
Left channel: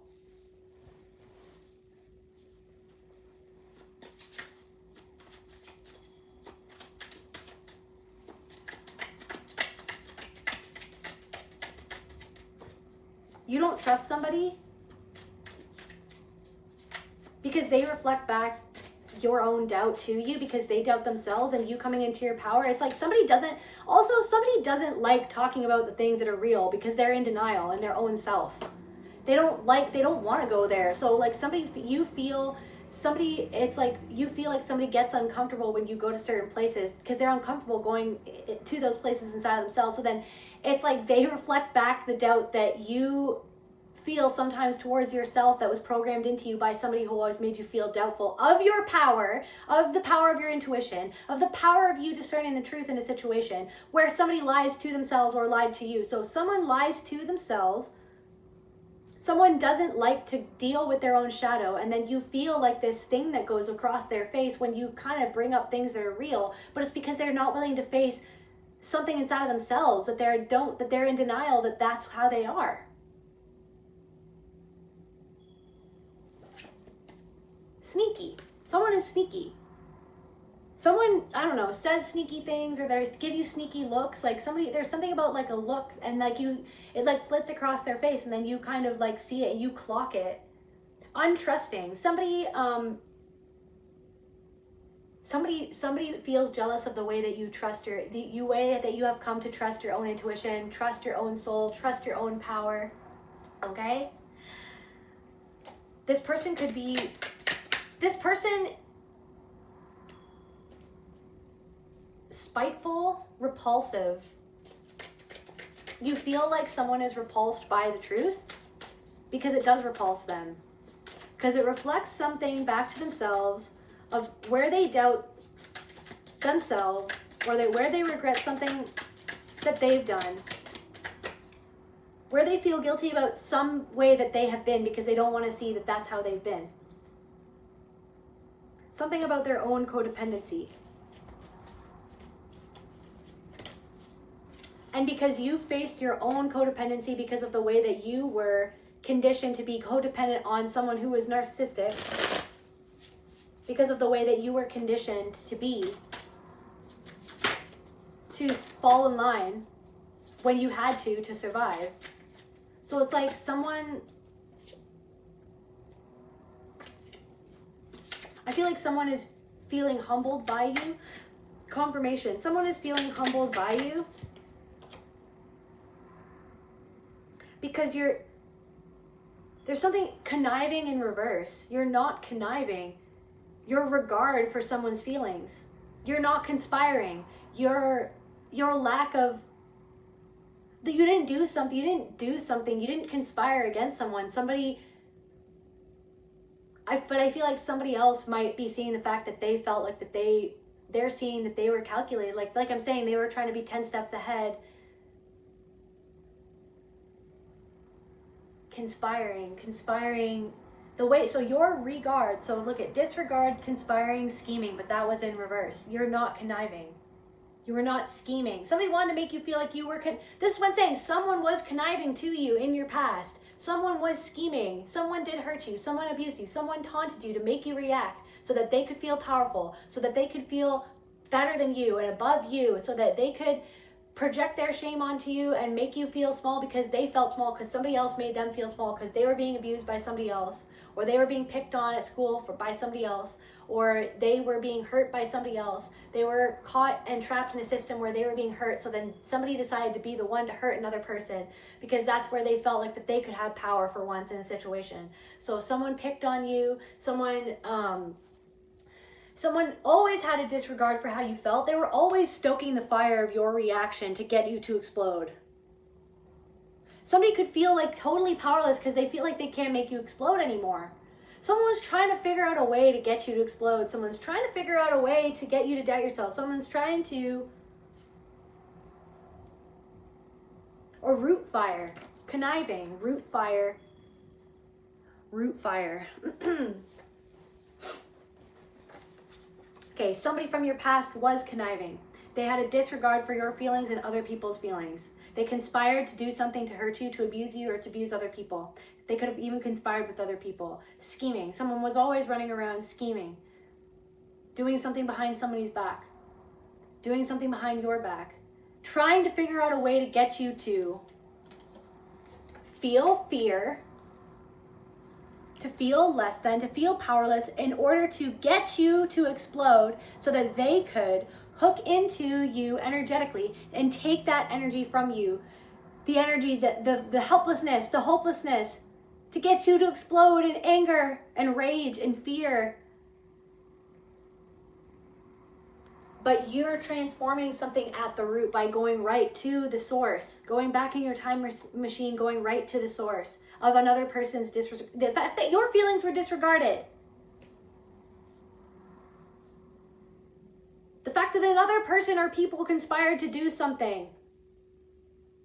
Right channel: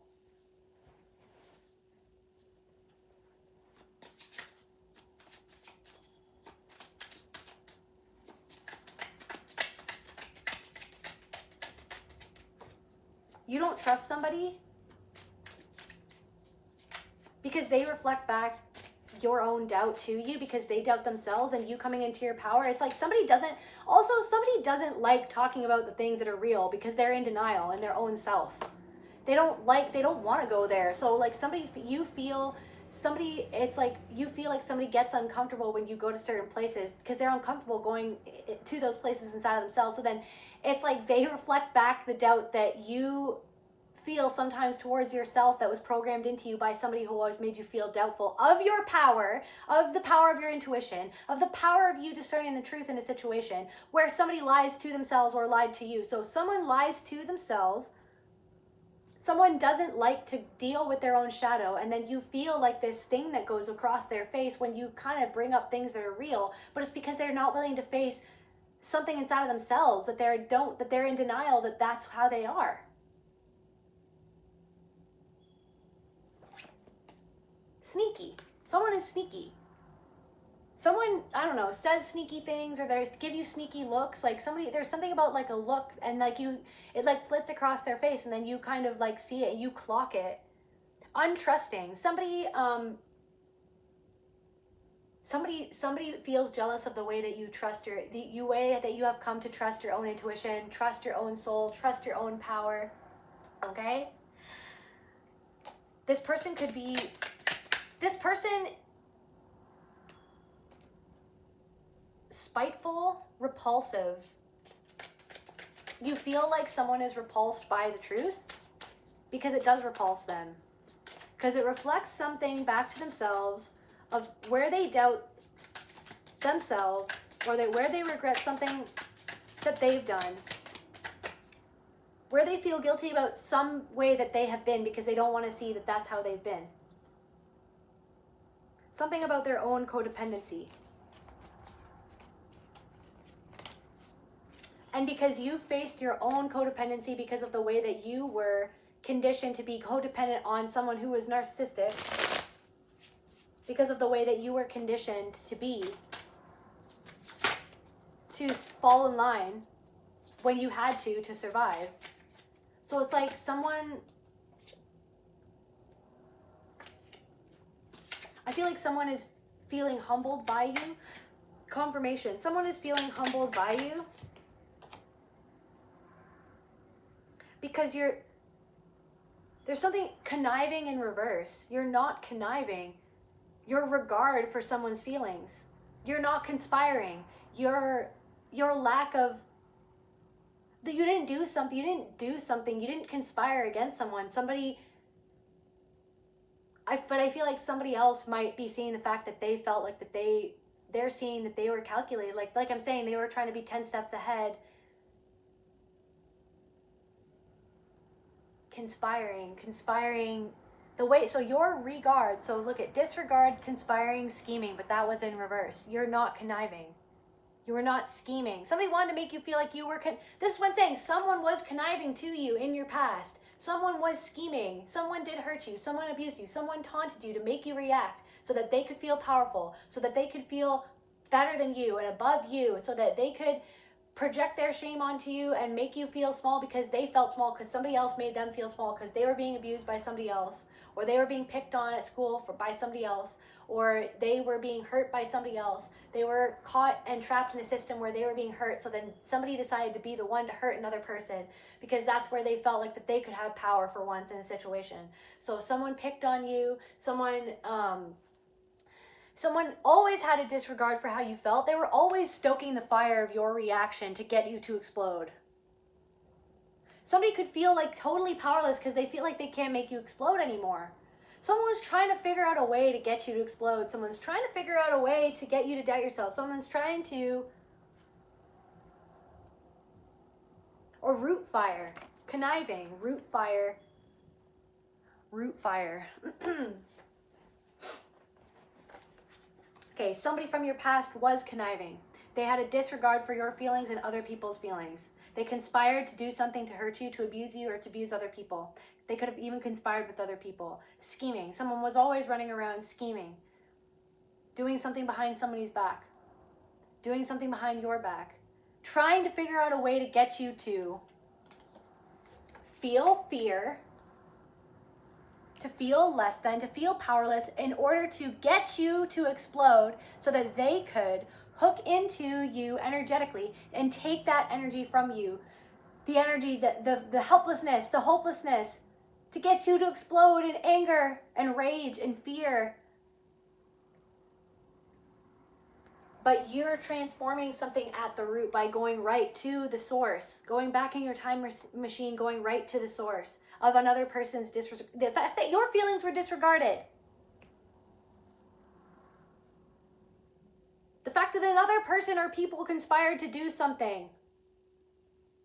You don't trust somebody because they reflect back your own doubt to you, because they doubt themselves, and you coming into your power. It's like somebody doesn't like talking about the things that are real because they're in denial in their own self. They don't want to go there. So like it's like you feel like somebody gets uncomfortable when you go to certain places because they're uncomfortable going to those places inside of themselves. So then it's like they reflect back the doubt that you feel sometimes towards yourself that was programmed into you by somebody who always made you feel doubtful of your power, of the power of your intuition, of the power of you discerning the truth in a situation where somebody lies to themselves or lied to you. So someone lies to themselves, someone doesn't like to deal with their own shadow, and then you feel like this thing that goes across their face when you kind of bring up things that are real, but it's because they're not willing to face something inside of themselves that they're in denial that that's how they are. Sneaky. Someone is sneaky. Someone, I don't know, says sneaky things, or they give you sneaky looks. Like there's something about like a look, and like it like flits across their face, and then you kind of like see it, you clock it. Untrusting. Somebody feels jealous of the way that you trust the way that you have come to trust your own intuition, trust your own soul, trust your own power. Okay? This person spiteful, repulsive. You feel like someone is repulsed by the truth because it does repulse them. Because it reflects something back to themselves of where they doubt themselves, or where they regret something that they've done, where they feel guilty about some way that they have been because they don't want to see that that's how they've been. Something about their own codependency. And because you faced your own codependency because of the way that you were conditioned to be codependent on someone who was narcissistic, because of the way that you were conditioned to fall in line when you had to survive. So it's like I feel like someone is feeling humbled by you. Confirmation. Someone is feeling humbled by you because there's something conniving in reverse. You're not conniving. Your regard for someone's feelings. You're not conspiring. Your lack of that you didn't do something, you didn't conspire against someone. But I feel like somebody else might be seeing the fact that they felt like that they're seeing that they were calculated. Like I'm saying, they were trying to be 10 steps ahead. Conspiring the way, so your regard, so look at disregard, conspiring, scheming, but that was in reverse. You're not conniving. You were not scheming. Somebody wanted to make you feel like you were, this is what I'm saying, someone was conniving to you in your past. Someone was scheming. Someone did hurt you. Someone abused you. Someone taunted you to make you react so that they could feel powerful, so that they could feel better than you and above you, so that they could project their shame onto you and make you feel small because they felt small because somebody else made them feel small because they were being abused by somebody else, or they were being picked on at school by somebody else, or they were being hurt by somebody else. They were caught and trapped in a system where they were being hurt, so then somebody decided to be the one to hurt another person because that's where they felt like that they could have power for once in a situation. So someone picked on you, someone always had a disregard for how you felt. They were always stoking the fire of your reaction to get you to explode. Somebody could feel like totally powerless because they feel like they can't make you explode anymore. Someone was trying to figure out a way to get you to explode. Someone's trying to figure out a way to get you to doubt yourself. Someone's trying to, or root fire, conniving, root fire. Okay, somebody from your past was conniving. They had a disregard for your feelings and other people's feelings. They conspired to do something to hurt you, to abuse you, or to abuse other people. They could have even conspired with other people. Scheming. Someone was always running around scheming. Doing something behind somebody's back. Doing something behind your back. Trying to figure out a way to get you to feel fear, to feel less than, to feel powerless in order to get you to explode so that they could hook into you energetically and take that energy from you. The energy, the helplessness, the hopelessness, to get you to explode in anger and rage and fear. But you're transforming something at the root by going right to the source, going back in your time machine, going right to the source of another person's disregard. The fact that your feelings were disregarded. The fact that another person or people conspired to do something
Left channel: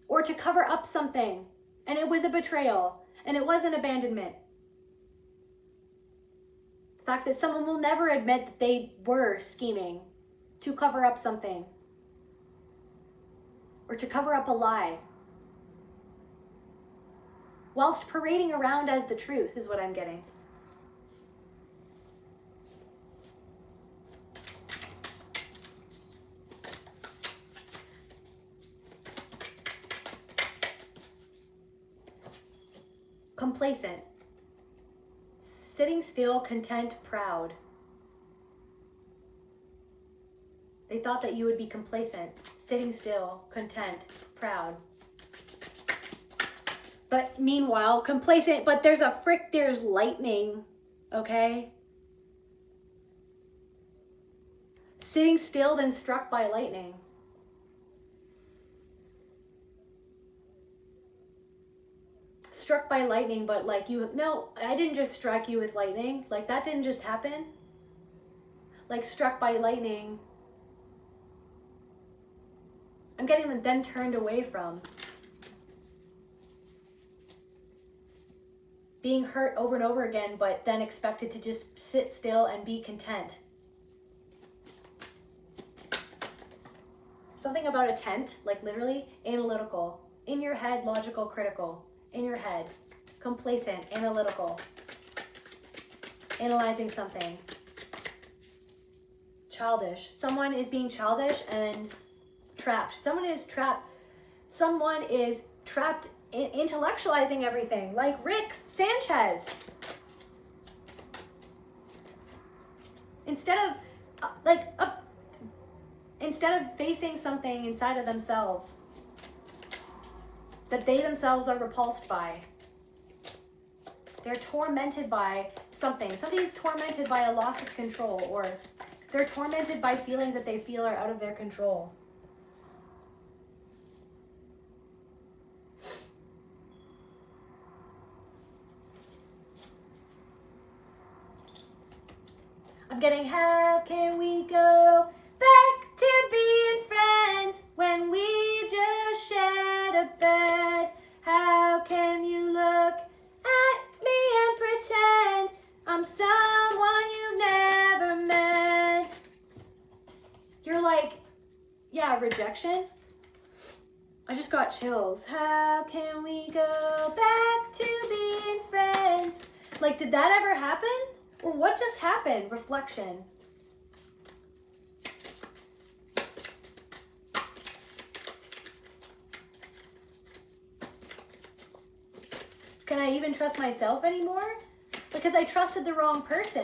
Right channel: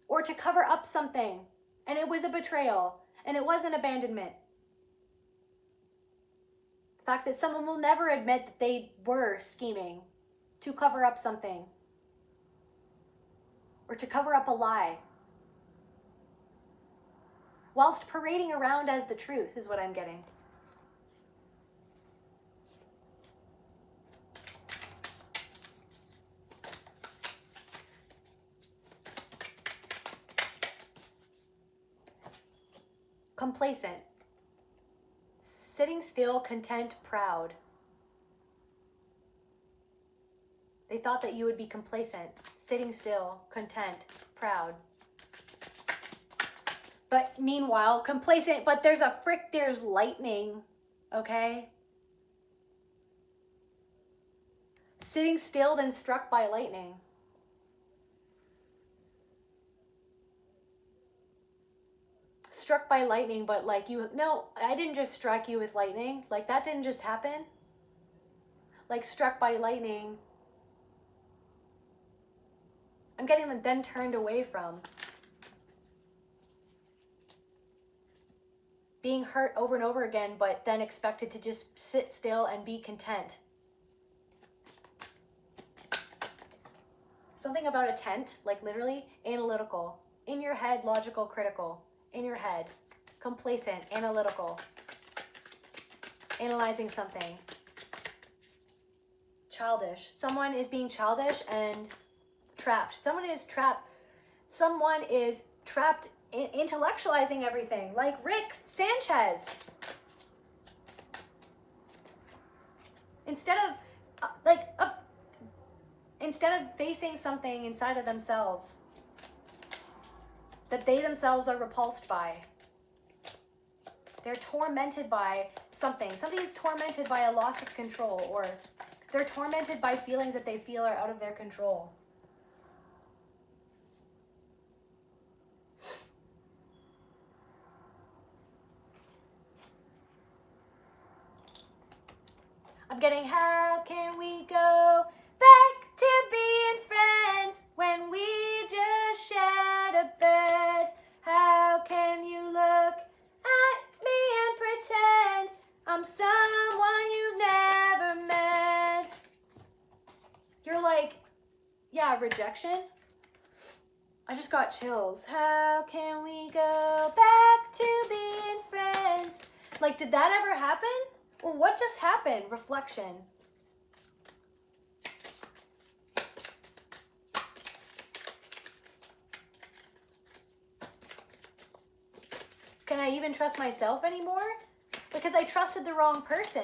or to cover up something, and it was a betrayal, and it was an abandonment. The fact that someone will never admit that they were scheming to cover up something or to cover up a lie, whilst parading around as the truth, is what I'm getting. Complacent. Sitting still, content, proud. They thought that you would be complacent, sitting still, content, proud. But meanwhile, complacent, but there's lightning, okay? Sitting still, then struck by lightning. Struck by lightning, but like no, I didn't just strike you with lightning. Like that didn't just happen. Like struck by lightning. I'm getting them then turned away from. Being hurt over and over again, but then expected to just sit still and be content. Something about a tent, like literally analytical. In your head, logical, critical. In your head, complacent, analytical. Analyzing something. Childish. Someone is being childish and trapped. Someone is trapped in intellectualizing everything, like Rick Sanchez. Instead of facing something inside of themselves that they themselves are repulsed by. They're tormented by something. Somebody's tormented by a loss of control, or they're tormented by feelings that they feel are out of their control. I'm getting, how can we go back to being friends when we just shared a bed? How can you look at me and pretend I'm someone you've never met? You're like, yeah, rejection. I just got chills. How can we go back to being friends? Like, did that ever happen? Or what just happened? Reflection. Can I even trust myself anymore? Because I trusted the wrong person.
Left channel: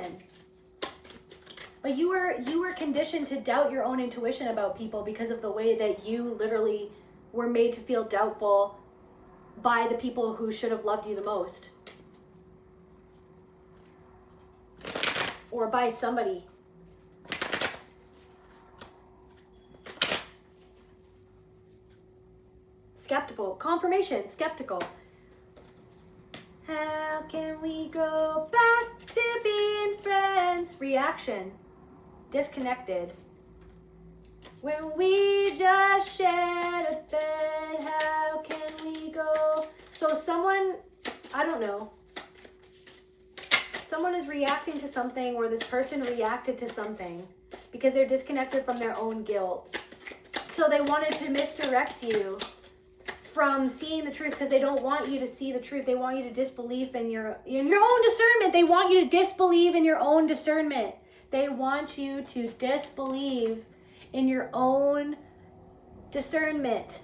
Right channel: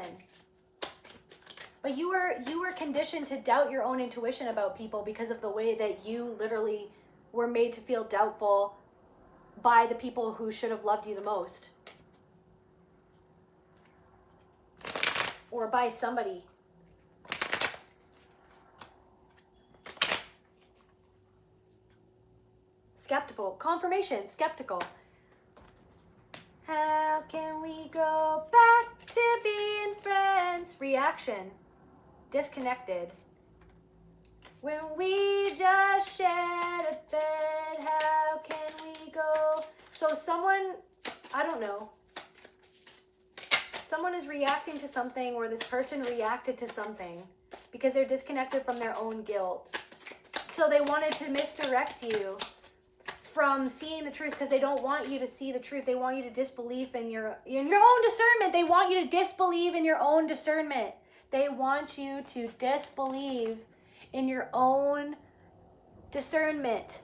But you were conditioned to doubt your own intuition about people because of the way that you literally were made to feel doubtful by the people who should have loved you the most. Or by somebody. Skeptical. Confirmation. Skeptical. How can we go back to being friends? Reaction. Disconnected. When we just shared a bed, how can we go? So someone, I don't know, someone is reacting to something, or this person reacted to something because they're disconnected from their own guilt. So they wanted to misdirect you from seeing the truth because they don't want you to see the truth. They want you to disbelieve in your own discernment. They want you to disbelieve in your own discernment. They want you to disbelieve in your own discernment.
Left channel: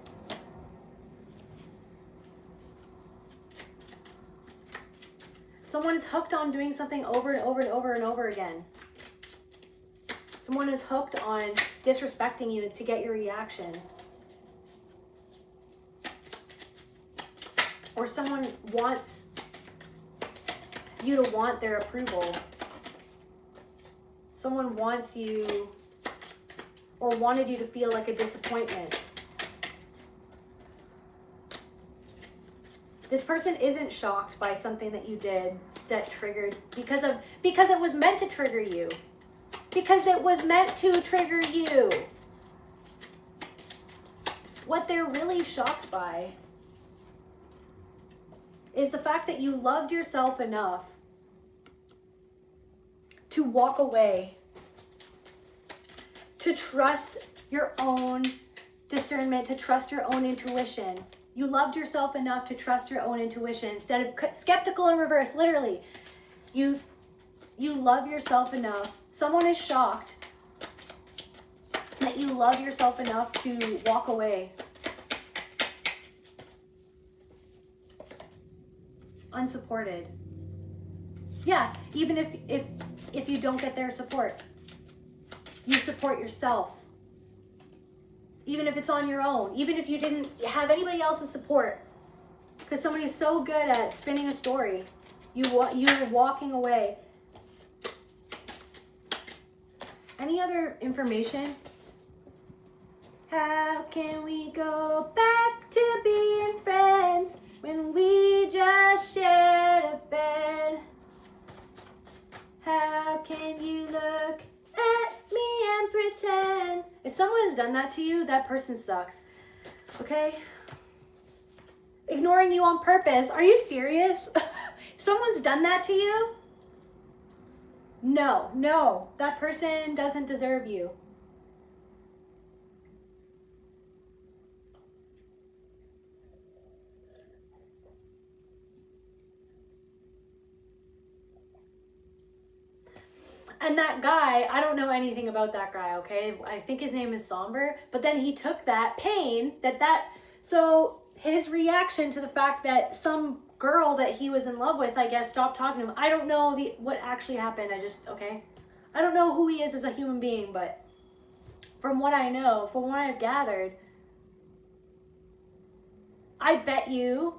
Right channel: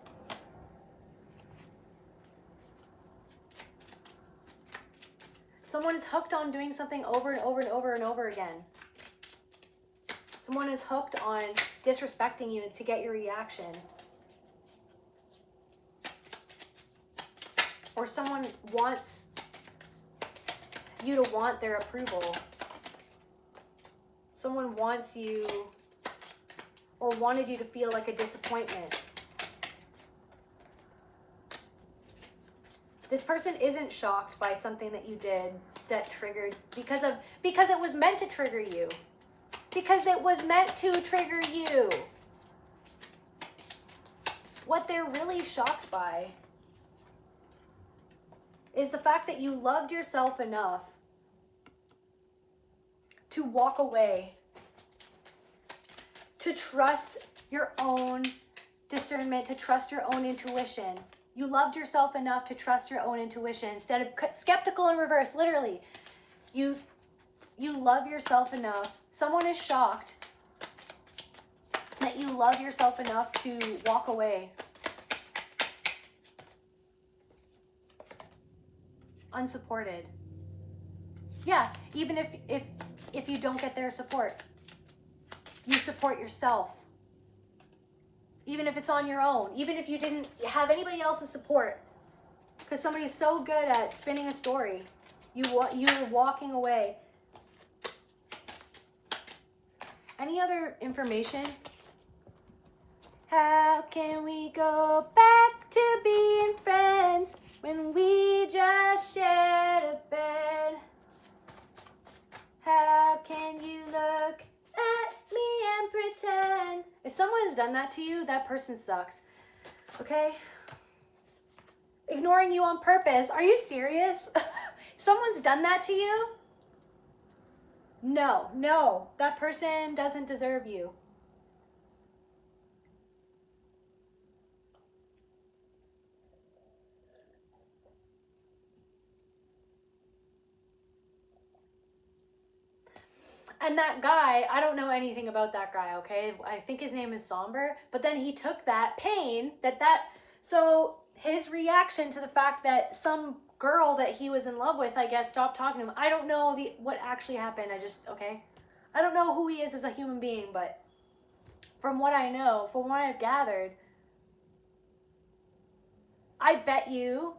Someone's hooked on doing something over and over and over and over again. Someone is hooked on disrespecting you to get your reaction. Or someone wants you to want their approval. Someone wants you or wanted you to feel like a disappointment. This person isn't shocked by something that you did that triggered because it was meant to trigger you. Because it was meant to trigger you. What they're really shocked by is the fact that you loved yourself enough to walk away, to trust your own discernment, to trust your own intuition. You loved yourself enough to trust your own intuition instead of skeptical in reverse. Literally, you love yourself enough. Someone is shocked that you love yourself enough to walk away. Unsupported. Yeah, even if you don't get their support, you support yourself. Even if it's on your own, even if you didn't have anybody else's support, because somebody's so good at spinning a story, you're walking away. Any other information? How can we go back to being friends when we just shared a bed? How can you look at me and pretend? If someone has done that to you, that person sucks. Okay? Ignoring you on purpose. Are you serious? If someone's done that to you, no, that person doesn't deserve you. And that guy, I don't know anything about that guy, okay? I think his name is Somber, but then he took that pain, so his reaction to the fact that some girl that he was in love with, I guess, stopped talking to him. I don't know what actually happened. I don't know who he is as a human being, but from what I know, from what I've gathered, I bet you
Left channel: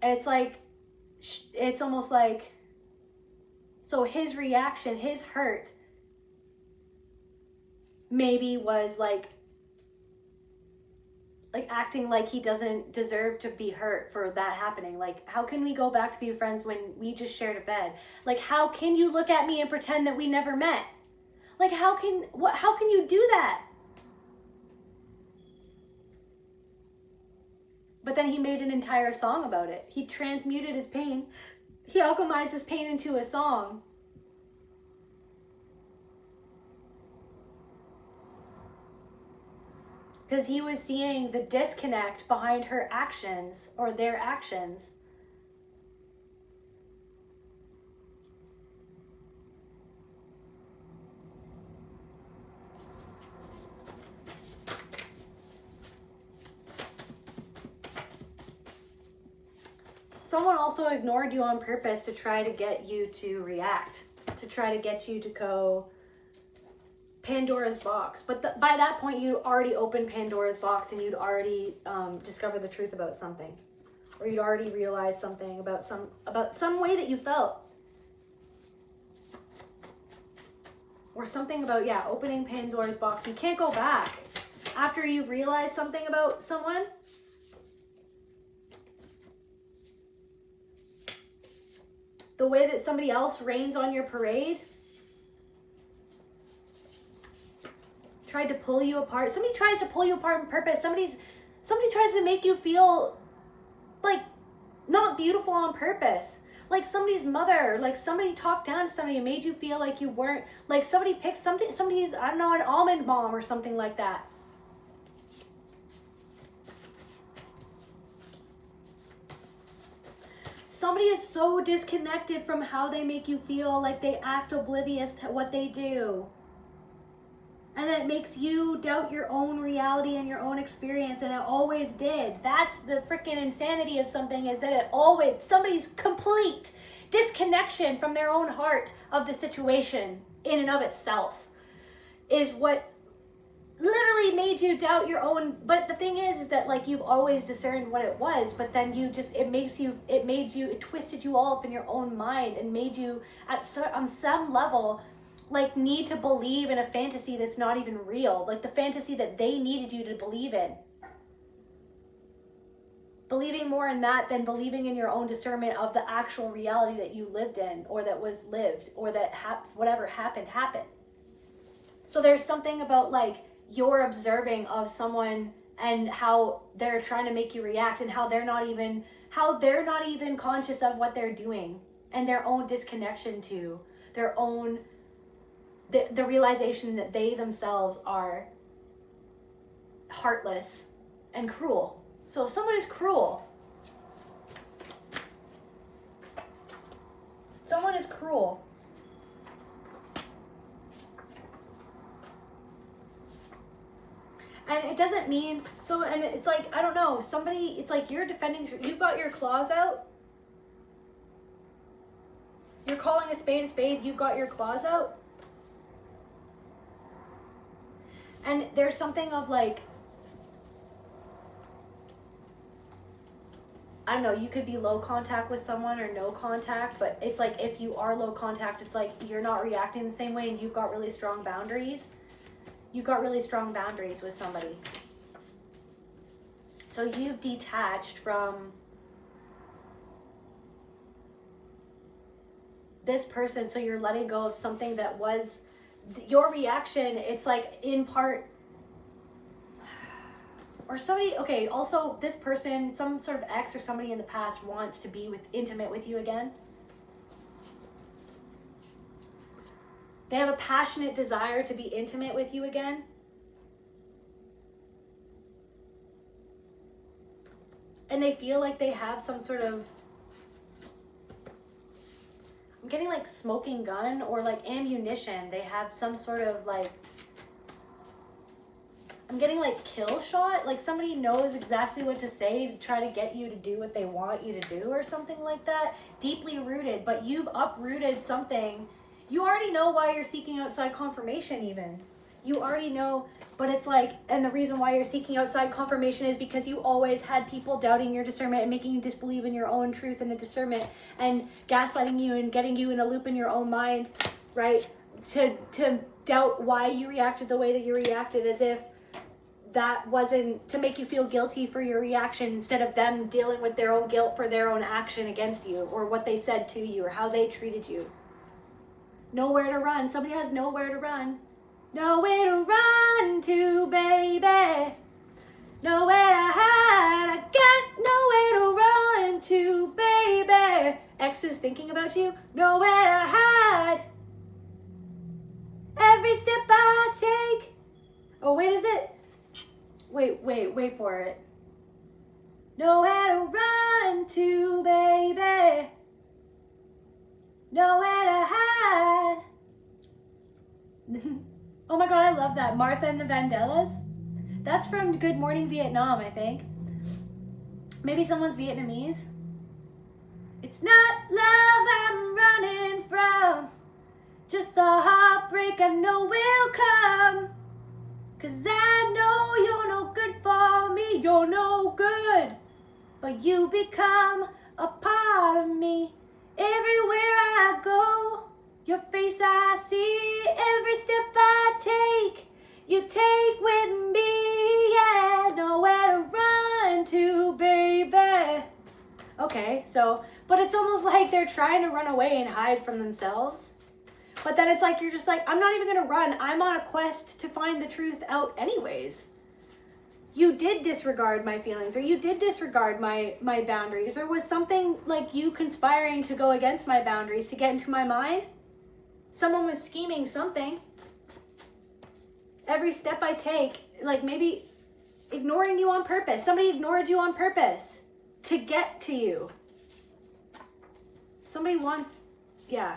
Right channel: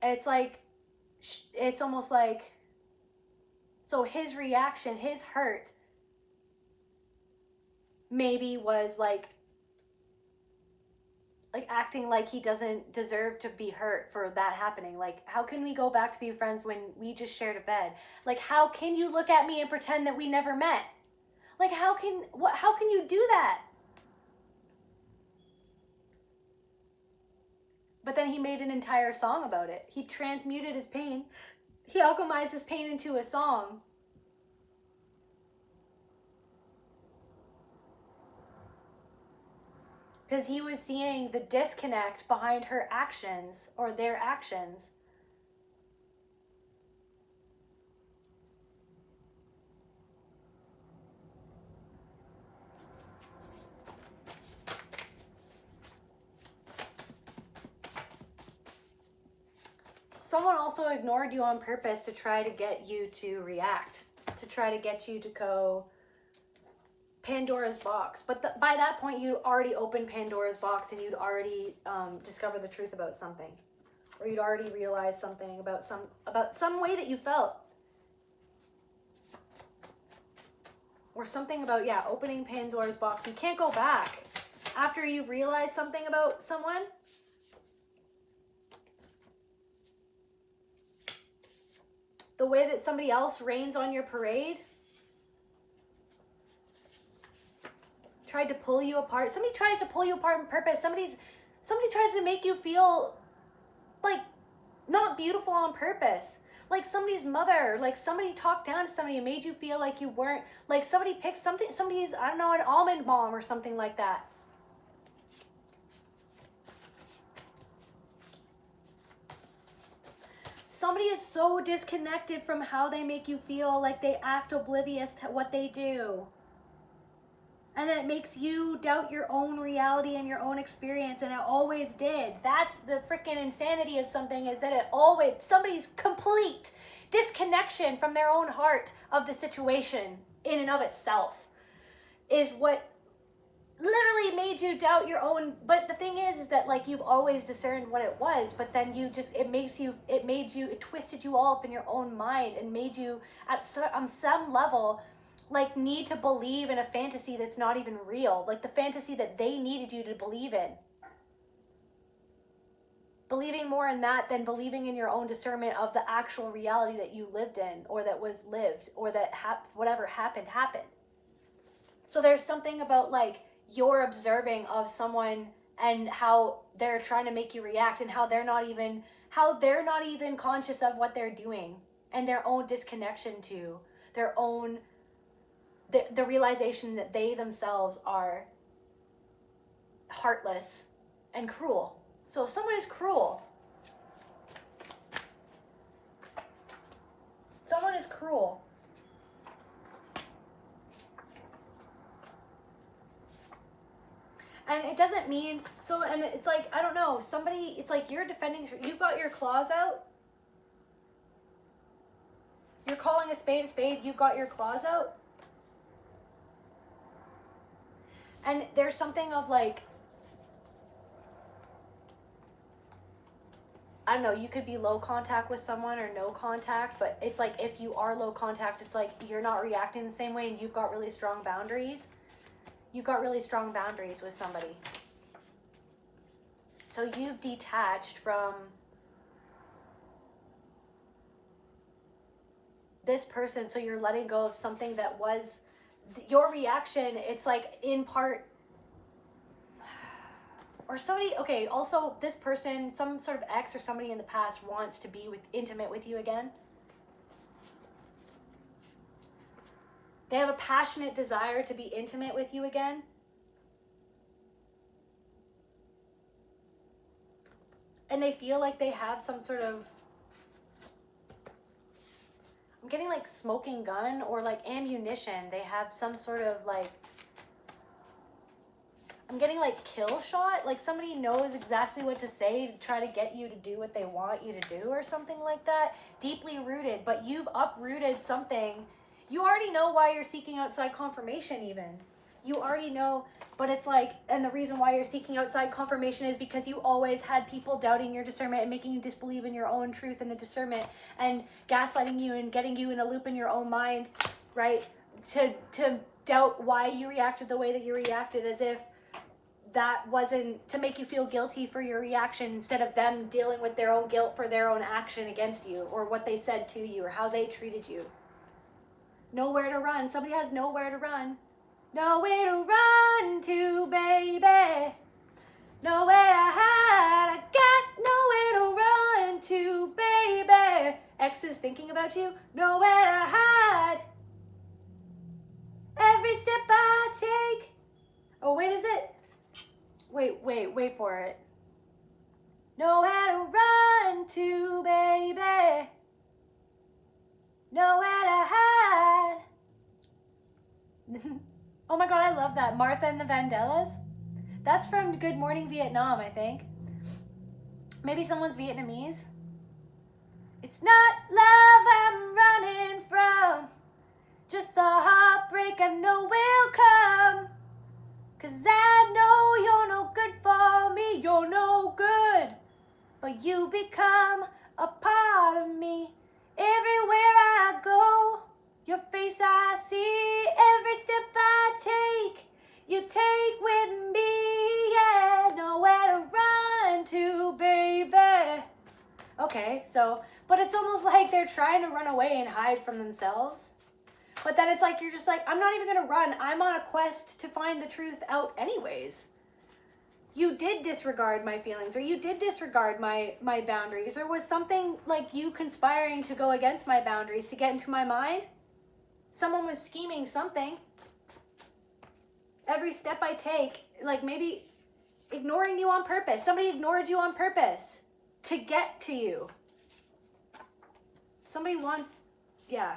it's almost like, so his reaction, his hurt, maybe was like like acting like he doesn't deserve to be hurt for that happening. Like, how can we go back to be friends when we just shared a bed? Like, how can you look at me and pretend that we never met? Like, how can you do that? But then he made an entire song about it. He transmuted his pain. He alchemized his pain into a song. Because he was seeing the disconnect behind her actions or their actions. Someone also ignored you on purpose to try to get you to react, to try to get you to go Pandora's box. But by that point, you'd already opened Pandora's box and you'd already discovered the truth about something, or you'd already realized something about some way that you felt, or something about, yeah, opening Pandora's box. You can't go back after you've realized something about someone. The way that somebody else rains on your parade, tried to pull you apart. Somebody tries to pull you apart on purpose. Somebody tries to make you feel like not beautiful on purpose. Like somebody's mother, like somebody talked down to somebody and made you feel like you weren't, like somebody picked somebody's, I don't know, an almond bomb or something like that. Somebody is so disconnected from how they make you feel, like they act oblivious to what they do. And it makes you doubt your own reality and your own experience, and it always did. That's the freaking insanity of something, is that it always, somebody's complete disconnection from their own heart of the situation in and of itself is what literally made you doubt your own. But the thing is that like you've always discerned what it was, but then you just, it twisted you all up in your own mind and made you on some level like need to believe in a fantasy that's not even real, like the fantasy that they needed you to believe in. Believing more in that than believing in your own discernment of the actual reality that you lived in, or that was lived, or that whatever happened. So there's something about like you're observing of someone and how they're trying to make you react, and how they're not even conscious of what they're doing, and their own disconnection to their own, the realization that they themselves are heartless and cruel. So if someone is cruel, and it doesn't mean, so, and it's like, I don't know, somebody, it's like you're defending, you've got your claws out, you're calling a spade, you've got your claws out, and there's something of like, I don't know, you could be low contact with someone or no contact, but it's like if you are low contact, it's like you're not reacting the same way, and you've got really strong boundaries. You've got really strong boundaries with somebody. So you've detached from this person, so you're letting go of something that was your reaction. It's like in part, or somebody, okay, also this person, some sort of ex or somebody in the past wants to be intimate with you again. They have a passionate desire to be intimate with you again. And they feel like they have some sort of, I'm getting like smoking gun or like ammunition. They have some sort of like, I'm getting like kill shot. Like somebody knows exactly what to say to try to get you to do what they want you to do or something like that. Deeply rooted, but you've uprooted something. You already know why you're seeking outside confirmation even. You already know, but it's like, and the reason why you're seeking outside confirmation is because you always had people doubting your discernment and making you disbelieve in your own truth and the discernment and gaslighting you and getting you in a loop in your own mind, right? To doubt why you reacted the way that you reacted, as if that wasn't to make you feel guilty for your reaction instead of them dealing with their own guilt for their own action against you or what they said to you or how they treated you. Nowhere to run. Somebody has nowhere to run. Nowhere to run to, baby. Nowhere to hide. I got nowhere to run to, baby. Ex is thinking about you. Nowhere to hide. Every step I take. Oh, wait, is it? Wait for it. Nowhere to run to, baby. Nowhere to hide. Oh my God, I love that. Martha and the Vandellas. That's from Good Morning Vietnam, I think. Maybe someone's Vietnamese. It's not love I'm running from, just the heartbreak I know will come. 'Cause I know you're no good for me, you're no good. But you become a part of me. Everywhere I go, your face I see. Every step I take, you take with me. Yeah, nowhere to run to, baby. Okay, so, but it's almost like they're trying to run away and hide from themselves. But then it's like, you're just like, I'm not even gonna run. I'm on a quest to find the truth out anyways. You did disregard my feelings, or you did disregard my boundaries, or was something like you conspiring to go against my boundaries to get into my mind? Someone was scheming something. Every step I take, like maybe ignoring you on purpose. Somebody ignored you on purpose to get to you. Somebody wants, yeah.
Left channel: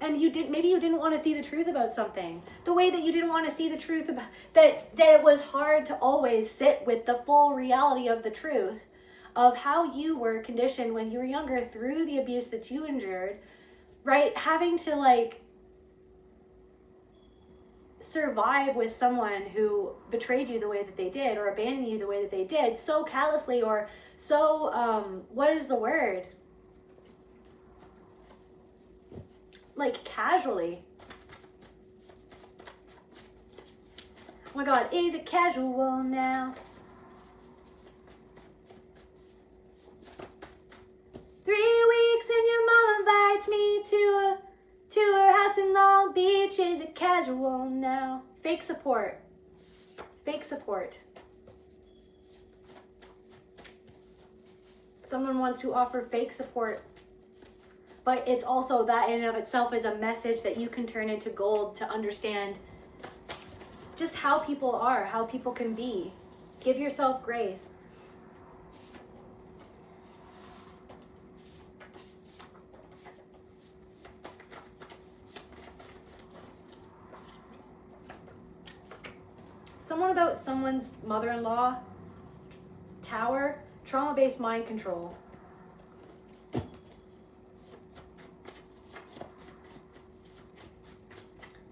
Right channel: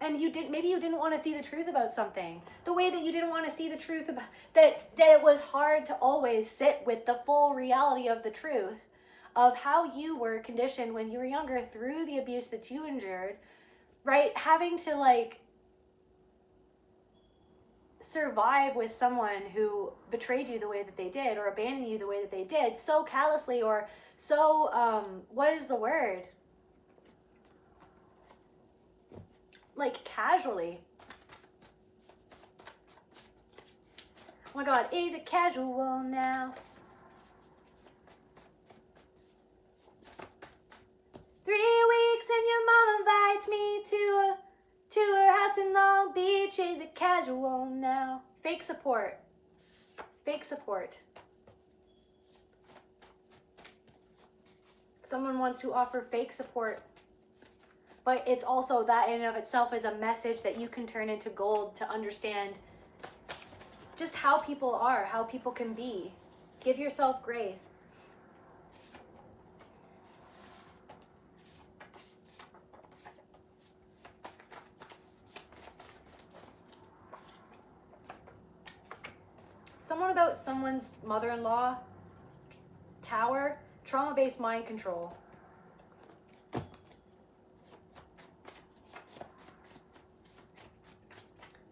And maybe you didn't want to see the truth about something. The way that you didn't want to see the truth about that it was hard to always sit with the full reality of the truth of how you were conditioned when you were younger through the abuse that you endured, right? Having to like survive with someone who betrayed you the way that they did or abandoned you the way that they did so callously or so, what is the word? Like casually. Oh my God, is it casual now? 3 weeks and your mom invites me to her house in Long Beach. Is it casual now? Fake support. Fake support. Someone wants to offer fake support. But it's also that in and of itself is a message that you can turn into gold to understand just how people are, how people can be. Give yourself grace. Someone about someone's mother-in-law, tower, trauma-based mind control.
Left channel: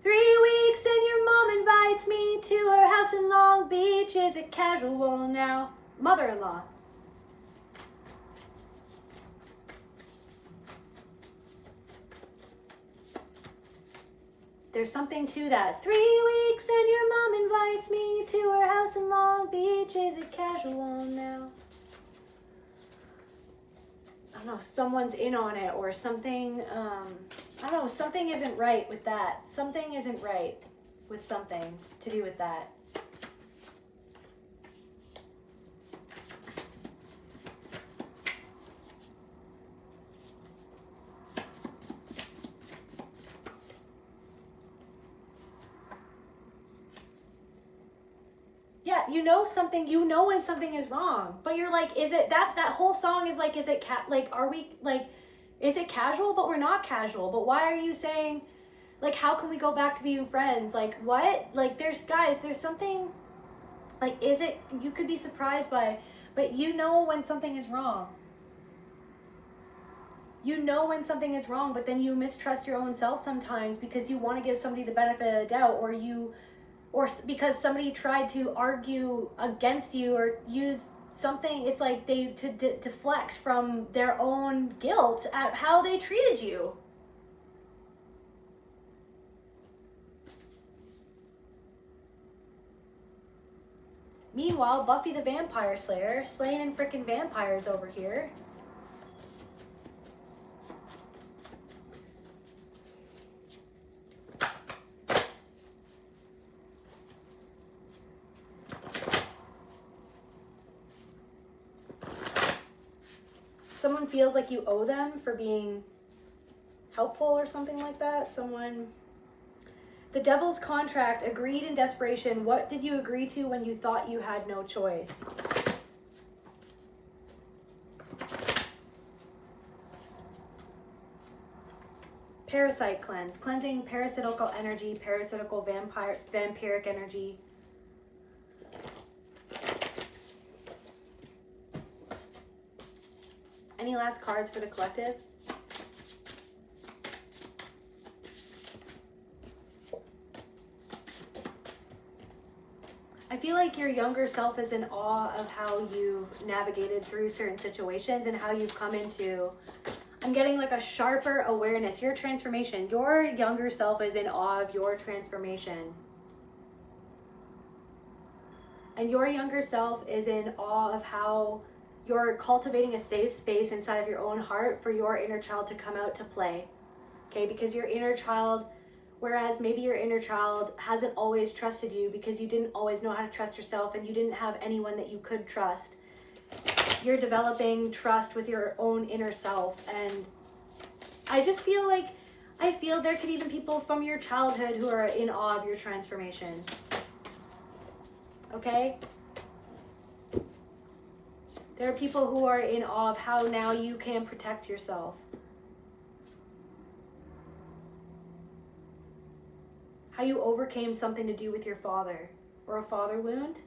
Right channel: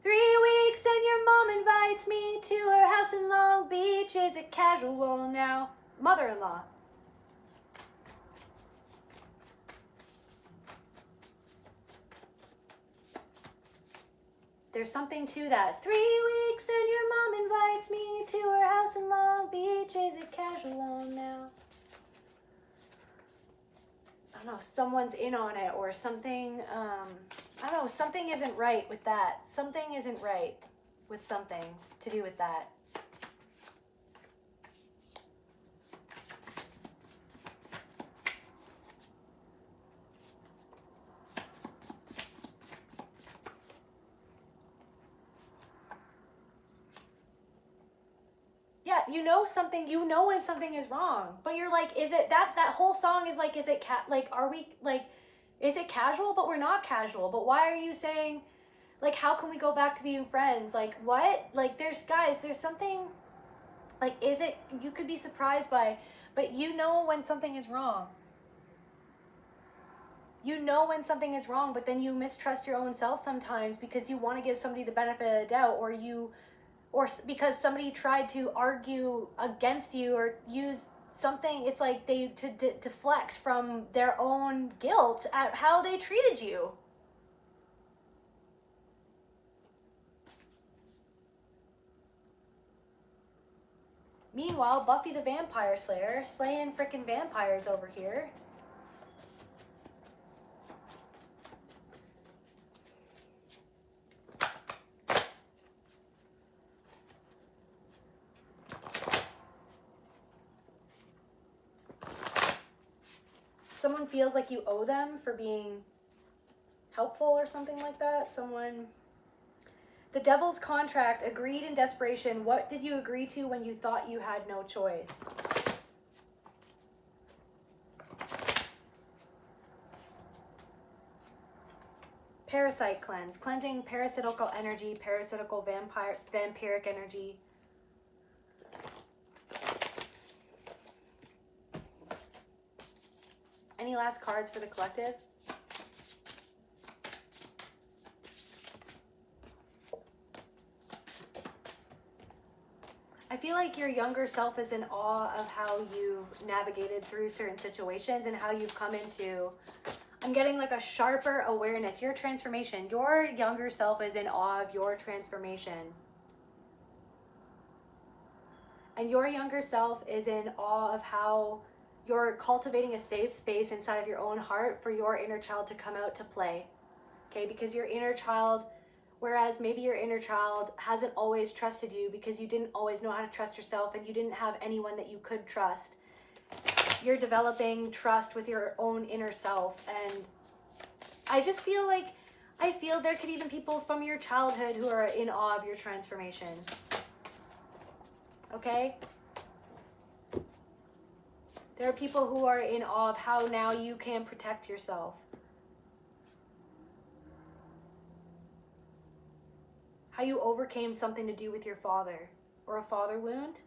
3 weeks and your mom invites me to her house in Long Beach. Is it casual now? Mother-in-law. There's something to that. 3 weeks and your mom invites me to her house in Long Beach. Is it casual now? I don't know, someone's in on it or something, I don't know, something isn't right with that. Something isn't right with something to do with that. Yeah, you know something, you know when something is wrong, but you're like, is it that whole song is like, is it are we like, is it casual? But we're not casual. But why are you saying, like, how can we go back to being friends? Like, what? Like, there's something, like, is it, you could be surprised by, but you know when something is wrong. You know when something is wrong, but then you mistrust your own self sometimes because you want to give somebody the benefit of the doubt, or because somebody tried to argue against you or use something. It's like they deflect from their own guilt at how they treated you. Meanwhile, Buffy the Vampire Slayer slaying freaking vampires over here. Someone feels like you owe them for being helpful or something like that. Someone... The Devil's Contract, agreed in desperation. What did you agree to when you thought you had no choice? Parasite cleanse, cleansing parasitical energy, parasitical vampiric energy. Any last cards for the collective? I feel like your younger self is in awe of how you've navigated through certain situations and how you've come into, I'm getting like a sharper awareness, your transformation. Your younger self is in awe of your transformation. And your younger self is in awe of how you're cultivating a safe space inside of your own heart for your inner child to come out to play. Okay, because your inner child, whereas maybe your inner child hasn't always trusted you because you didn't always know how to trust yourself and you didn't have anyone that you could trust. You're developing trust with your own inner self. And I just feel like, I feel there could even be people from your childhood who are in awe of your transformation. Okay? There are people who are in awe of how now you can protect yourself. How you overcame something to do with your father or a father wound.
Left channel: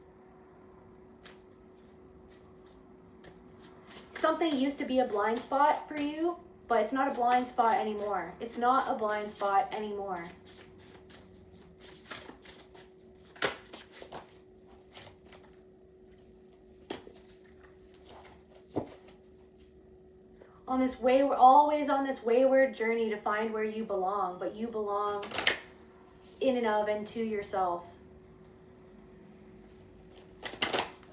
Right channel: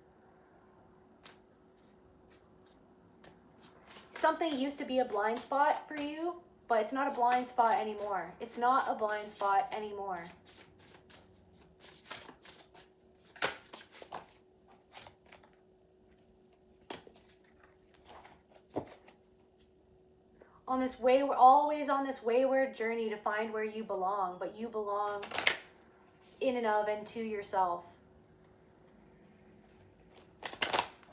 Something used to be a blind spot for you, but it's not a blind spot anymore. It's not a blind spot anymore. On this way, we're always on this wayward journey to find where you belong, but you belong in and of and to yourself.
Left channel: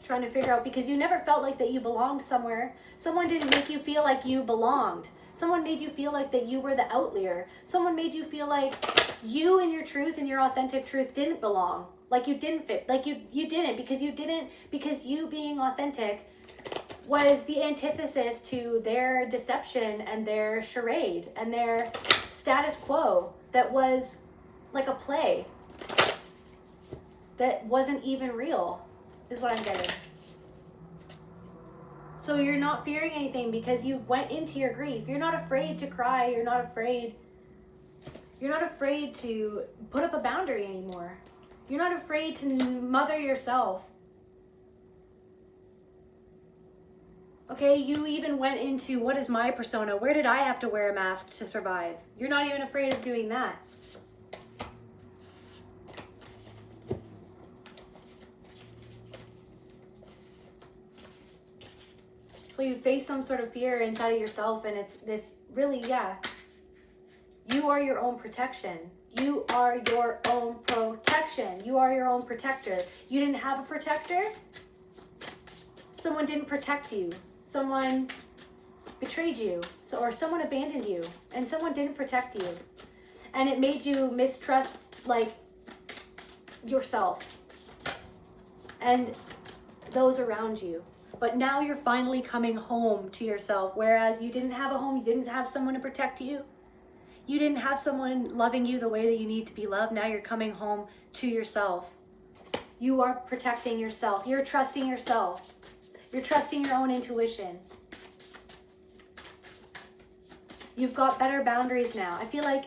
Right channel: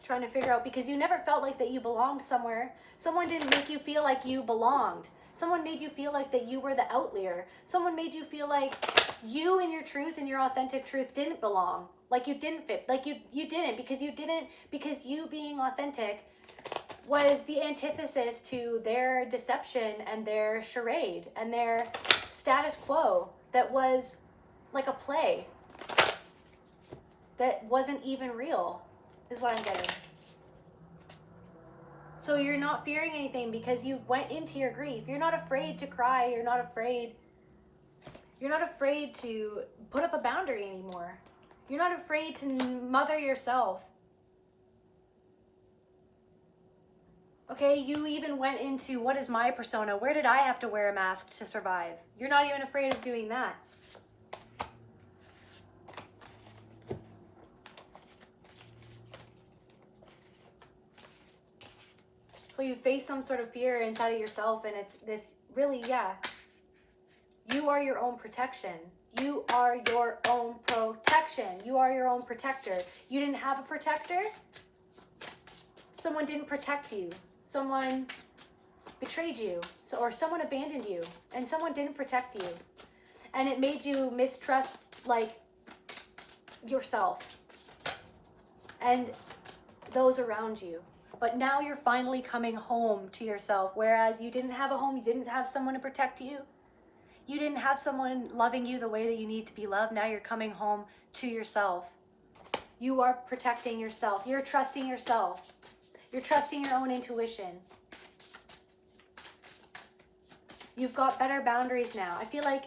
Trying to figure out, because you never felt like that you belonged somewhere. Someone didn't make you feel like you belonged. Someone made you feel like that you were the outlier. Someone made you feel like you and your truth and your authentic truth didn't belong. Like you didn't fit. Like you didn't, because you being authentic was the antithesis to their deception and their charade and their status quo that was like a play that wasn't even real, is what I'm getting. So you're not fearing anything because you went into your grief. You're not afraid to cry. You're not afraid to put up a boundary anymore. You're not afraid to mother yourself. Okay, you even went into, what is my persona? Where did I have to wear a mask to survive? You're not even afraid of doing that. So you face some sort of fear inside of yourself, and it's this really, yeah. You are your own protection. You are your own protection. You are your own protector. You didn't have a protector? Someone didn't protect you. Someone betrayed you, or someone abandoned you, and someone didn't protect you. And it made you mistrust, like, yourself and those around you. But now you're finally coming home to yourself, whereas you didn't have a home, you didn't have someone to protect you. You didn't have someone loving you the way that you need to be loved. Now you're coming home to yourself. You are protecting yourself. You're trusting yourself. You're trusting your own intuition. You've got better boundaries now. I feel like,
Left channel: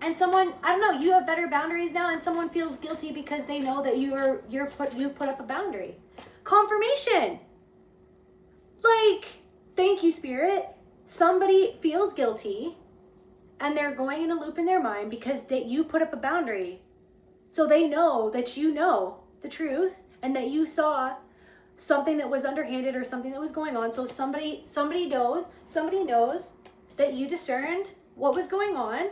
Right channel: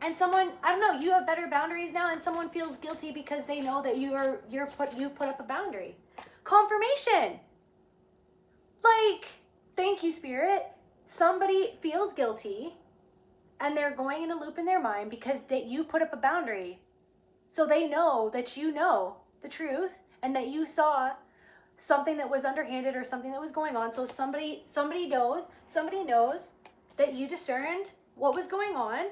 and someone, I don't know, you have better boundaries now, and someone feels guilty because they know that you put up a boundary. Confirmation. Like, thank you, Spirit. Somebody feels guilty, and they're going in a loop in their mind because that you put up a boundary. So they know that you know the truth and that you saw something that was underhanded or something that was going on. So somebody knows that you discerned what was going on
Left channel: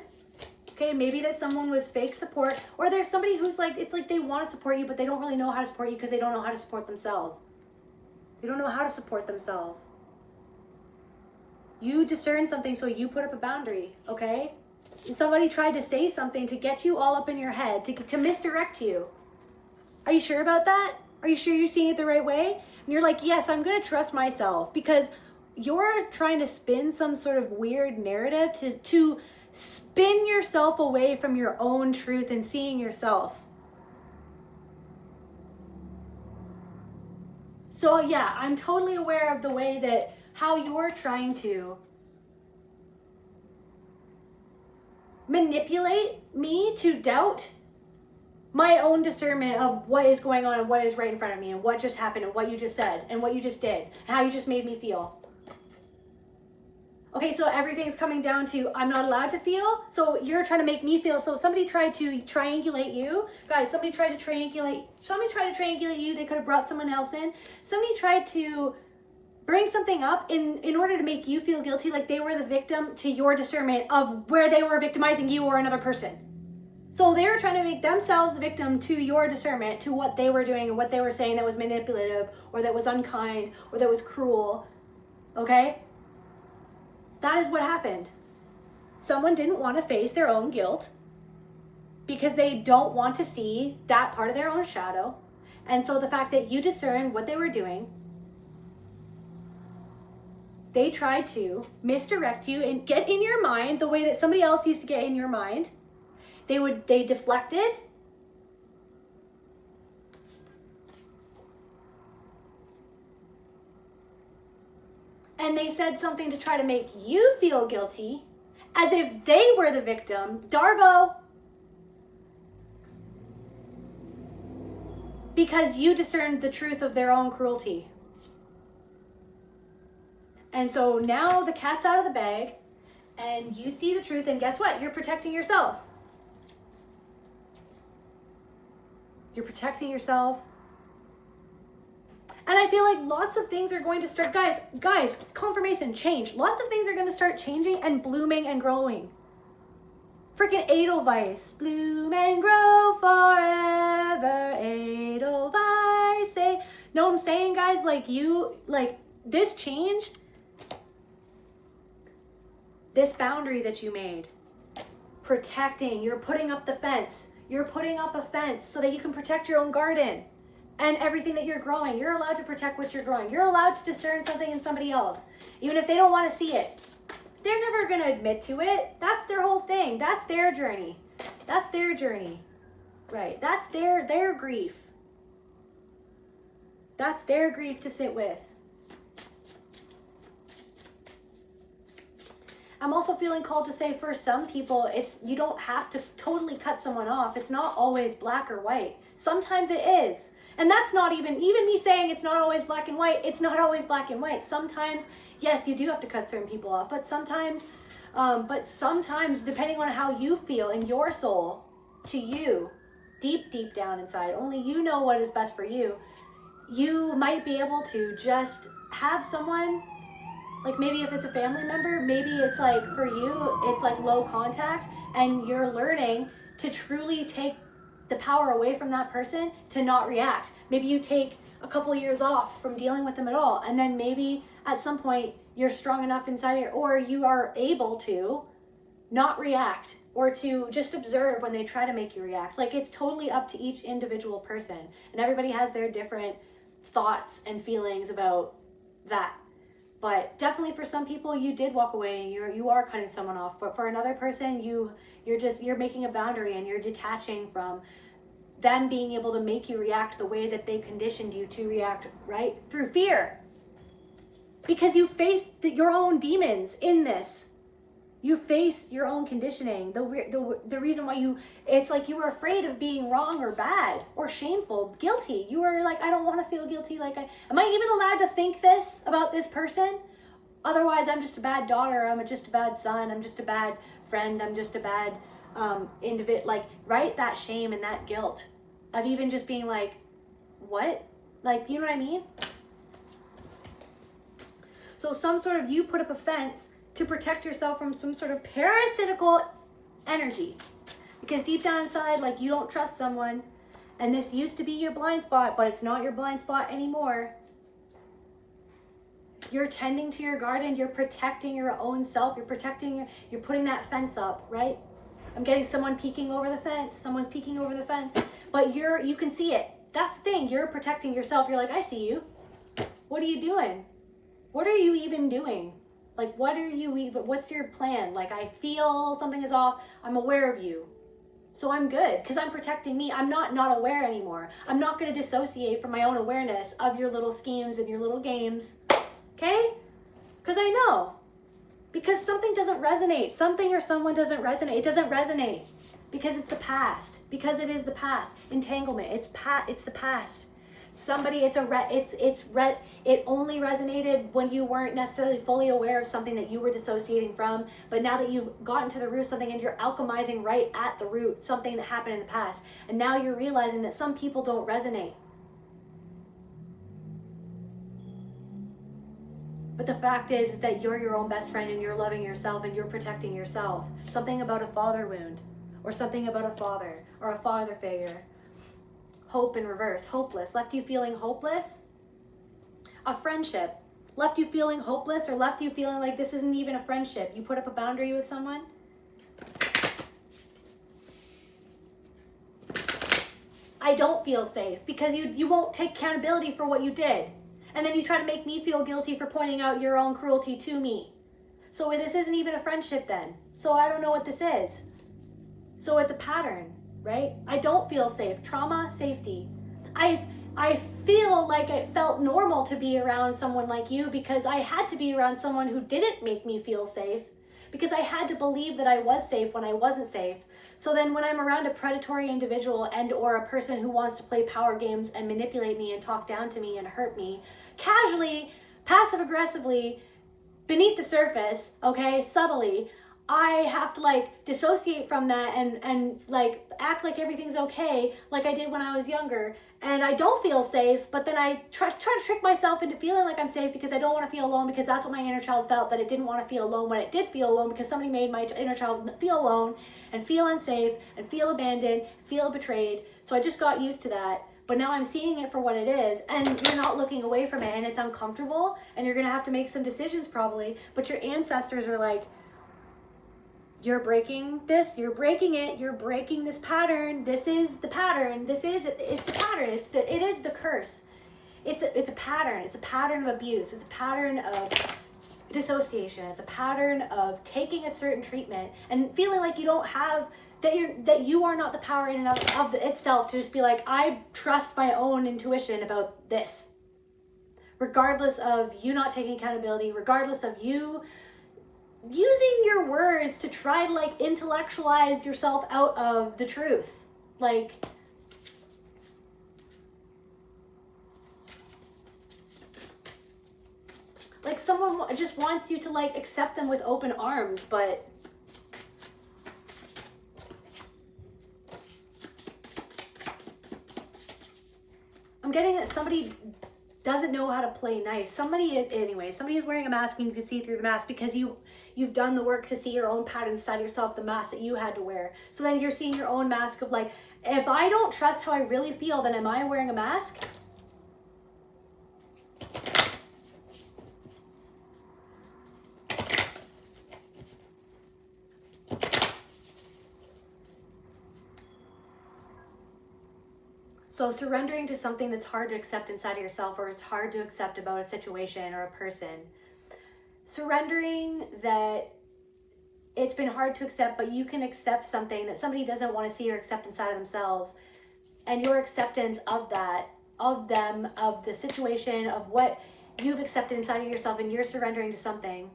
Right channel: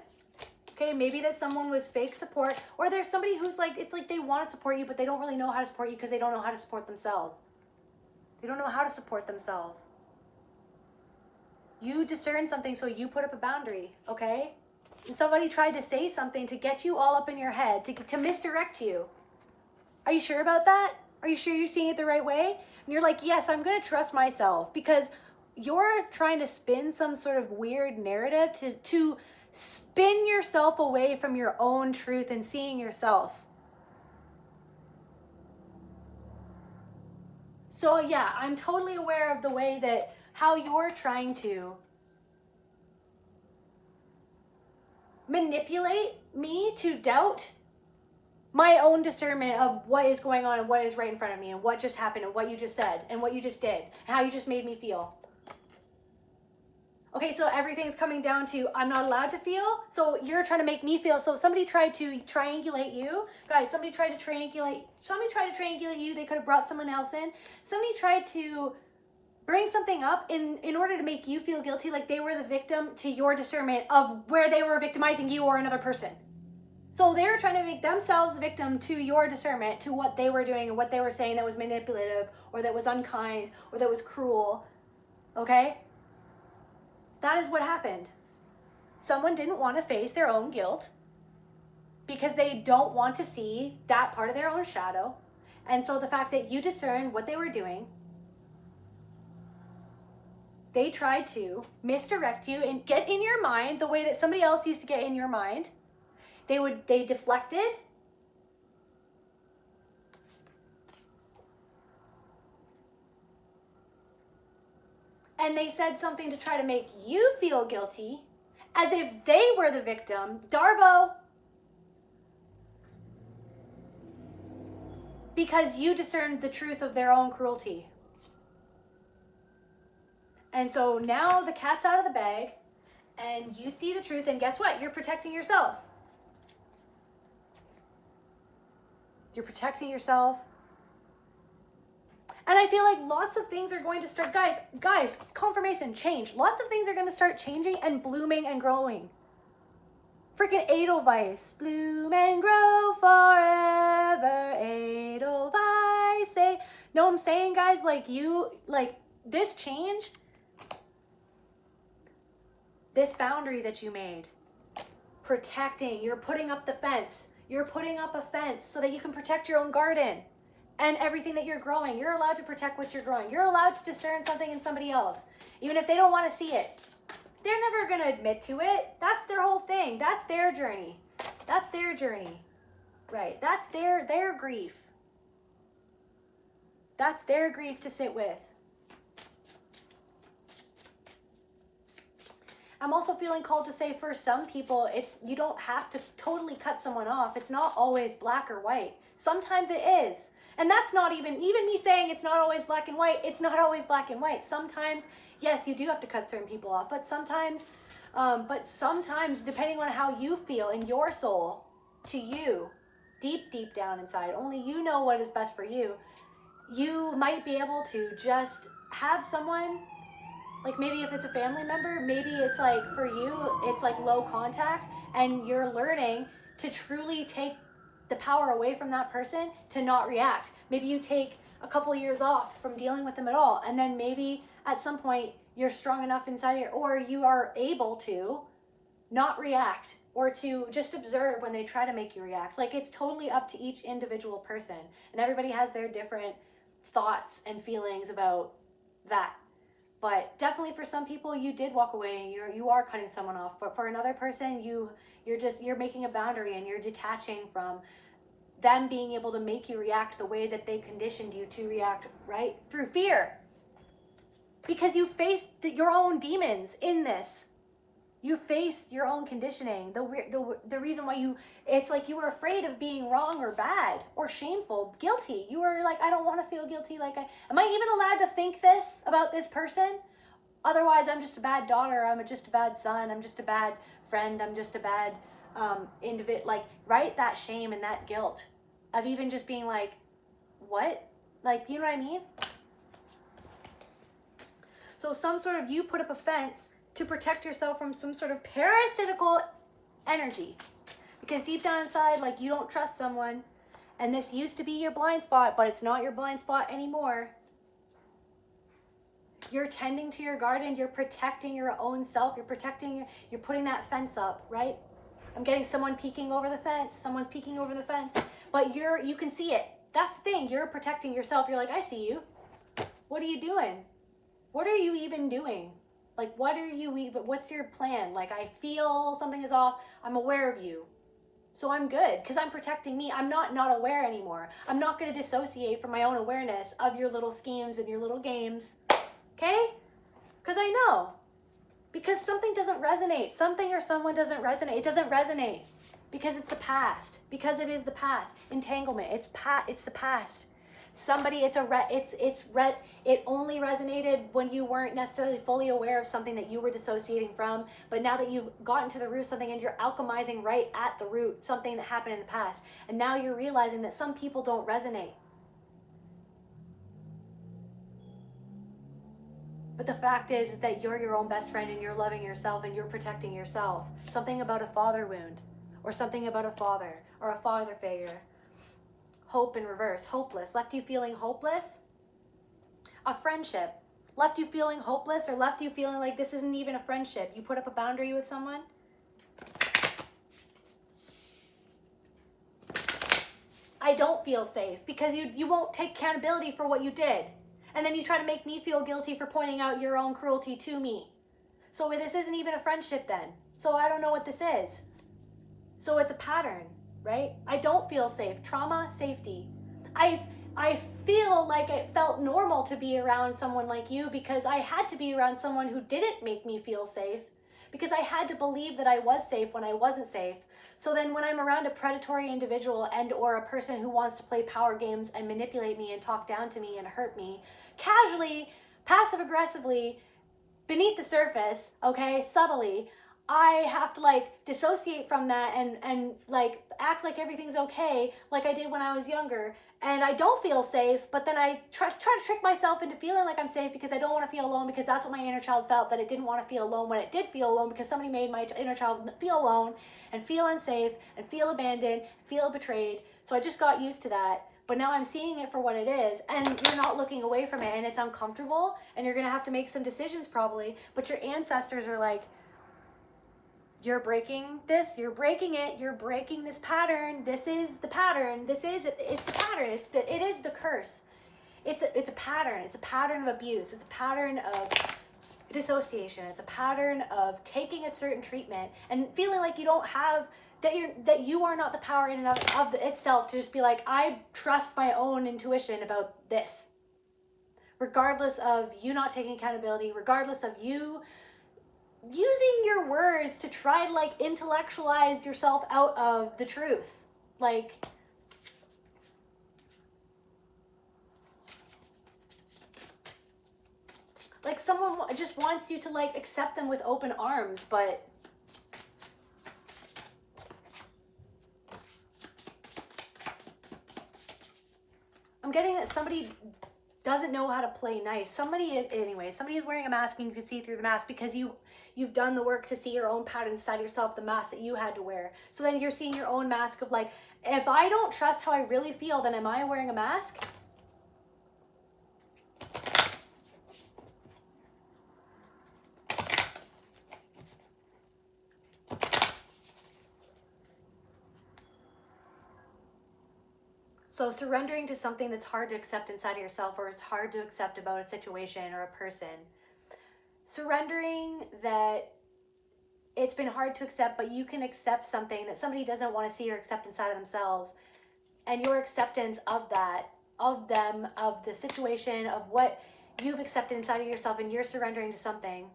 okay? Maybe that someone was fake support, or there's somebody who's like, it's like they want to support you, but they don't really know how to support you because they don't know how to support themselves. They don't know how to support themselves. You discern something, so you put up a boundary, okay? And somebody tried to say something to get you all up in your head, to misdirect you. Are you sure about that? Are you sure you're seeing it the right way? And you're like, yes, I'm going to trust myself, because you're trying to spin some sort of weird narrative to spin yourself away from your own truth and seeing yourself. So yeah, I'm totally aware of the way that how you're trying to manipulate me to doubt my own discernment of what is going on and what is right in front of me and what just happened and what you just said and what you just did and how you just made me feel. Okay, so everything's coming down to I'm not allowed to feel, so you're trying to make me feel. So somebody tried to triangulate you. Guys, somebody tried to triangulate you. They could have brought someone else in. Somebody tried to bring something up in order to make you feel guilty, like they were the victim to your discernment of where they were victimizing you or another person. So they were trying to make themselves the victim to your discernment, to what they were doing and what they were saying that was manipulative or that was unkind or that was cruel, okay? That is what happened. Someone didn't want to face their own guilt because they don't want to see that part of their own shadow. And so the fact that you discerned what they were doing, they tried to misdirect you and get in your mind the way that somebody else used to get in your mind. They deflected. And they said something to try to make you feel guilty, as if they were the victim. Darvo. Because you discerned the truth of their own cruelty. And so now the cat's out of the bag, and you see the truth, and guess what? You're protecting yourself. You're protecting yourself. And I feel like lots of things are going to start, guys, confirmation, change. Lots of things are going to start changing and blooming and growing. Freaking Edelweiss, bloom and grow forever, Edelweiss. Say, know what I'm saying, guys? Like this change, this boundary that you made, protecting, you're putting up the fence. You're putting up a fence so that you can protect your own garden. And everything that you're growing, you're allowed to protect what you're growing. You're allowed to discern something in somebody else, even if they don't want to see it. They're never going to admit to it. That's their whole thing. That's their journey. That's their journey, right? That's their grief. That's their grief to sit with. I'm also feeling called to say, for some people, you don't have to totally cut someone off. It's not always black or white. Sometimes it is. And that's not even me saying it's not always black and white. It's not always black and white. Sometimes, yes, you do have to cut certain people off, but sometimes, depending on how you feel in your soul, to you, deep, deep down inside, only you know what is best for you. You might be able to just have someone, like maybe if it's a family member, maybe it's like for you, it's like low contact, and you're learning to truly take the power away from that person to not react. Maybe you take a couple of years off from dealing with them at all, and then maybe at some point you're strong enough inside it, or you are able to not react, or to just observe when they try to make you react. Like, it's totally up to each individual person, and everybody has their different thoughts and feelings about that. But definitely for some people, you did walk away and you are cutting someone off. But for another person, you're making a boundary and you're detaching from them being able to make you react the way that they conditioned you to react, right? Through fear. Because you faced your own demons in this. You faced your own conditioning. The reason why it's like you were afraid of being wrong or bad or shameful, guilty. You were like, I don't want to feel guilty. Like, am I even allowed to think this about this person? Otherwise, I'm just a bad daughter. I'm just a bad son. I'm just a bad friend. I'm just a bad individual. Like, right? That shame and that guilt of even just being like, what? Like, you know what I mean? So some sort of, you put up a fence to protect yourself from some sort of parasitical energy. Because deep down inside, like, you don't trust someone, and this used to be your blind spot, but it's not your blind spot anymore. You're tending to your garden, you're protecting your own self, you're putting that fence up, right? I'm getting someone peeking over the fence, someone's peeking over the fence, but you can see it. That's the thing, you're protecting yourself. You're like, I see you. What are you doing? What are you even doing? Like, what's your plan? Like, I feel something is off, I'm aware of you. So I'm good, because I'm protecting me. I'm not aware anymore. I'm not going to dissociate from my own awareness of your little schemes and your little games. Okay? Because I know. Because something doesn't resonate. Something or someone doesn't resonate. It doesn't resonate. Because it's the past. Because it is the past. Entanglement. It's the past. Somebody, it only resonated when you weren't necessarily fully aware of something that you were dissociating from. But now that you've gotten to the root of something and you're alchemizing right at the root, something that happened in the past. And now you're realizing that some people don't resonate. But the fact is that you're your own best friend and you're loving yourself and you're protecting yourself. Something about a father wound, or something about a father or a father figure. Hope in reverse, hopeless, left you feeling hopeless. A friendship left you feeling hopeless, or left you feeling like this isn't even a friendship. You put up a boundary with someone. I don't feel safe because you won't take accountability for what you did. And then you try to make me feel guilty for pointing out your own cruelty to me. So this isn't even a friendship then. So I don't know what this is. So it's a pattern, right? I don't feel safe. Trauma, safety. I feel like it felt normal to be around someone like you because I had to be around someone who didn't make me feel safe, because I had to believe that I was safe when I wasn't safe. So then when I'm around a predatory individual and or a person who wants to play power games and manipulate me and talk down to me and hurt me, casually, passive aggressively, beneath the surface, okay, subtly, I have to like dissociate from that and like act like everything's okay, like I did when I was younger. And I don't feel safe, but then I try to trick myself into feeling like I'm safe because I don't want to feel alone, because that's what my inner child felt, that it didn't want to feel alone when it did feel alone, because somebody made my inner child feel alone and feel unsafe and feel abandoned, feel betrayed. So I just got used to that. But now I'm seeing it for what it is, and you're not looking away from it, and it's uncomfortable, and you're going to have to make some decisions probably, but your ancestors are like, you're breaking this, you're breaking it, you're breaking this pattern, this is the pattern, it's the pattern, it is the curse. It's a pattern of abuse, it's a pattern of dissociation, it's a pattern of taking a certain treatment and feeling like you don't have, that you are not the power in and of itself to just be like, I trust my own intuition about this. Regardless of you not taking accountability, regardless of you using your words to try to like intellectualize yourself out of the truth. Like someone just wants you to like accept them with open arms, but I'm getting that somebody doesn't know how to play nice. Somebody is wearing a mask and you can see through the mask because you've done the work to see your own patterns inside yourself, the mask that you had to wear. So then you're seeing your own mask of like, if I don't trust how I really feel, then am I wearing a mask? So surrendering to something that's hard to accept inside of yourself, or it's hard to accept about a situation or a person. Surrendering that it's been hard to accept, but you can accept something that somebody doesn't want to see or accept inside of themselves. And your acceptance of that, of them, of the situation, of what you've accepted inside of yourself, and you're surrendering to something,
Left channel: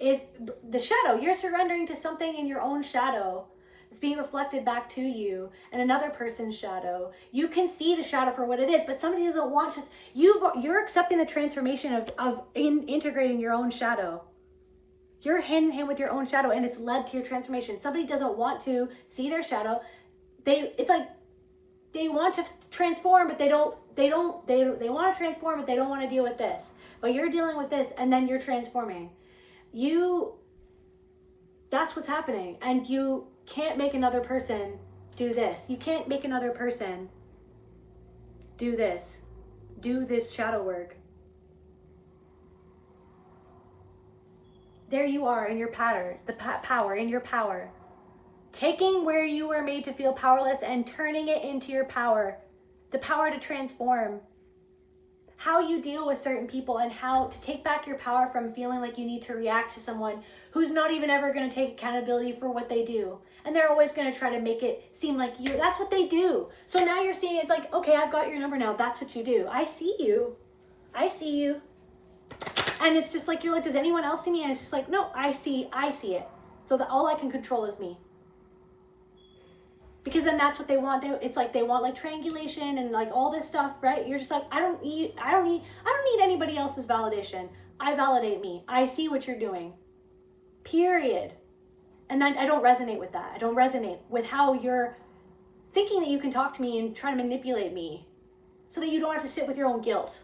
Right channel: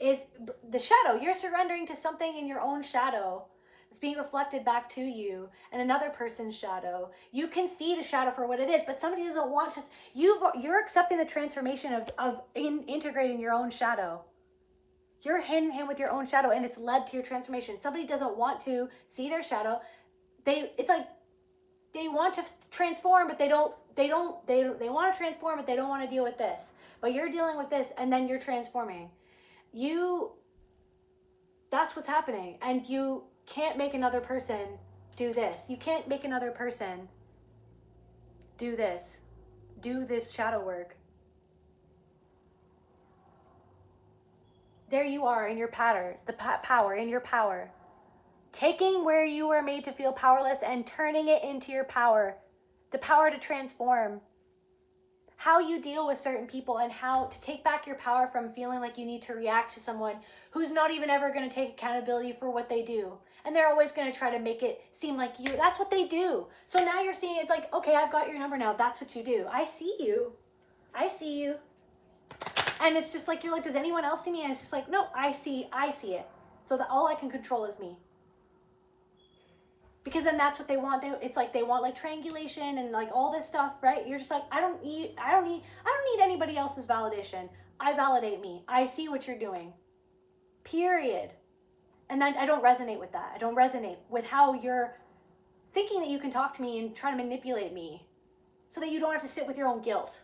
is the shadow. You're surrendering to something in your own shadow. It's being reflected back to you and another person's shadow. You can see the shadow for what it is, but somebody doesn't want to. You're accepting the transformation of integrating your own shadow. You're hand in hand with your own shadow, and it's led to your transformation. Somebody doesn't want to see their shadow. It's like they want to transform, but they want to transform, but they don't want to deal with this. But you're dealing with this, and then you're transforming. That's what's happening. And you can't make another person do this. You can't make another person do this. Do this shadow work. There you are in your pattern, the power, in your power. Taking where you were made to feel powerless and turning it into your power. The power to transform. How you deal with certain people and how to take back your power from feeling like you need to react to someone who's not even ever going to take accountability for what they do. And they're always going to try to make it seem like that's what they do. So now you're seeing it's like, okay, I've got your number now. That's what you do. I see you. I see you. And it's just like, you're like, does anyone else see me? And it's just like, no, I see it. So that all I can control is me. Because then that's what they want. It's like they want like triangulation and like all this stuff, right? You're just like, I don't need anybody else's validation. I validate me. I see what you're doing. Period. And then I don't resonate with that. I don't resonate with how you're thinking that you can talk to me and try to manipulate me so that you don't have to sit with your own guilt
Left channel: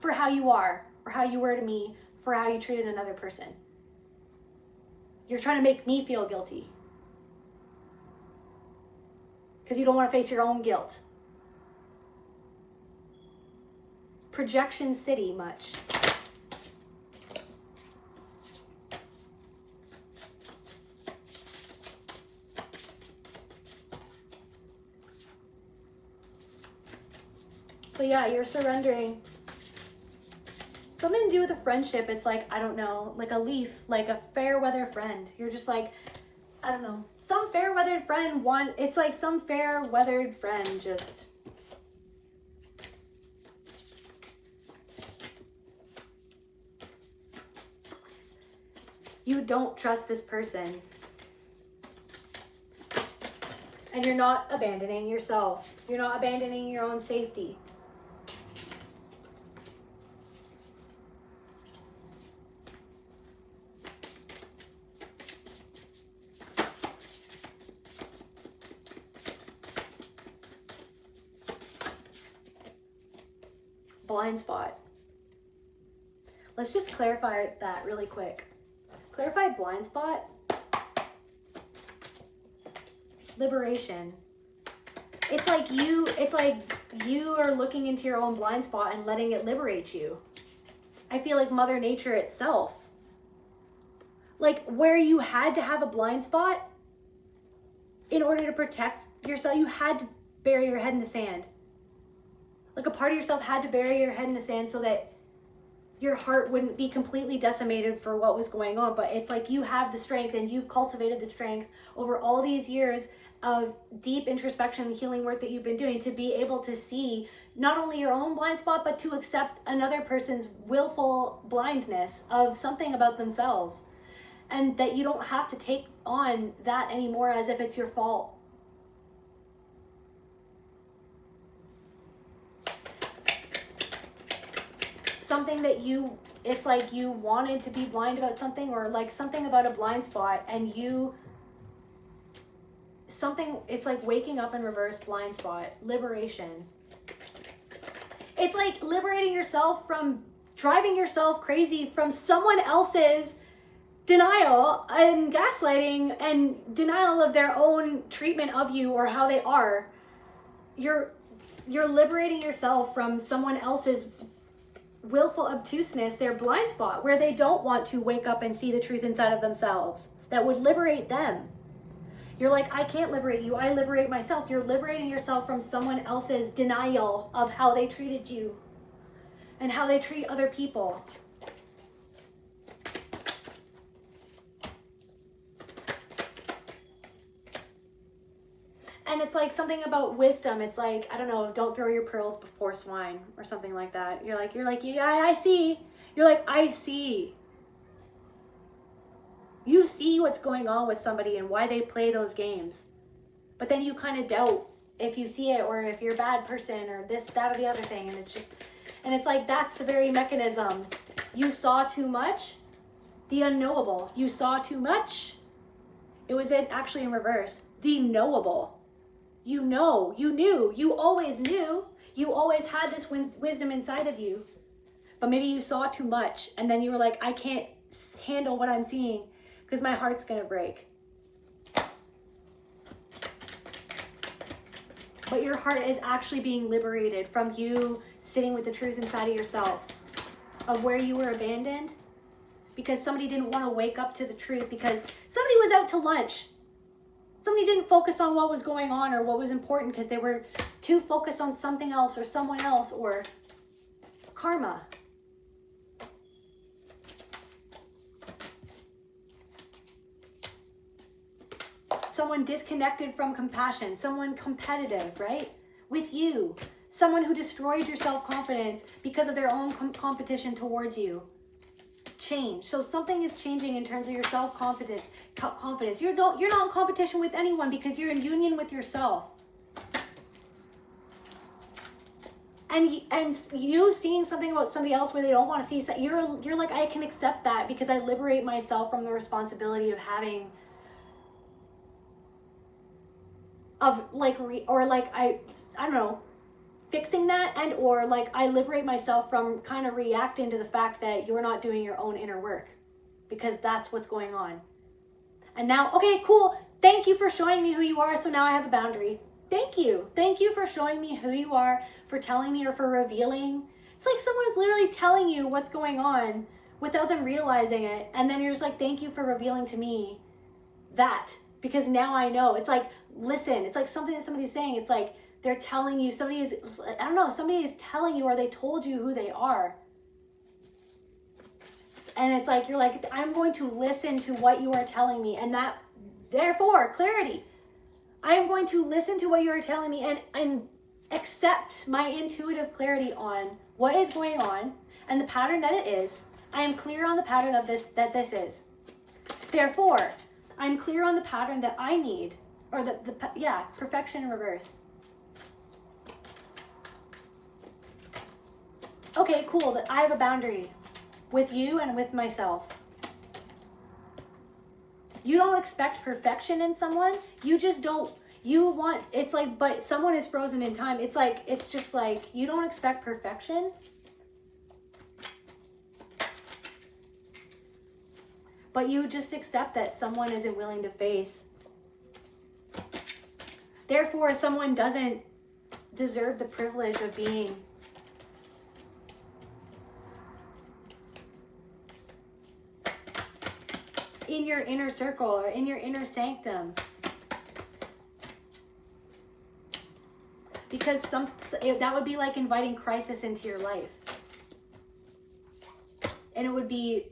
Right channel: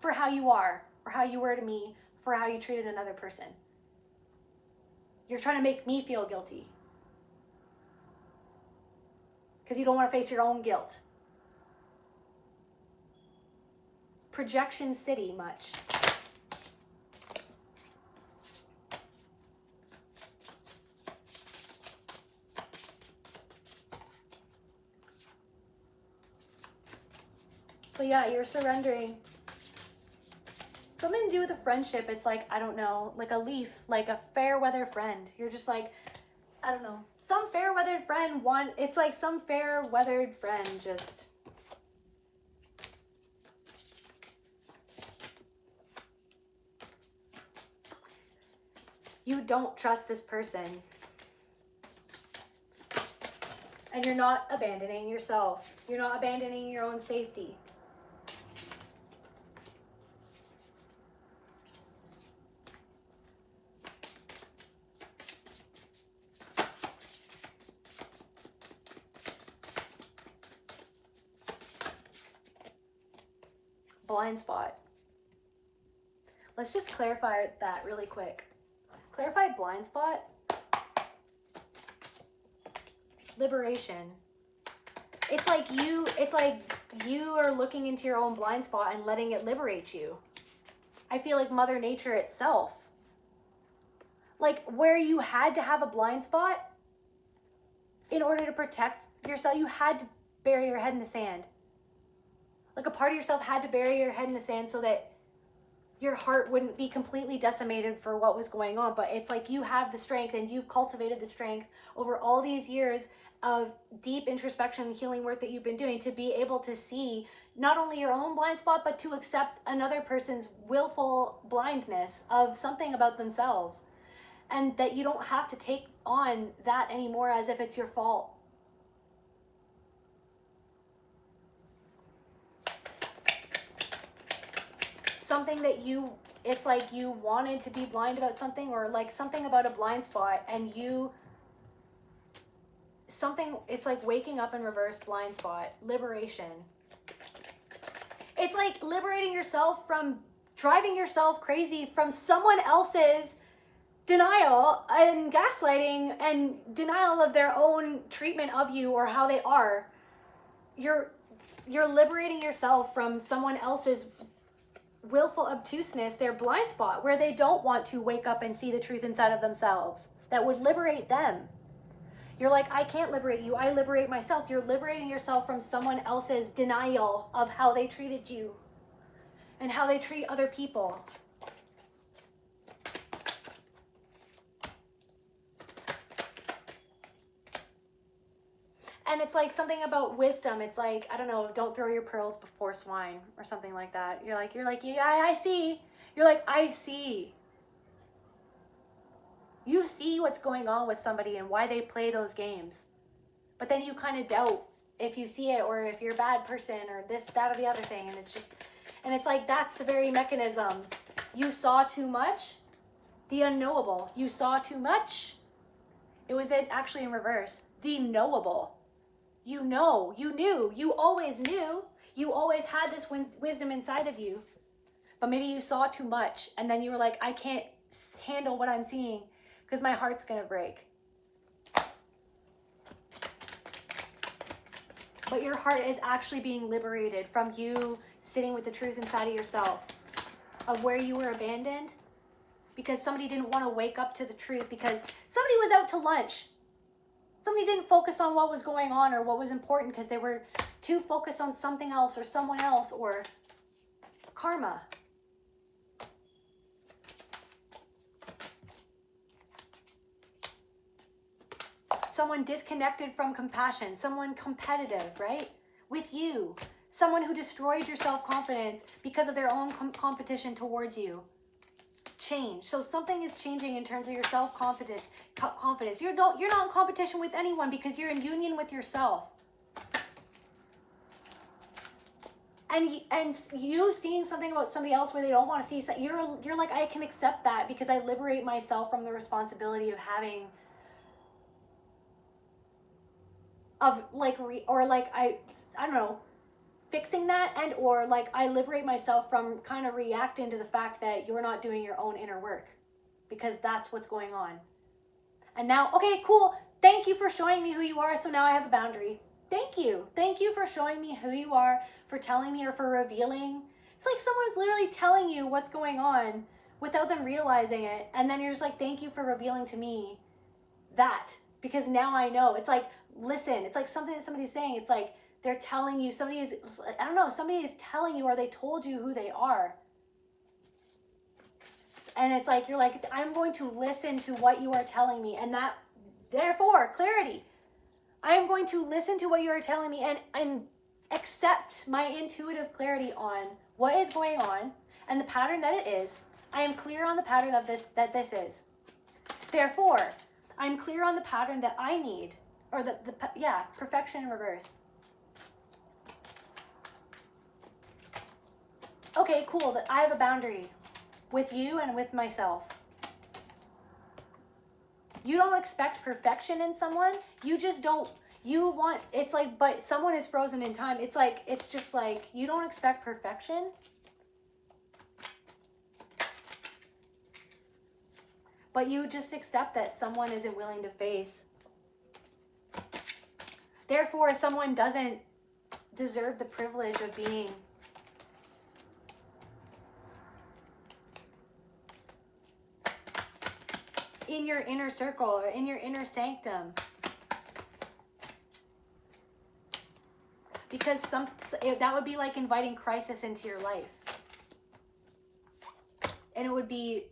for how you are or how you were to me, for how you treated another person. You're trying to make me feel guilty because you don't want to face your own guilt. Projection City much. So yeah, you're surrendering. Something to do with a friendship. It's like, I don't know, like a leaf, like a fair weather friend. You're just like, I don't know, some fair weathered friend it's like some fair weathered friend just. You don't trust this person. And you're not abandoning yourself. You're not abandoning your own safety. Blind spot. Let's just clarify that really quick. Clarify blind spot. Liberation. It's like you are looking into your own blind spot and letting it liberate you. I feel like Mother Nature itself. Like where you had to have a blind spot in order to protect yourself, you had to bury your head in the sand. Like a part of yourself had to bury your head in the sand so that your heart wouldn't be completely decimated for what was going on. But it's like you have the strength and you've cultivated the strength over all these years of deep introspection and healing work that you've been doing to be able to see not only your own blind spot, but to accept another person's willful blindness of something about themselves. And that you don't have to take on that anymore as if it's your fault. Something that it's like you wanted to be blind about something, or like something about a blind spot, and it's like waking up in reverse, blind spot, liberation. It's like liberating yourself from driving yourself crazy from someone else's denial and gaslighting and denial of their own treatment of you or how they are. You're liberating yourself from someone else's willful obtuseness, their blind spot, where they don't want to wake up and see the truth inside of themselves that would liberate them. You're like, I can't liberate you, I liberate myself. You're liberating yourself from someone else's denial of how they treated you and how they treat other people. And it's like something about wisdom. It's like, I don't know, don't throw your pearls before swine or something like that. You're like, yeah, I see. You're like, I see. You see what's going on with somebody and why they play those games. But then you kind of doubt if you see it or if you're a bad person or this, that, or the other thing. And it's like, that's the very mechanism. You saw too much, the unknowable. You saw too much. It was actually in reverse. The knowable. You know, you knew, you always knew, you always had this wisdom inside of you, but maybe you saw too much and then you were like, I can't handle what I'm seeing because my heart's gonna break. But your heart is actually being liberated from you sitting with the truth inside of yourself of where you were abandoned because somebody didn't want to wake up to the truth, because somebody was out to lunch. Somebody didn't focus on what was going on or what was important because they were too focused on something else or someone else or karma. Someone disconnected from compassion, someone competitive, right? With you. Someone who destroyed your self-confidence because of their own competition towards you. Change. So something is changing in terms of your self-confidence. You're not in competition with anyone because you're in union with yourself. And you seeing something about somebody else where they don't want to see, you're like, I can accept that because I liberate myself from the responsibility of having I don't know, fixing that, and or like I liberate myself from kind of reacting to the fact that you're not doing your own inner work, because that's what's going on. And now, okay, cool. Thank you for showing me who you are. So now I have a boundary. Thank you. Thank you for showing me who you are, for telling me or for revealing. It's like someone's literally telling you what's going on without them realizing it. And then you're just like, thank you for revealing to me that, because now I know. It's like, listen, it's like something that somebody's saying. It's like they're telling you, somebody is telling you, or they told you who they are. And it's like, you're like, I'm going to listen to what you are telling me. And that, therefore, clarity. I'm going to listen to what you are telling me and accept my intuitive clarity on what is going on and the pattern that it is. I am clear on the pattern of this, that this is. Therefore, I'm clear on the pattern that I need, or perfection in reverse. Okay, cool, that I have a boundary with you and with myself. You don't expect perfection in someone. You just don't, you want, it's like, but someone is frozen in time. It's like, it's just like, you don't expect perfection. But you just accept that someone isn't willing to face. Therefore, someone doesn't deserve the privilege of being. In your inner circle or in your inner sanctum. Because that would be like inviting crisis into your life. And it would be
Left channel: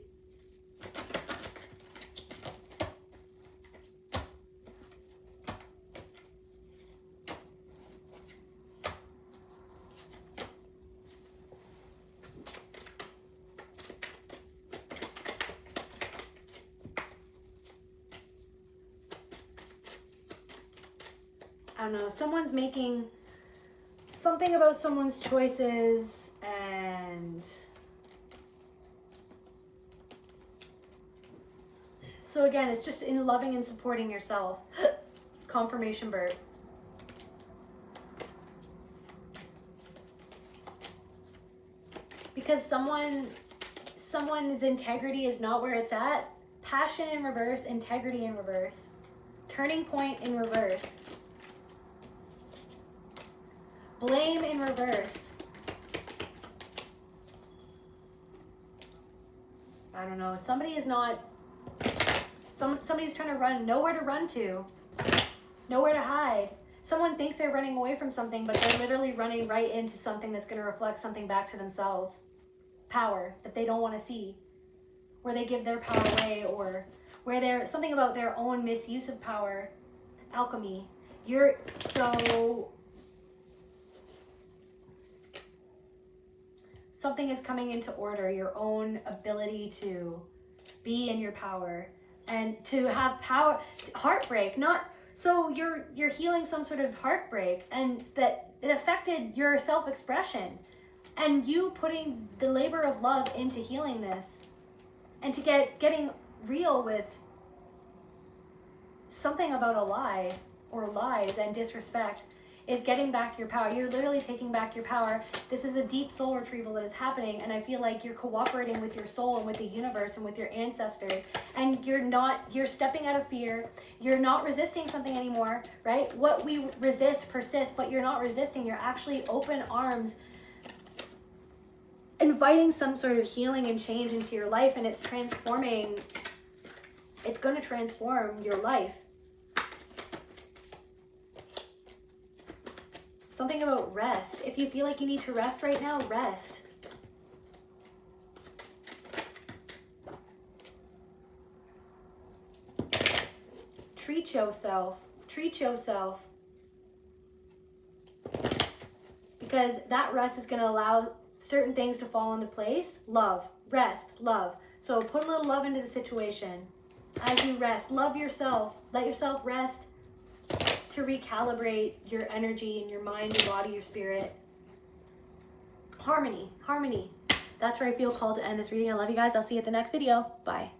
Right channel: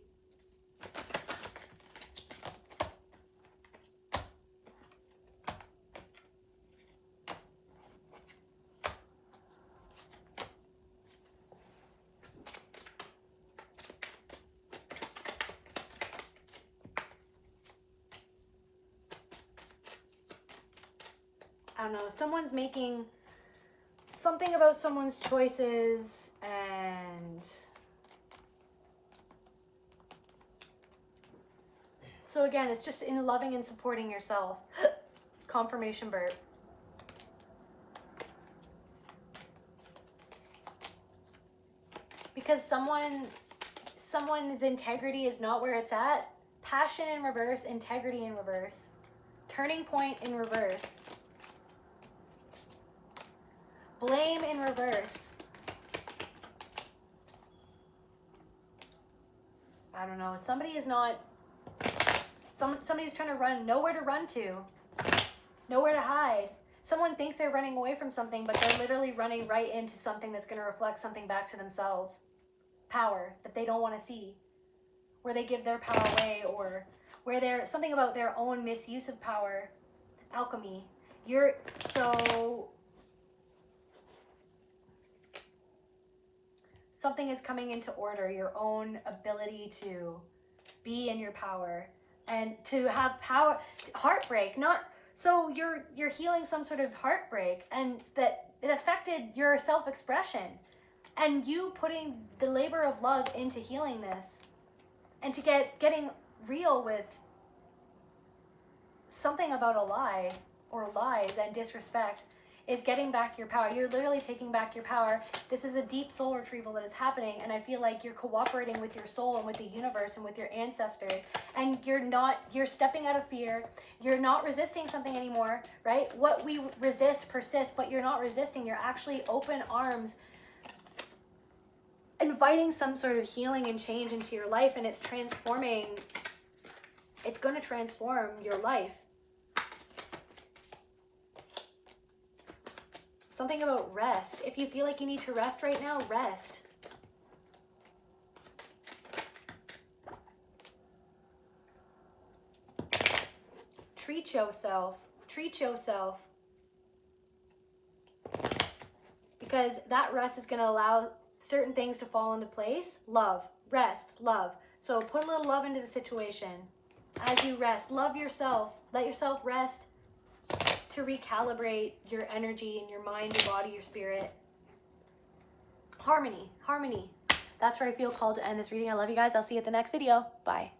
I don't know, someone's making something about someone's choices, and so again, it's just in loving and supporting yourself. Confirmation burp. Because someone's integrity is not where it's at. Passion in reverse, integrity in reverse. Turning point in reverse. Blame in reverse. I don't know. Somebody's trying to run, nowhere to run to, nowhere to hide. Someone thinks they're running away from something, but they're literally running right into something that's going to reflect something back to themselves. Power that they don't want to see, where they give their power away, or where there's something about their own misuse of power. Alchemy. Something is coming into order, your own ability to be in your power and to have power. Heartbreak, so you're healing some sort of heartbreak, and that it affected your self-expression, and you putting the labor of love into healing this, and to getting real with something about a lie or lies and disrespect is getting back your power. You're literally taking back your power. This is a deep soul retrieval that is happening, and I feel like you're cooperating with your soul and with the universe and with your ancestors, and you're stepping out of fear. You're not resisting something anymore, right? What we resist persists, but you're not resisting. You're actually open arms, inviting some sort of healing and change into your life, and it's transforming. It's going to transform your life. Something about rest. If you feel like you need to rest right now, rest. Treat yourself. Treat yourself. Because that rest is going to allow certain things to fall into place. Love. Rest. Love. So put a little love into the situation. As you rest, love yourself. Let yourself rest to recalibrate your energy and your mind, your body, your spirit. Harmony. Harmony. That's where I feel called to end this reading. I love you guys. I'll see you at the next video. Bye.